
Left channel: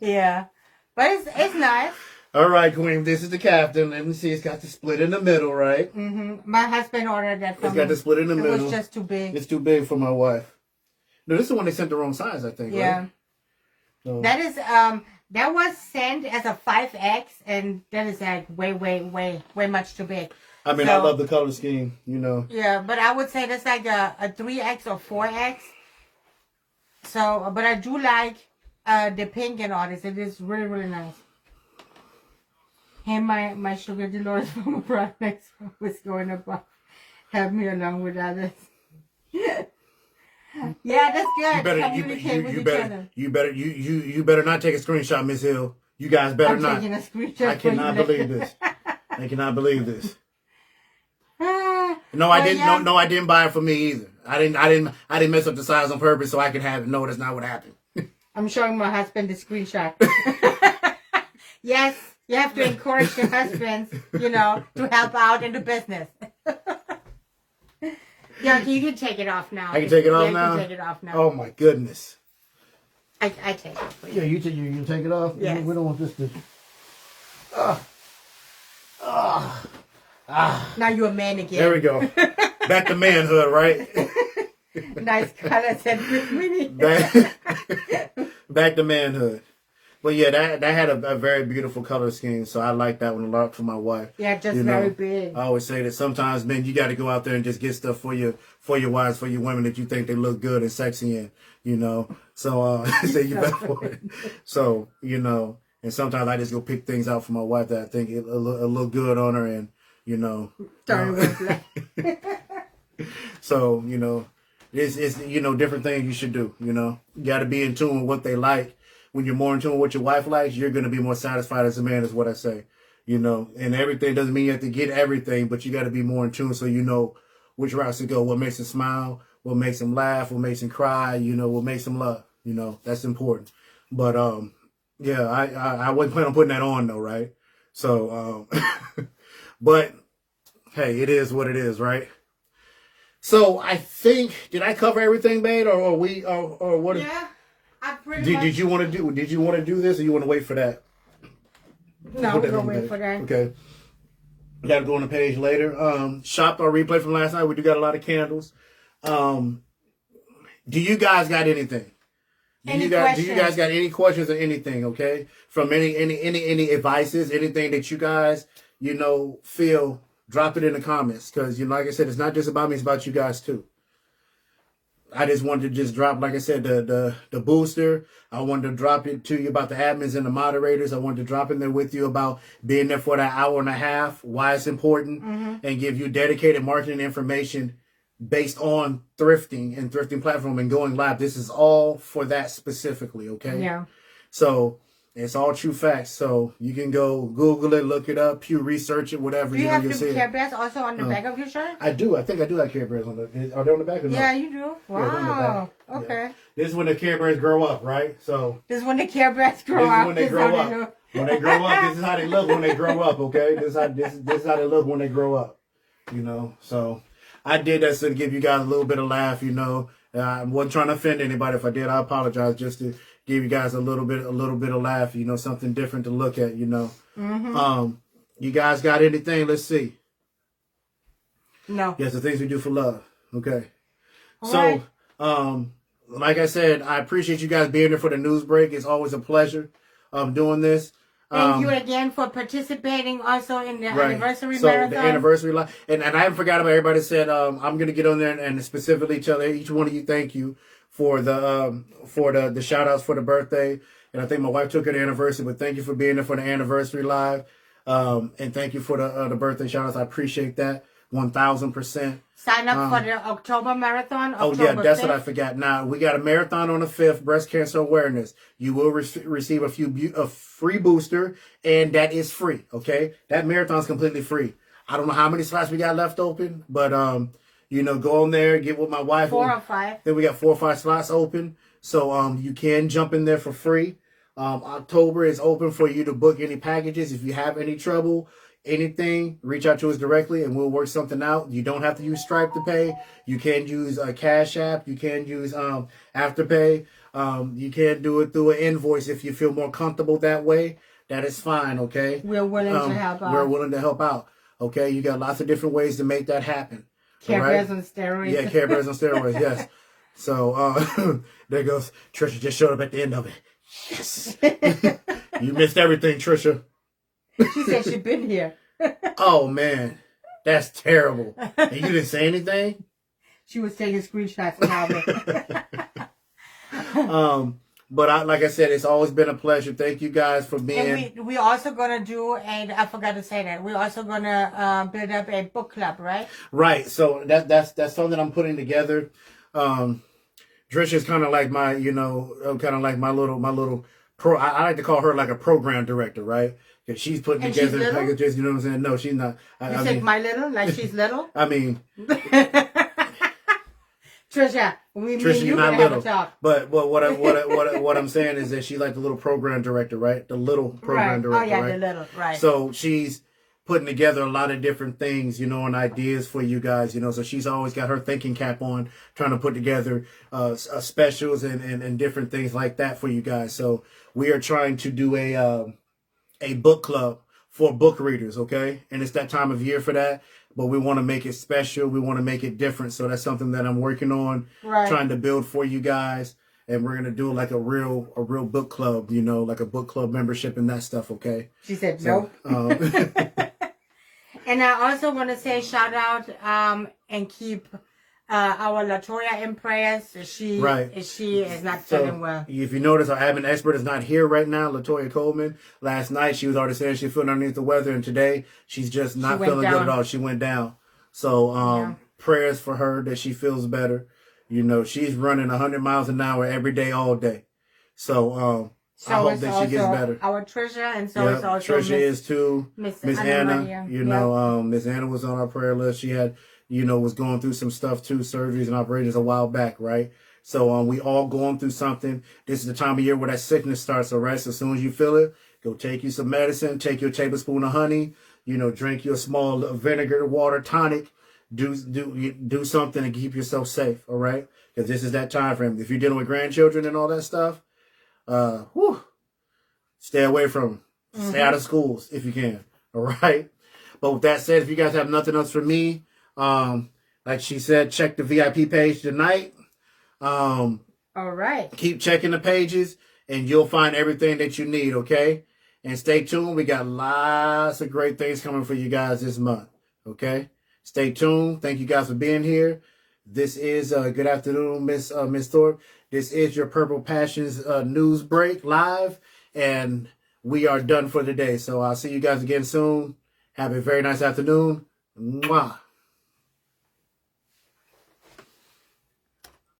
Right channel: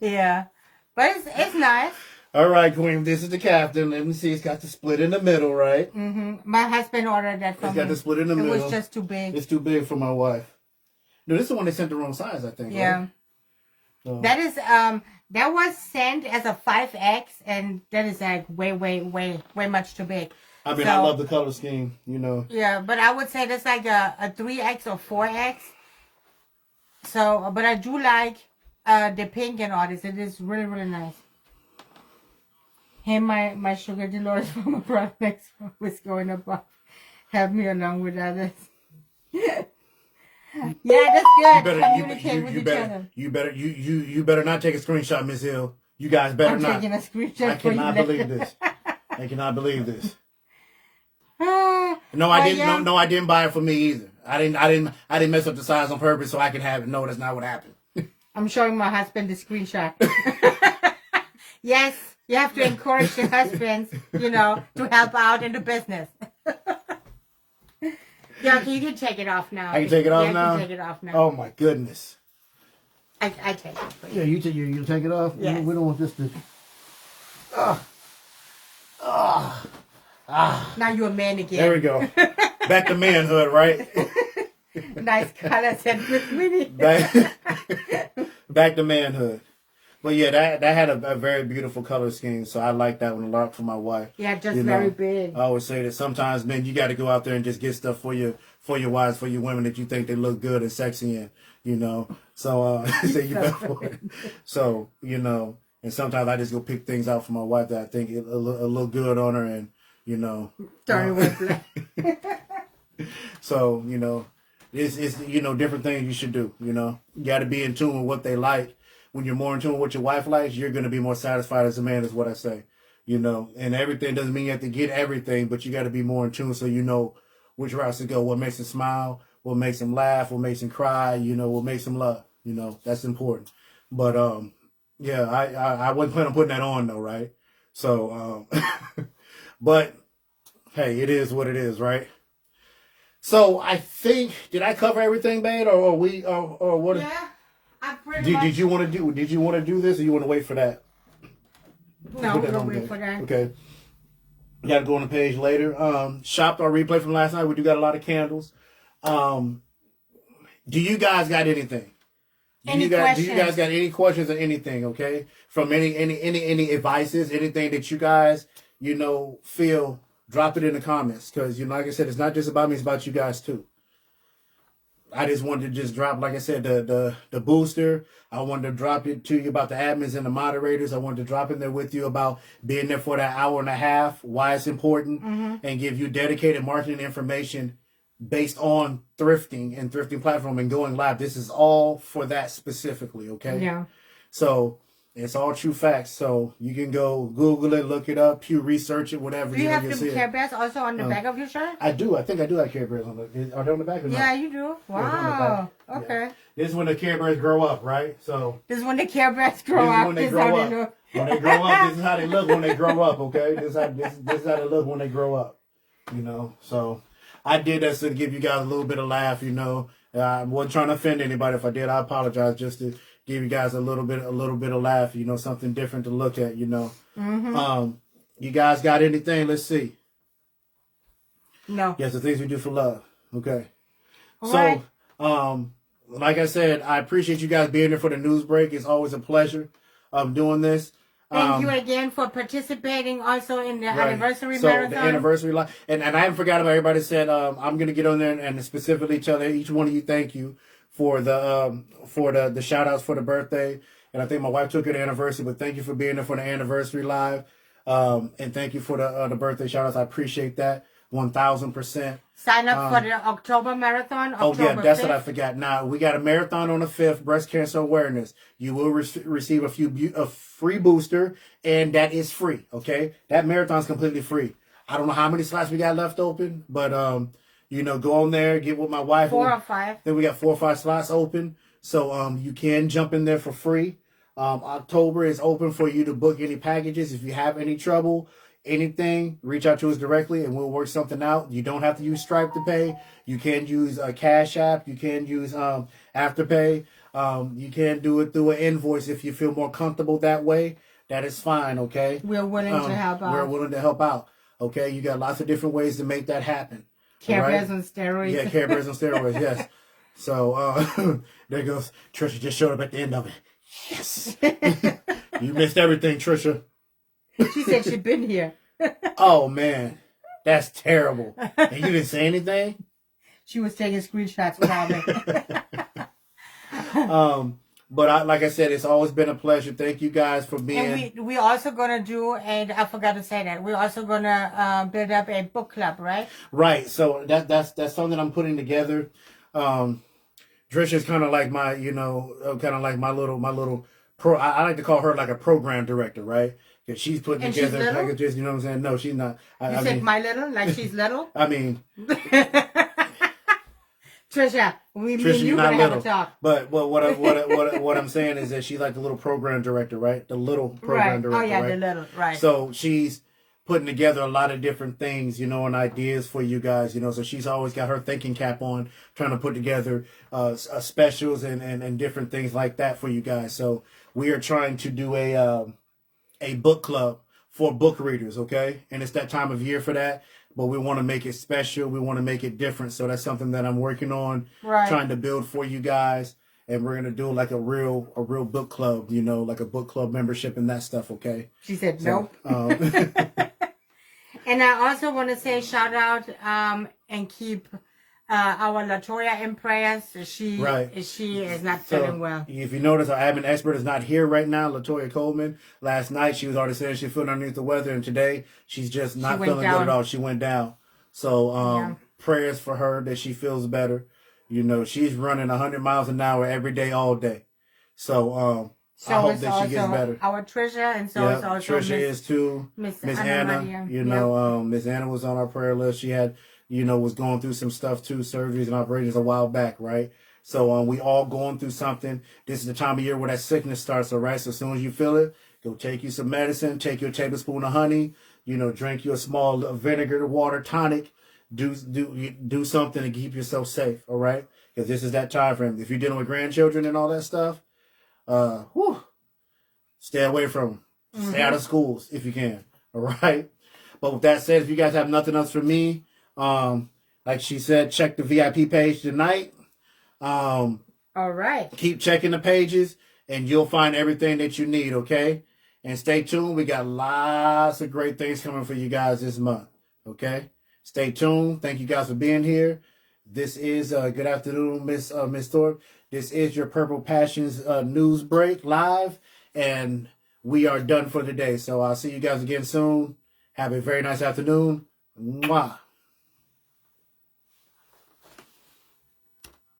Yeah. But it's nice. All right, Queen. This is the captain. Let me see. It's got the split in the middle, right? Mm-hmm. My husband ordered that for me. It's got the split in the middle. It was just too big. It's too big for my wife. No, this is the one they sent the wrong size, I think. Yeah. Right? So. That is that was sent as a 5X, and that is like way much too big. I mean, I love the color scheme, Yeah, but I would say that's like a 3X or 4X. So, but I do like the pink and all this. It is really nice. Hey, my sugar Dolores from abroad next was going above. Have me along with others. Yeah, that's good. Communicate with each other. You better not take a screenshot, Miss Hill. You guys better not. I'm taking a screenshot. I cannot believe this. I cannot believe this. No, I didn't. Yeah. No, I didn't buy it for me either. I didn't mess up the size on purpose so I could have it. No, that's not what happened. I'm showing my husband the screenshot. Yes, you have to encourage your husbands, to help out in the business. Yeah, you can take it off now. I can take it off now? You can take it off now. Oh, my goodness. I take it for you. Yeah, you take it off? Yes. We don't want this to... Now you're a man again. There we go. Back to manhood, right? Nice colors and Back to manhood. But yeah, that had a very beautiful color scheme, so I like that one a lot for my wife. Yeah, just very big. I always say that sometimes, man, you got to go out there and just get stuff for your wives, for your women that you think they look good and sexy in, So say you better for it. So and sometimes I just go pick things out for my wife that I think it'll look good on her, and So it's different things you should do. You got to be in tune with what they like. When you're more in tune with what your wife likes, you're going to be more satisfied as a man, is what I say. And everything doesn't mean you have to get everything, but you got to be more in tune so you know which routes to go, what makes them smile, what makes them laugh, what makes them cry, what makes them love. That's important. But, yeah, I wasn't planning on putting that on, though, right? So, but, hey, it is what it is, right? So, I think, did I cover everything, babe, or what? Yeah. Did you want to do this, or you want to wait for that? No, we're gonna wait for that. Okay. You got to go on the page later. Shopped or replay from last night. We do got a lot of candles. Do you guys got anything? Do you guys got any questions or anything? Okay, from any advices, anything that you guys feel, drop it in the comments, because like I said, it's not just about me; it's about you guys too. I just wanted to drop, like I said, the booster. I wanted to drop it to you about the admins and the moderators. I wanted to drop in there with you about being there for that hour and a half, why it's important, and give you dedicated marketing information based on thrifting and thrifting platform and going live. This is all for that specifically, okay? Yeah. So it's all true facts. So you can go Google it, look it up, Pew research it, whatever. Do you have the Care Bears also on the back of your shirt? I do. I think I do have Care Bears on the. Are they on the back or not? Yeah, you do. Wow. Yeah, okay. Yeah. This is when the Care Bears grow up, right? So this is when the Care Bears grow up. When they grow up. When they grow up, this is how they look when they grow up. Okay, this is how they look when they grow up. So I did that to give you guys a little bit of laugh. I wasn't trying to offend anybody. If I did, I apologize. Just to give you guys a little bit of laugh. Something different to look at. You guys got anything? Let's see. No. Yes, the things we do for love. Okay. All so, right. Like I said, I appreciate you guys being there for the news break. It's always a pleasure doing this. Thank you again for participating also in the anniversary marathon. The anniversary live. And I haven't forgot about everybody said, I'm going to get on there and specifically tell each one of you thank you for the shout outs for the birthday. And I think my wife took it anniversary, but thank you for being there for the anniversary live. And thank you for the birthday shout outs. I appreciate that. 1,000%. Sign up for the October marathon. Oh, yeah, that's what I forgot. Now, we got a marathon on the 5th, breast cancer awareness. You will receive a free booster, and that is free, okay? That marathon's completely free. I don't know how many slots we got left open, but, you know, go on there, get with my wife. 4 or 5. Then we got 4 or 5 slots open, so you can jump in there for free. October is open for you to book any packages. If you have any trouble, anything, reach out to us directly and we'll work something out. You don't have to use Stripe to pay. You can use a Cash App. You can use Afterpay. You can do it through an invoice if you feel more comfortable that way. That is fine, okay? We're willing to help out. We're willing to help out, okay? You got lots of different ways to make that happen. Care Bears on steroids. Yeah, Care Bears on steroids, yes. So there goes. Trisha just showed up at the end of it. Yes. You missed everything, Trisha. She said she'd been here. Oh, man. That's terrible. And you didn't say anything? She was taking screenshots without me. But like I said, it's always been a pleasure. Thank you guys for being... And we also going to do, and I forgot to say that, we're also going to build up a book club, right? Right. So that's something I'm putting together. Trisha's kind of like my, you know, kind of like my little pro. I like to call her like a program director, right? Because she's putting And together she's packages. You know what I'm saying? No, she's not. You said my little, like she's little. I mean, Trisha, you're not little. Talk. But what I'm saying is that she's like the little program director, right? The little program director, Oh yeah, right? the little, right. So she's putting together a lot of different things, you know, and ideas for you guys, you know. So she's always got her thinking cap on, trying to put together specials and different things like that for you guys. So we are trying to do a book club for book readers, okay? And it's that time of year for that, but we want to make it special. We want to make it different. So that's something that I'm working on, trying to build for you guys. And we're gonna do like a real book club, you know, like a book club membership and that stuff, okay? She said nope. And I also want to say shout out and keep our Latoya in prayers. She is not feeling well. If you notice, our admin expert is not here right now, Latoya Coleman. Last night she was already saying she's feeling underneath the weather, and today she's just not feeling good at all. She went down. So prayers for her that she feels better. You know, she's running 100 miles an hour every day, all day. So I hope that she gets better. Our Trisha, and so is also Trisha is too. Miss Anna, you know, Miss Anna was on our prayer list. She had, you know, was going through some stuff too, surgeries and operations a while back, right? So we all going through something. This is the time of year where that sickness starts, all right? So as soon as you feel it, go take you some medicine, take your tablespoon of honey, you know, drink your small vinegar, water, tonic. Do something to keep yourself safe, all right? Because this is that time frame. If you're dealing with grandchildren and all that stuff, stay away from them. Stay out of schools if you can, all right? But with that said, if you guys have nothing else for me, like she said, check the VIP page tonight. All right. Keep checking the pages, and you'll find everything that you need, okay? And stay tuned. We got lots of great things coming for you guys this month, okay? Stay tuned. Thank you guys for being here. This is good afternoon, Miss Thorpe. This is your Purple Passions news break live, and we are done for the day. So I'll see you guys again soon. Have a very nice afternoon. Mwah.